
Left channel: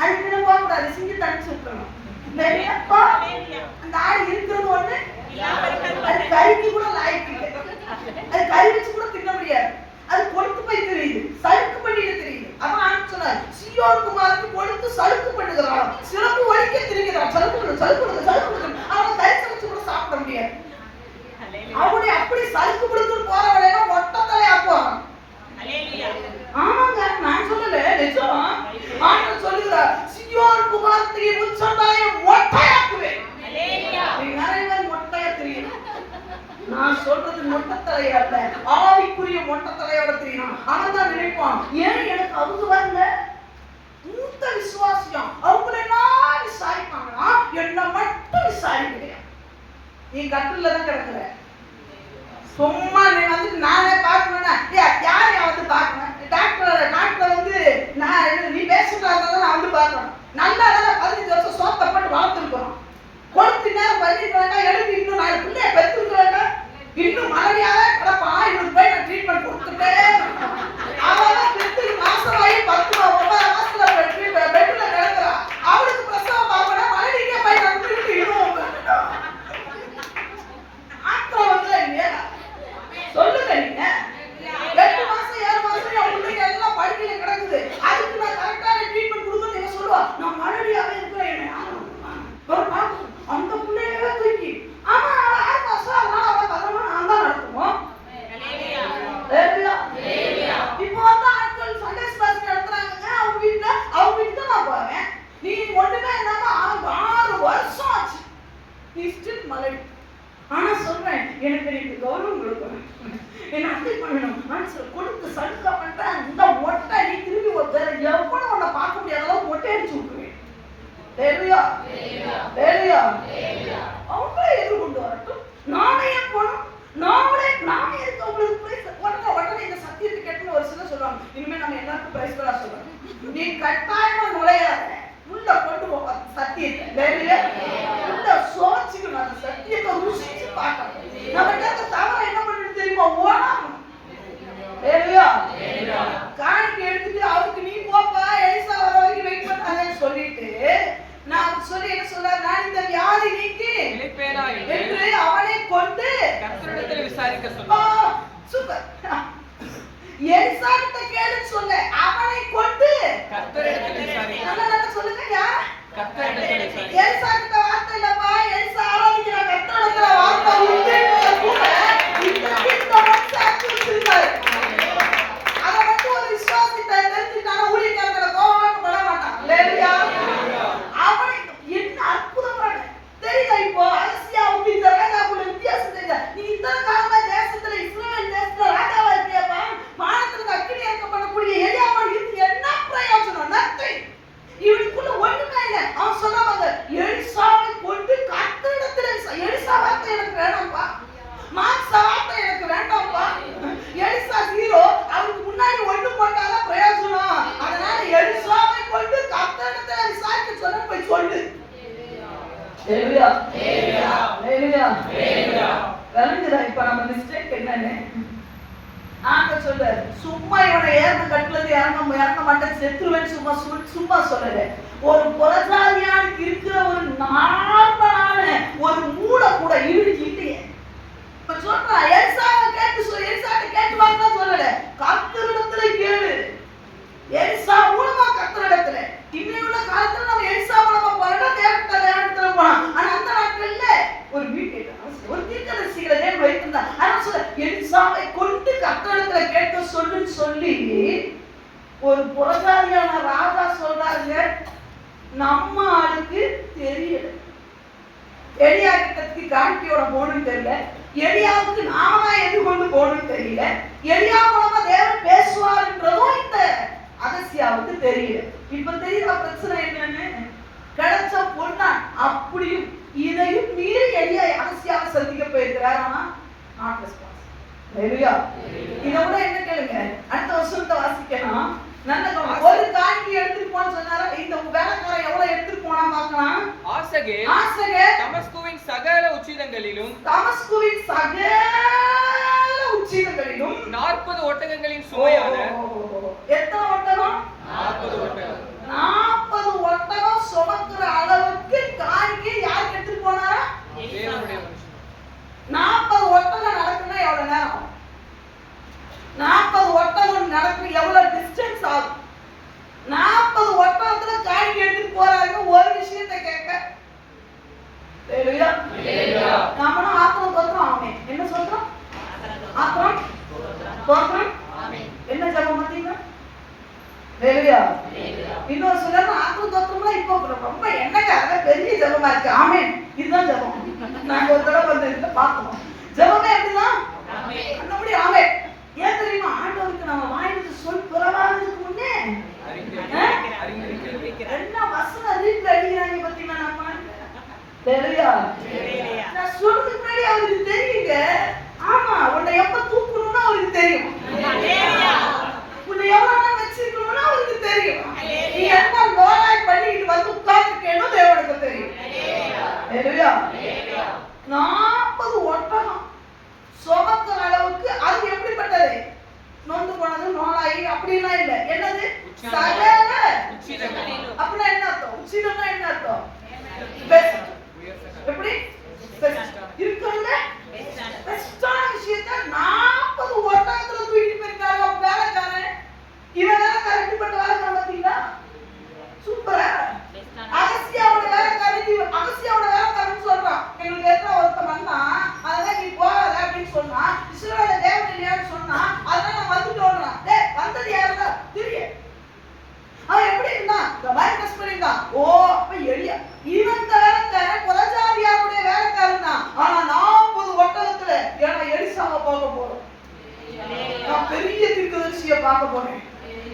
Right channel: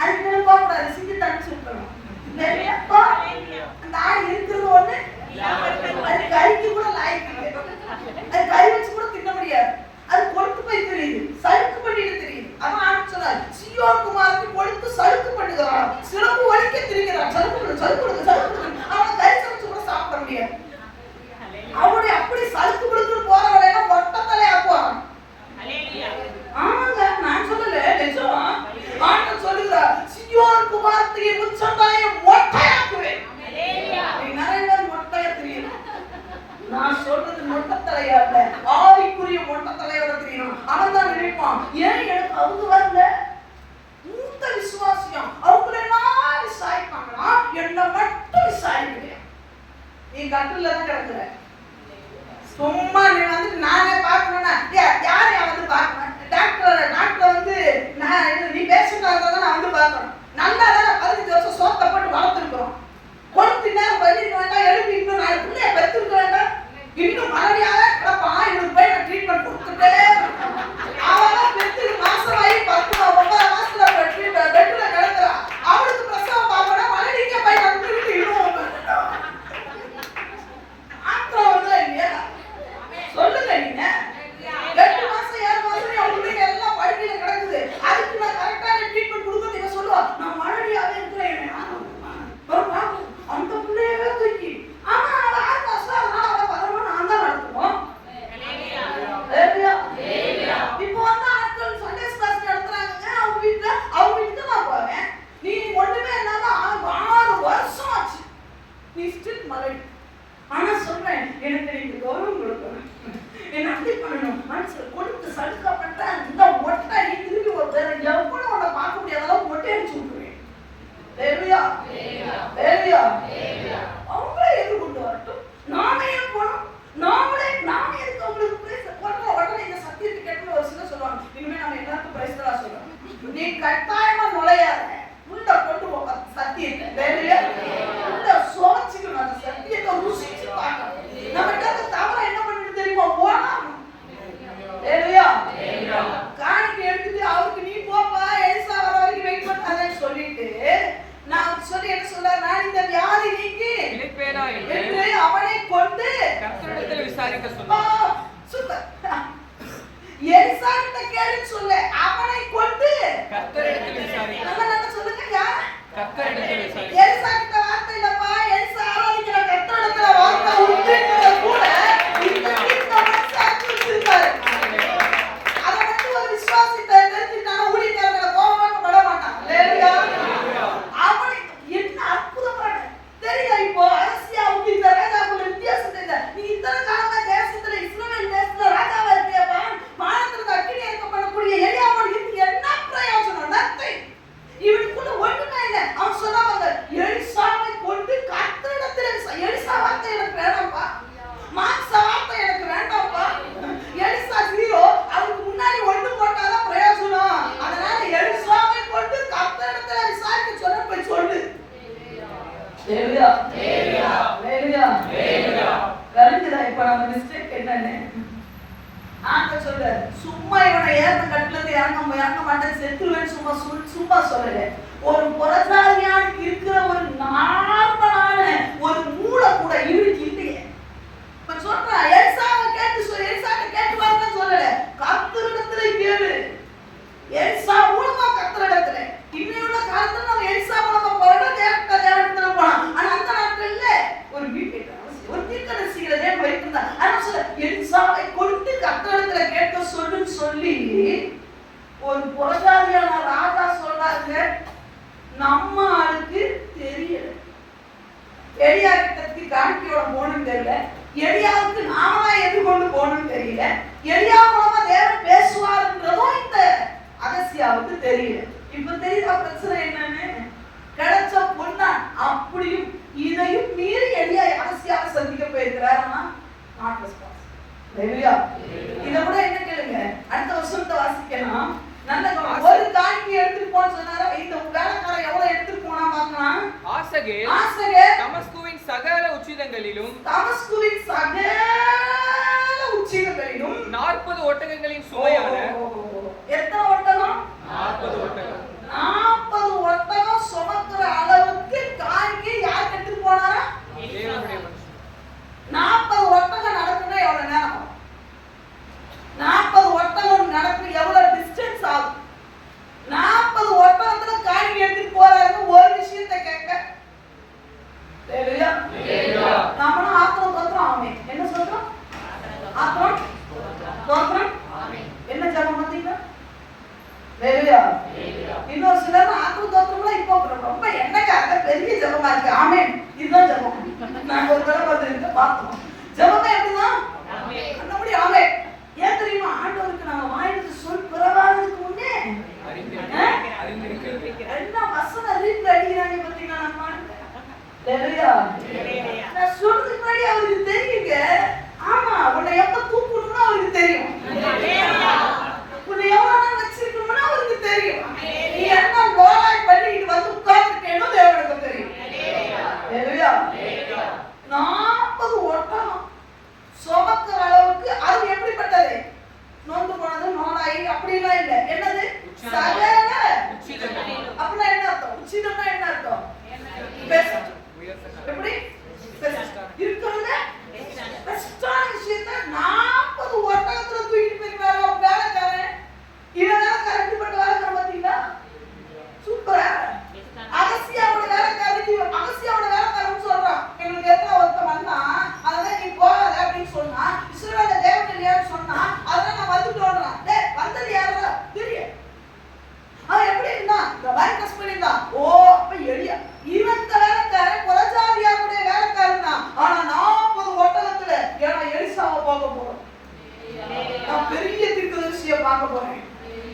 அதுக்கு போகக்கூடாது, சிங்கத்தை அடிச்சு விட்டுறணும். அந்த ஆடு இருக்கிறது ஒண்ணு, அது கறிக்கு கூட லாய்க்கு இல்லை, அது கறி வச்சு கூட தின்ன முடியாது, அது கொழுத்து போய் தெரியுது, சலுக்கு பண்ணிட்டு தெரியுது. அவன் ஆண்டு சொன்னார், சீயோன் குமாரனுக்கு கொழுத்து சலுக்கு பண்ணுகிறான், சிறப்பு வலிக்க தெரிகிறான், சலுக்கு அவனை கறி சமைச்சு கூட சாப்பிட முடியாது. அவனுடைய அப்படி சலுக்கு கொடுத்துட்டு போறவளையா ஒட்டத்தலை ஆக்குவான். ஆமாங்க, நான் சொல்லல, நிஜம். ஆண்டவர் சொல்லுகிறார், சீயோன் குமாரத்தியை உச்சந்தலையை மொட்டையாக்குவேன். நிறைய பேர் மொட்டையா தெரியும். நான் சொல்றது மொட்டத்தலையா இல்ல, ஆவிக்குரிய மொட்டத்தலையோட தெரியணும். அவன் தான் நினைப்பான், ஏன் எனக்கு அவங்க வரல? மூத்த விசுவாசியம் அவங்கள எல்லாம் விசாரிப்பாங்களா, என்ன மட்டும் விசாரிக்கலையா? நீ கட்டுல தான் கிடக்குற, சும்மா நீ வந்துட்டு நானே பார்க்கணும்னா யாரை வந்து பார்க்கணும்? டாக்டர் வந்து நீ பேசிட்டா நான் வந்து பார்க்கணும். நல்லா தானே 15 வருஷம் சோத்தை போட்டு வளர்த்துருக்கிறோம், கொடுத்து நேரம் 15 வேண்டாம், எழுதி இன்னும் 4 பிள்ளைய பெற்றுருக்க வேண்டாம், இன்னும் மறுபடியாக கிடப்பான். இவனுக்கு போய் நான் ட்ரீட்மெண்ட் கொடுத்துட்டே அவெல்லாம் பெற்று மாசமாயி 10-9 மாசத்துல பெட்ல கிடக்குறா. அவளுக்கு பிரசவம் பார்க்கணும், மறுபடியும் போய் வந்துட்டு இன்னும் ஆத்திரம் வந்து இல்லையா? சொல்லுங்க, நீங்க 8 மாசம் 7 மாசம் அவங்களுக்கு எல்லாம் படுக்கையில கிடக்குது. அதுக்கு நான் கரெக்டான ட்ரீட்மெண்ட் கொடுக்கணும். இவன் சொல்லுவா, நான் மறுபடியாவே இருக்கிறேன், அந்த பிள்ளையவே தூக்கி. ஆனா அவன் 6 மாசம், அதனால அவன் பதமா நான் தான் நடத்துவோம். இப்போ வந்து ஆட்கள் சண்டே கிளாஸ் நடத்துறாங்க அவங்க வீட்டுல நான் போவேன். நீ ஒண்ணுமே இல்லாம 6 வருஷம் ஆச்சு, நீ ஸ்டில் மலடி. ஆனா சொல்றேன், எனக்கு நீங்க கௌரவம் கொடுக்கணும், என்ன அப்படி பண்ணணும், மனசுல கொடுத்து சலுக்கா பண்றேன். இந்த ஒட்டை நீ திரும்பி வேற எவ்வளவு உன்னை பார்க்க முடியாத அளவுக்கு ஒட்டை அடிச்சு விட்டுருவேன். அவங்களே எதிர்கொண்டு வரட்டும், நானே போனோம், நானே இருக்கு அவங்களுக்கு உடனே இந்த சத்தியத்தை கேட்டு ஒரு சில சொல்லுவாங்க, இனிமே நம்ம எல்லாருக்கும் பிரைஸ்களா சொல்றோம். நீ கட்டாயமா நுழையாத, உள்ள கொண்டு போ சத்தியத்தை, உள்ள சோச்சிக்கணும், அந்த சத்தியத்தை ருசிச்சு பார்க்கணும். நம்ம கிட்ட தவற என்ன பண்ணணும் தெரியுமா? ஓடாம காணிக்கை எடுத்துட்டு அவருக்கு நீ போப்பா எலிசா வர வரைக்கும் வெயிட் பண்ணாதேன்னு சொல்லிட்டு நான் சொல்லி என்ன சொல்ல, நான் இந்த வியாதி நீக்கி என்று அவனை கொண்டு கர்த்தரிடத்தில் விசாரிக்க சொன்னார். சூப்பர். எலிசா கிட்ட கேளுன்னு சொல்ல, அவனை கொண்டு கர்த்தரிடத்தில் விசாரிக்க. நல்லா சொல்லுங்க, யார்? கர்த்தரிடத்தில் விசாரிக்க. எலிசா கிட்ட வார்த்தை இல்லப்பா, எலிசா ஆராதிக்கிற கர்த்தரிடத்துல வார்த்தை உண்டுன்றது கூட இந்த மனுஷன் சொல்லிருக்காரு. அத மட்டும் ஒரு விசுவாசித்தை தெரிஞ்சுட்டான ஊழியக்காரங்கள கோவம் பட மாட்டான். ஹalleluya. அவனை என்ன அற்புதமான தெரியுதா? இப்போ அரசியாவுக்கு இந்த ராஜாவுக்கு வித்தியாசம் தெரியல. நீ இத்தனை காலமா தேசத்துல இஸ்ரவேல் தேசத்துல ராஜாவா இருக்கியப்பா, வானத்துல அக்கினி இறக்க பண்ணக்கூடிய எலியாவோட இருந்து என்ன பிரயோஜனம்? நத்தை. இவனுக்குள்ள ஒண்ணுமே இல்லை. அவன் சொன்னாங்க, எலிசாவை கொண்டு கர்த்தரிடத்துல எலிசா வார்த்தை எனக்கு வேண்டாம்ப்பா, மாம்ச வார்த்தை எனக்கு வேண்டாம்ப்பா. எலிசா ஜீரோ, அவருக்கு முன்னாடி ஒண்ணு போட்டாதான் பிரயோஜனம். அதனால எலிசாவை கொண்டு கர்த்தரிடத்துல விசாரிக்க சொல்ல போய் சொல்லு. இப்ப நம்ம மிஸ்டேக் என்னன்னு ஆண்டவர் சொல்றாரு, சும்மா இவனை ஏறின கட்டுல இருந்து இறங்க மாட்டேன், செத்துருவேன்னு சும்மா சொல்லல. ஒரு புறஜாதியானுக்கு இருக்கிற ஒரு நார்மலான ஒரு மூளை கூட இவனுக்கு இல்லையே. இப்ப சொல்றேன், எலிசாவை கேட்டு வாங்க சொல்லல, கர்த்தரிடத்துல கேளு. எலிசா மூலமா கர்த்தரிடத்துல. இன்னும் உள்ள காலத்துல நம்ம எலிசா மூலமா போறோம், தேவனிடத்துல போலாம். ஆனா அந்த நாட்கள்ல ஒரு வீட்டு ஒரு தீர்க்கதரிசிகளை தேவன் வைத்திருந்தார். அதனால சொல்ல, எலிசாவை கொண்டு கர்த்தரிடத்துல கேட்க சொல்லுன்னு சொல்லி ஒரு புறஜாதியான ராஜா சொல்றாங்க, நம்ம ஆளுக்கு தெரியல. எலியா கிட்டத்துக்கு காணிக்கையோட போகணும்னு தெரியல, எலியாவுக்கு நாம தான் எதிர்கொண்டு போகணும்னு தெரியல, எலியா மூலமா தேவன் பேசுவாருன்றதும் இந்த அகசியாவுக்கு தெரியல. இப்ப தெரியுதா பிரச்சனை என்னன்னு? கிடைச்ச பொண்ணா அப்படியும் இதையும் மீறி எலியா அரசியாக சந்திக்க போயிருக்கிறார். ஆனா நாட் ரெஸ்பான்ஸ். ஹalleluya. இத கூட என்ன கேளுங்க, அடுத்த வருஷத்தை வாசிக்கலாம். நல்ல ஒரு காணிக்கை எடுத்துட்டு போன்னு சொன்னாரா, இந்த வேலைக்காரன் எவ்வளவு எடுத்துட்டு போனா பார்க்கலாம். ஆசகேல் தமஸ்குவின் சகல உச்சிதங்களிலும் 40 ஒட்டகங்களின் சுமையான எத்தனை ஒட்டகம்? 40 ஒட்டகம் சுமக்கிற அளவுக்கு காணிக்கை யார் எடுத்துட்டு போனாரா? தேவனுடைய மனுஷன். 40 ஒட்டகம் நடக்குன்னா எவ்வளவு நேரம் ஆகும்? 40 ஒட்டகம் நடக்கு எவ்வளவு டிஸ்டன்ஸ் ஆகும்? 40 ஒட்டகத்துல காணிக்கை எடுத்துட்டு போறாங்க. ஒரு விஷயத்தை கேட்க நாம ஆத்திரம் தோற்றம் ஆமே. என்ன சொல்றோம்? ஆத்திரம் தோற்றம் என்ன ஜபம் பார்த்தீங்களா? இன்னொரு சிலர் ஆத்திரம் தோற்றம்லாம் இப்போ ரொம்ப என்னக்காக பெரிய ஜபமா இருக்கு. ஆமே, இதுதான் ஜபம். நாங்க ஒரு தடவை வந்து பார்த்தோம். ஜபமே எப்படிதான் கண்ணபடி ஆமே. ஏன் தெரியுமா? ஆண்டவருக்கு நம்ம வாயிலிருந்து சொல் பிறவாததுக்கு முன்னே என்ன வசனம் ரீட் அடிக்கிறாங்க பார்த்தீங்களா? நம்ம நான் சொல்றதுக்கு முன்னாடி அவருக்கு தெரியுங்க. ஆமா, உன்னை எப்ப தூக்கணும்னு அவருக்கு தெரியும். உன்னை எவ்வளவு நாள் வச்சிருக்கணும்னு அவருக்கு தெரியும். நீ என்ன லோலாய் பண்ணிட்டு வந்து உட்கார்ந்துருக்கேன்னு தேவனுக்கு தெரியும். 40 ஒட்டகம் சுமக்கிற அளவுக்கு அது எப்படிப்பட்டது? நொந்து போனது, நோலாயி அப்படிலாம் இல்லை. என்னது? சகல அப்படின்னா என்ன அர்த்தம்? உச்சிதம்னா என்ன அர்த்தம்? எப்படி இருக்கிறதுல பெஸ்டான விஷயத்தை 40 ஒட்டகத்துல தூக்கிட்டு போயிருக்காங்க வேலைக்காரன். இவன் வேலைக்காரன் எப்படிப்பட்ட வேலைக்காரன் பார்த்தீங்களா? சூப்பரா. அகசியாவோட வேலைக்காரனுக்கு அகசியாவோட வேலைக்காரன் சொல்றான், எங்களுக்கு எத்தனை ஒருத்தம் வந்தா அதான் நீ போகாத அப்படின்னு சொன்னா, இஸ்ரவேல தேவன் இல்லையான்னு சொன்னா, அதான் நான் வந்துட்டோன்றான். வந்தது யாருடா தெரியும். அவன் எப்படி இருந்தான்? வைரஸ் பண்ணிருந்தான். ஓ, அப்ப எளியா இவன் வேலைக்காரன் புறஜாதியாருடைய வேலைக்காரன் தான். ஆனா 40 ஒட்டகத்துல ஏன்னா எலிசாவை பார்க்க போறோம். நான் பெரிய தீர்க்கதரிசியை பார்க்க போறேன்.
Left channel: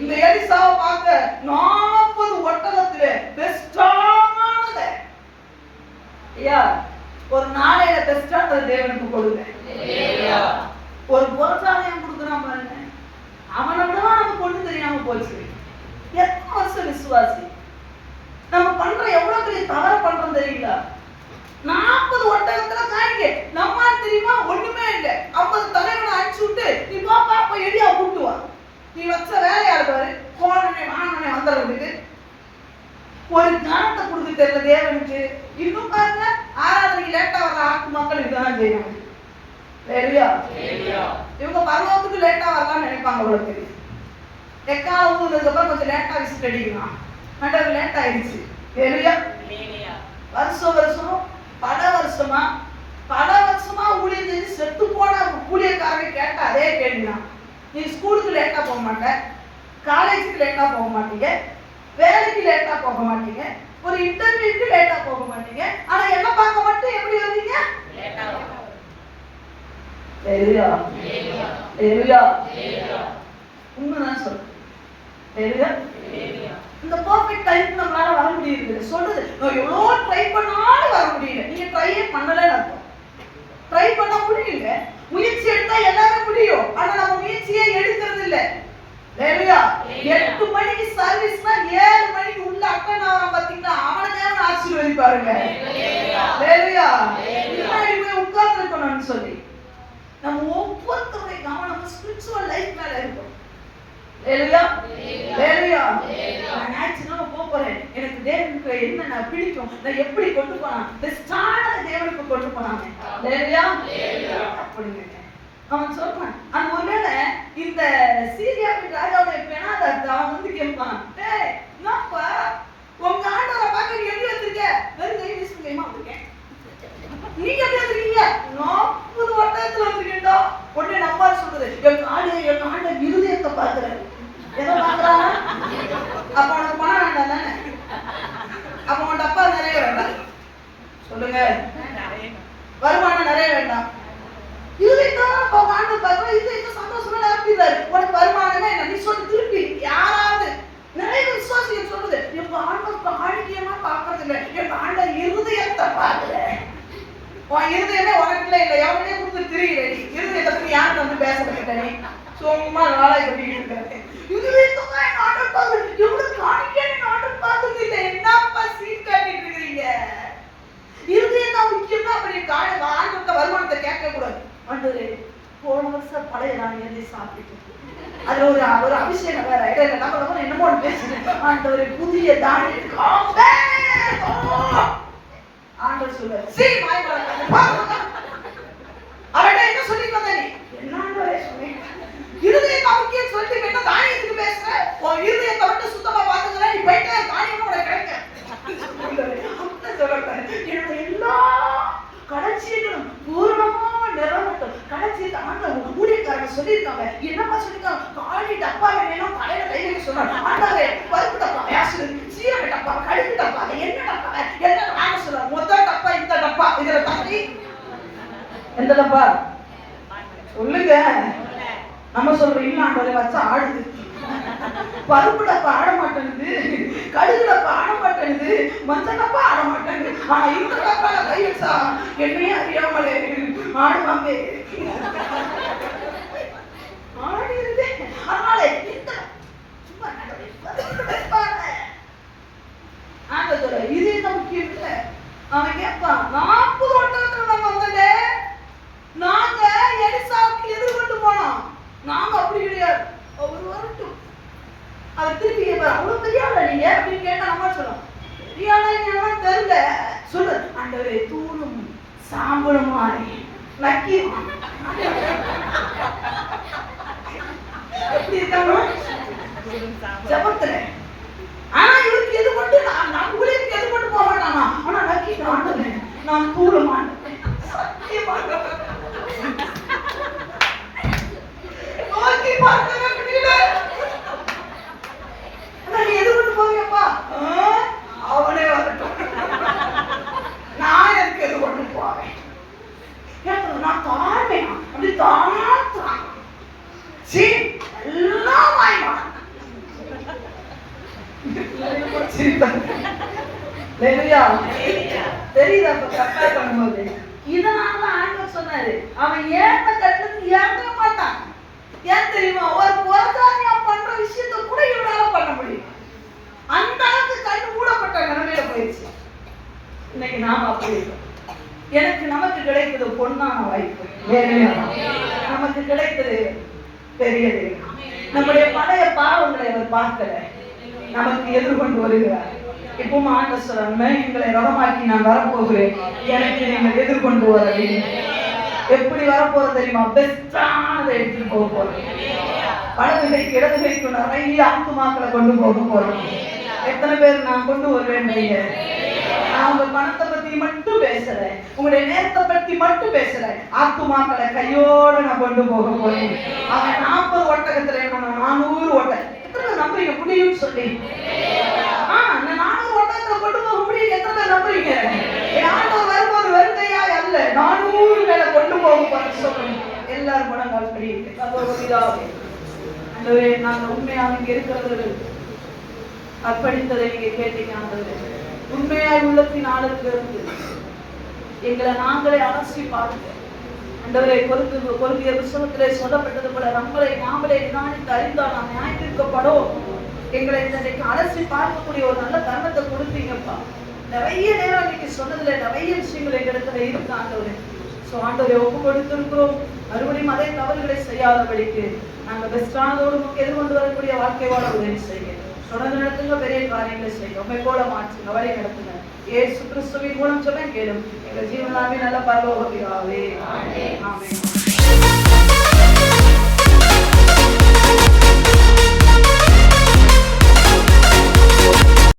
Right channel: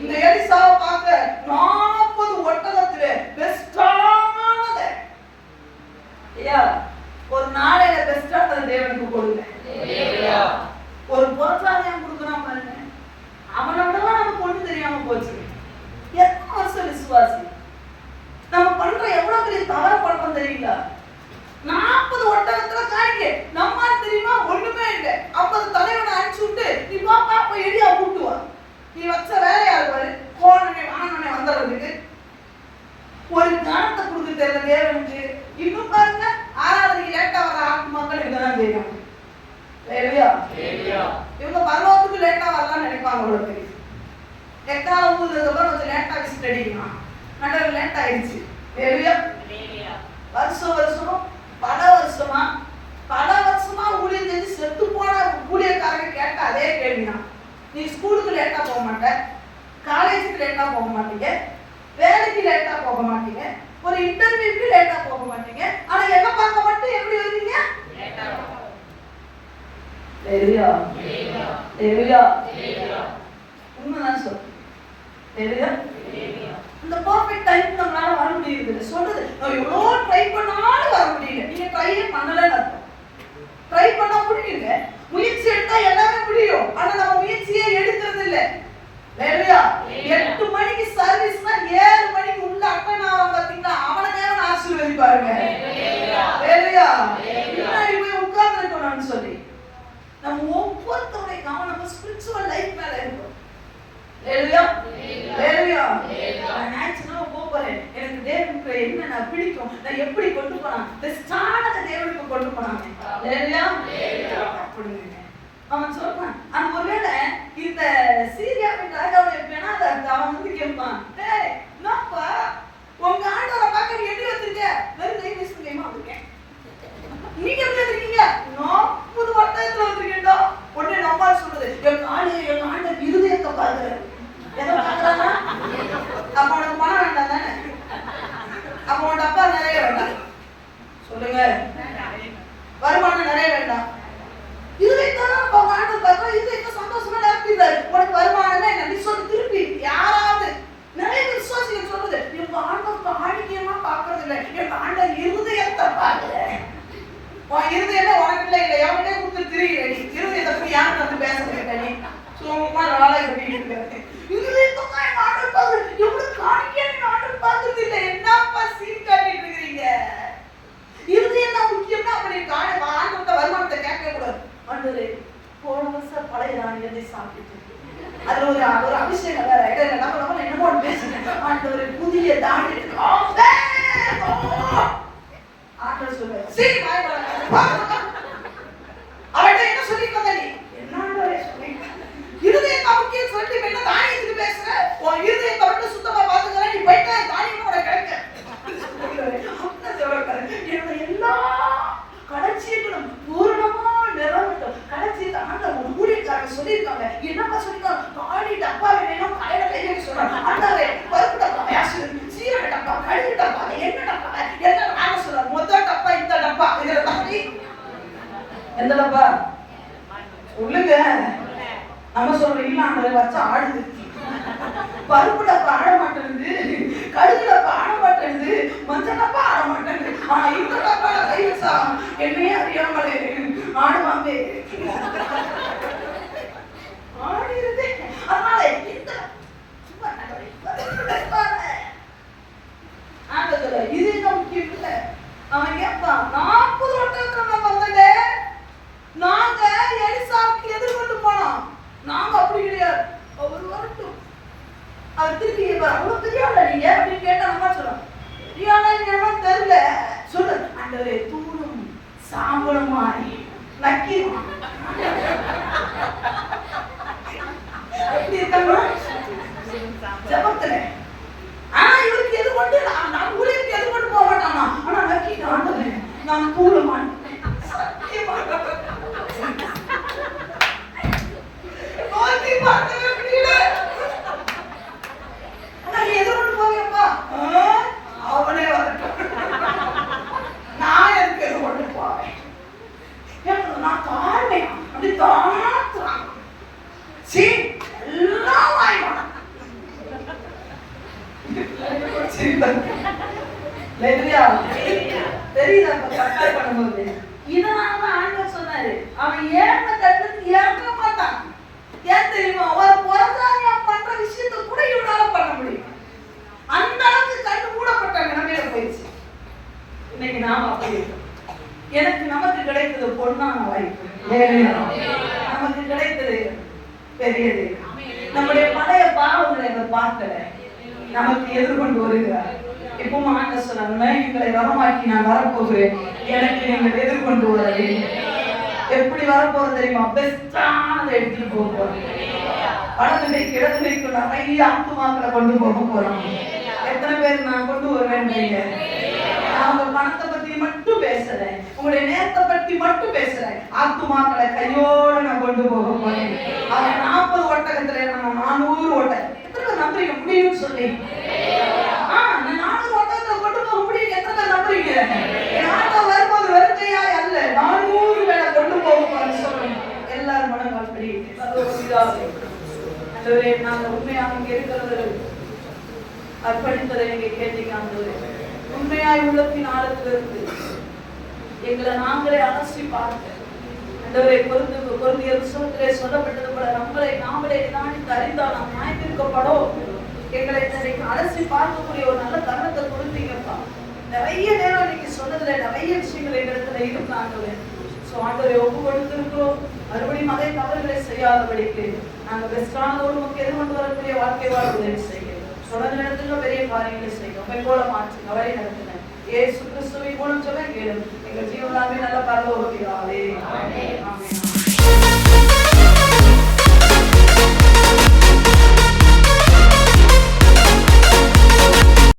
இந்த எலிசாவை பார்க்க 40 ஒட்டகத்துல பெஸ்டானது. ஐயா, ஒரு நாளையில பெஸ்டானது தேவனுக்கு கொடுங்க. ஒரு புறஜாதியம் கொடுக்குறான் பாருங்க, அவனை விடவா நமக்கு ஒண்ணு தெரியாம போச்சு. எத்தனை வருஷம் விசுவாசி நம்ம பண்ற எவ்வளவு பெரிய தவற பண்றோம் தெரியல. 40 ஒட்டகத்துல காணிக்க நம்ம தெரியுமா? ஒண்ணுமே இல்லை. 50 தலைவனை அடிச்சு விட்டு நீ பாப்பா போய் எடியா கூட்டுவா, நீ வச்ச வேலையா இருப்பாரு போனே வானே வந்துடுறதுக்கு ஒரு கணத்தை கொடுக்க தெரியல தேவனுக்கு. இன்னும் பாருங்க, ஆராதனைக்கு லேட்டா வர்ற ஆக்கு மக்கள் இதுதான் செய்யணும். இவங்க பரலோகத்துக்கு லேட்டா வரலாம்னு நினைப்பாங்க. உங்களுக்கு எக்கால ஊருக்கு அப்புறம் கொஞ்சம் லேட்டா விசிட் அடிக்கலாம். நடுவில் லேட் ஆயிடுச்சு. வருஷம் பல வருஷமா ஊழியர் செஞ்சு செத்து போன ஊழியக்காரங்க கேட்ட அதே கேள்விதான். நீ ஸ்கூலுக்கு லேட்டா போக மாட்ட, காலேஜுக்கு லேட்டா போக மாட்டீங்க, வேலைக்கு லேட்டா போக மாட்டீங்க, ஒரு இன்டர்வியூக்கு லேட்டா போக மாட்டீங்க, ஆனா என்ன பார்க்க மட்டும் எப்படி வருவீங்க? உண்மைதான் சொல்றேன். இந்த பெர்ஃபெக்ட் டைம் நம்மளால வர முடியுது. சொல்றது எவ்வளோ ட்ரை பண்ணாலும் வர முடியல. நீங்க ட்ரையே பண்ணலன்னு அர்த்தம். ட்ரை பண்ண முடியல, முயற்சி எடுத்தா எல்லாமே முடியும். ஆனா நம்ம முயற்சியே எடுக்கிறது இல்லை. 8 மணிக்கு சர்வீஸ்னா 7 மணிக்கு உள்ள அட்டன் ஆகும் பாத்தீங்களா? அவனை நேரம் ஆசீர்வதிப்பாருங்க. முன்னாடி போய் உட்கார்ந்து இருக்கணும்னு சொல்லி நம்ம ஒவ்வொருத்தருடைய கவனம் ஸ்பிரிச்சுவல் லைஃப் மேல இருக்கும். எனக்கு தேவனுக்கு என்ன பிடிக்கும், நான் எப்படி கொண்டு போனா தேவனுக்கு கொண்டு போனாங்க. அவன் சொல்றான், அந்த ஒருவேளை இந்த சீரியாவின் ராஜாவுடைய பெணாத அவன் வந்து கேட்பான், என்னப்பா உங்க ஆண்டவரை பார்க்க நீ எப்படி வந்திருக்க? வெறும் கை வீசும் கைமா வந்திருக்கேன். நீங்க எப்படி வந்திருக்கீங்க? 40 ஒட்டகத்துல வந்திருக்கேன்டா. உடனே நம்பா சொல்றது, எங்க ஆண்ட இருதயத்தை பார்க்கிறேன். எதை பார்க்கறாங்க? அப்ப உனக்கு பணம் வேண்டாம் தானே? அப்ப உன் அப்பா நிறைய வேண்டாம் சொல்லுங்க, வருமானம் நிறைய வேண்டாம். இருதயத்தான் நம்ம ஆண்டவர் பார்க்கிறோம். இருதயத்தை சந்தோஷமா நிரப்பிடுறாரு. உனக்கு வருமானமே என்ன? நீ சொல்லி திருப்பி யாராவது நிறைய உன் இருதயமே உனக்குள்ள இல்லை, எவனே கொடுத்து திரியில நீ இருதயத்தை பத்தி யாருக்கு வந்து பேச கேட்டனே சும்மா நாளை கட்டிட்டு இருக்காரு. இருதயத்தை ஆண்டவர் எவ்வளவு காணிக்கேன்னு ஆண்டவர் பார்த்தது இல்லை. என்னப்பா சீன் காட்டிட்டு இருக்கிறீங்க? இருதயம் தான் முக்கியம்னா அப்படி ஆண்டவர்கிட்ட வருமானத்தை கேட்க கூடாது. ஆண்டவரே போன வருஷம் பழைய நாணயத்தை சாப்பிட்டு அது ஒரு அபிஷேகம் வேற இடையில நம்ம என்னமோ பேசுறேன். ஆண்டவரே புதிய தானியத்துக்கு ஆண்டவர் சொல்றாரு, சீ வாய் வளர்க்க அவர்கிட்ட என்ன சொல்லி வந்த நீ? என்ன சொல்றீங்க? இருதயத்தை முக்கியம் சொல்லி என்ன தானியத்துக்கு பேசுற? உன் இருதயத்தை மட்டும் சுத்தமா பாத்துக்கிறேன், நீ போயிட்டா தானியம் உனக்கு கிடைக்கும். என்னுடைய எல்லா கடைசிகளும் பூர்ணமா நிறைவேற்றும். கடைசி ஆண்டவர் ஊழியக்காரங்க சொல்லியிருக்காங்க. என்னப்பா சொல்லியிருக்காங்க? காலி டப்பா வேணும், தலையில கை வைக்க சொல்றாங்க. ஆண்டவரே பருப்பு டப்பா, சீரக டப்பா, கடுகு டப்பா, என்ன டப்பா என்ன நாங்க சொல்றோம். மொத்த டப்பா இந்த டப்பா இதுல தாண்டி எந்த டப்பா சொல்லுங்க. நம்ம சொல்றோம் இல்ல ஆண்டவரே வச்சா ஆடுது. பருப்பு டப்பா ஆட மாட்டேங்குது, கடுகு டப்பா ஆட மாட்டேங்குது, மஞ்சள் டப்பா ஆட மாட்டேங்குது. ஆனா இந்த டப்பா கை வச்சா என்னையே அறியாமலே ஆடுவாங்க. ஆடிருது. அதனால இந்த சும்மா ஆண்டவரே இது என்ன முக்கியம் இல்லை. அவன் கேட்பான், 40 ஒட்டகத்துல நம்ம வந்தே நாங்க எலிசாவுக்கு எதிர்கொண்டு போனோம். நாங்க அப்படி கிடையாது, அவர் வரட்டும். அவர் திருப்பி அவ்வளவு தெரியாத நீங்க அப்படின்னு கேட்டா நம்ம சொல்றோம் தெரியாத தெரியல சொல்லு. ஆண்டவரே தூளும் சாம்பலும் மாறி நக்கி எப்படி இருக்காங்க ஜபத்துல. ஆனா இவருக்கு எது கொண்டு நான் ஊழியருக்கு எது கொண்டு போக மாட்டானா? ஆனா நக்கி ஆண்டவரே நான் தூளும் சத்தியமா நோக்கி பார்த்தவே முடியல. எது கொண்டு போவீங்கப்பா? அவனே வரட்டும், நான் எனக்கு எது கொண்டு போவேன். நான் தாழ்வேன் அப்படி தாழ்த்துறான். எல்லாம் வாய்வான் தெரியுதா? கம்பேர் பண்ணும்போது இதனால ஆண்டவர் சொன்னாரு அவன் ஏற்ற கட்டத்துக்கு ஏற்க மாட்டான். ஏன் தெரியுமா? ஒரு பொருளாதார பண்ற விஷயத்தை கூட இவனால பண்ண முடியும். அந்த அளவுக்கு கண்ணு மூடப்பட்ட நிலைமையில போயிடுச்சு. இன்னைக்கு நாம அப்படி இருக்கோம். எனக்கு நமக்கு கிடைத்தது பொன்னான வாய்ப்பு, நமக்கு கிடைத்தது பெரியது. நம்முடைய பழைய பாவங்களை அவர் பார்க்கல, நமக்கு எதிர்கொண்டு வருகிறார். எப்பவும் ஆண்டவர் சொல்றாங்க, எங்களை வரமாக்கி நான் வரப்போகிறேன், எனக்கு நீங்கள் எதிர்கொண்டு வர வேண்டும். எப்படி வரப்போறது தெரியுமா? பெஸ்டானதை எடுத்துட்டு போக போறோம். வலதுகைக்கு இடதுகைக்கு நிறைய ஆத்துமாக்களை கொண்டு போக போறோம். எத்தனை பேர் நான் கொண்டு வருவேன்? அவங்க பணத்தை பத்தி மட்டும் பேசல, உங்களுடைய நேரத்தை பத்தி மட்டும் பேசல, ஆத்துமாக்களை கையோடு நான் கொண்டு போக போறேன். அவன் 40 ஒட்டகத்துல நான் 400 ஒட்டகம். எத்தனை பேர் நம்புறீங்க முடியும்னு சொல்லி? அந்த 400 ஒட்டகத்துல கொண்டு போக முடியும். எத்தனை பேர் நம்புறீங்க? ஆண்டவர் வரும்போது வருகையா அல்ல, 400 பேரை கொண்டு போக போறேன்னு சொல்றேன். எல்லாரும் மனங்கள் அப்படி நாங்கள் உண்மையாக இங்க இருக்கிறது அர்ப்பணித்ததை நீங்க கேட்டீங்க. ஆண்டவரே உண்மையாக உள்ளத்தின் ஆழத்திலிருந்து எங்களை நாங்களே அலசி பார்க்க ஆண்டவரே கொரிந்திய புத்தகத்திலே சொல்லப்பட்டது போல நம்மளை நாமளே நிதானித்து அறிந்தால் நாம் நியாயத்திற்கப்படும். எங்களை இன்றைக்கு அலசி பார்க்கக்கூடிய ஒரு நல்ல தருணத்தை கொடுத்தீங்கப்பா. நிறைய நேரம் இன்னைக்கு சொன்னதுல நிறைய விஷயங்கள் எங்களிடத்துல இருக்கு ஆண்டவரே. ஆண்டவரை ஒப்பு கொடுத்திருக்கிறோம். மறுபடியும் அதே தவறுகளை செய்யாதபடிக்கு நாங்க பெஸ்டானதோடு நமக்கு எதிர்கொண்டு வரக்கூடிய வாழ்க்கை வாழ உதவி செய்யுங்க. தொடர்ந்து நடத்துங்க, பெரிய காரியங்களை செய்யுங்க, உண்மை போல மாற்றுங்க, அவரை நடத்துங்க. இயேசு கிறிஸ்துவின் மூலம் சொல்ல கேளும் எங்கள் ஜீவனாவே நல்ல பரலோக பிதாவே. ஆமென்.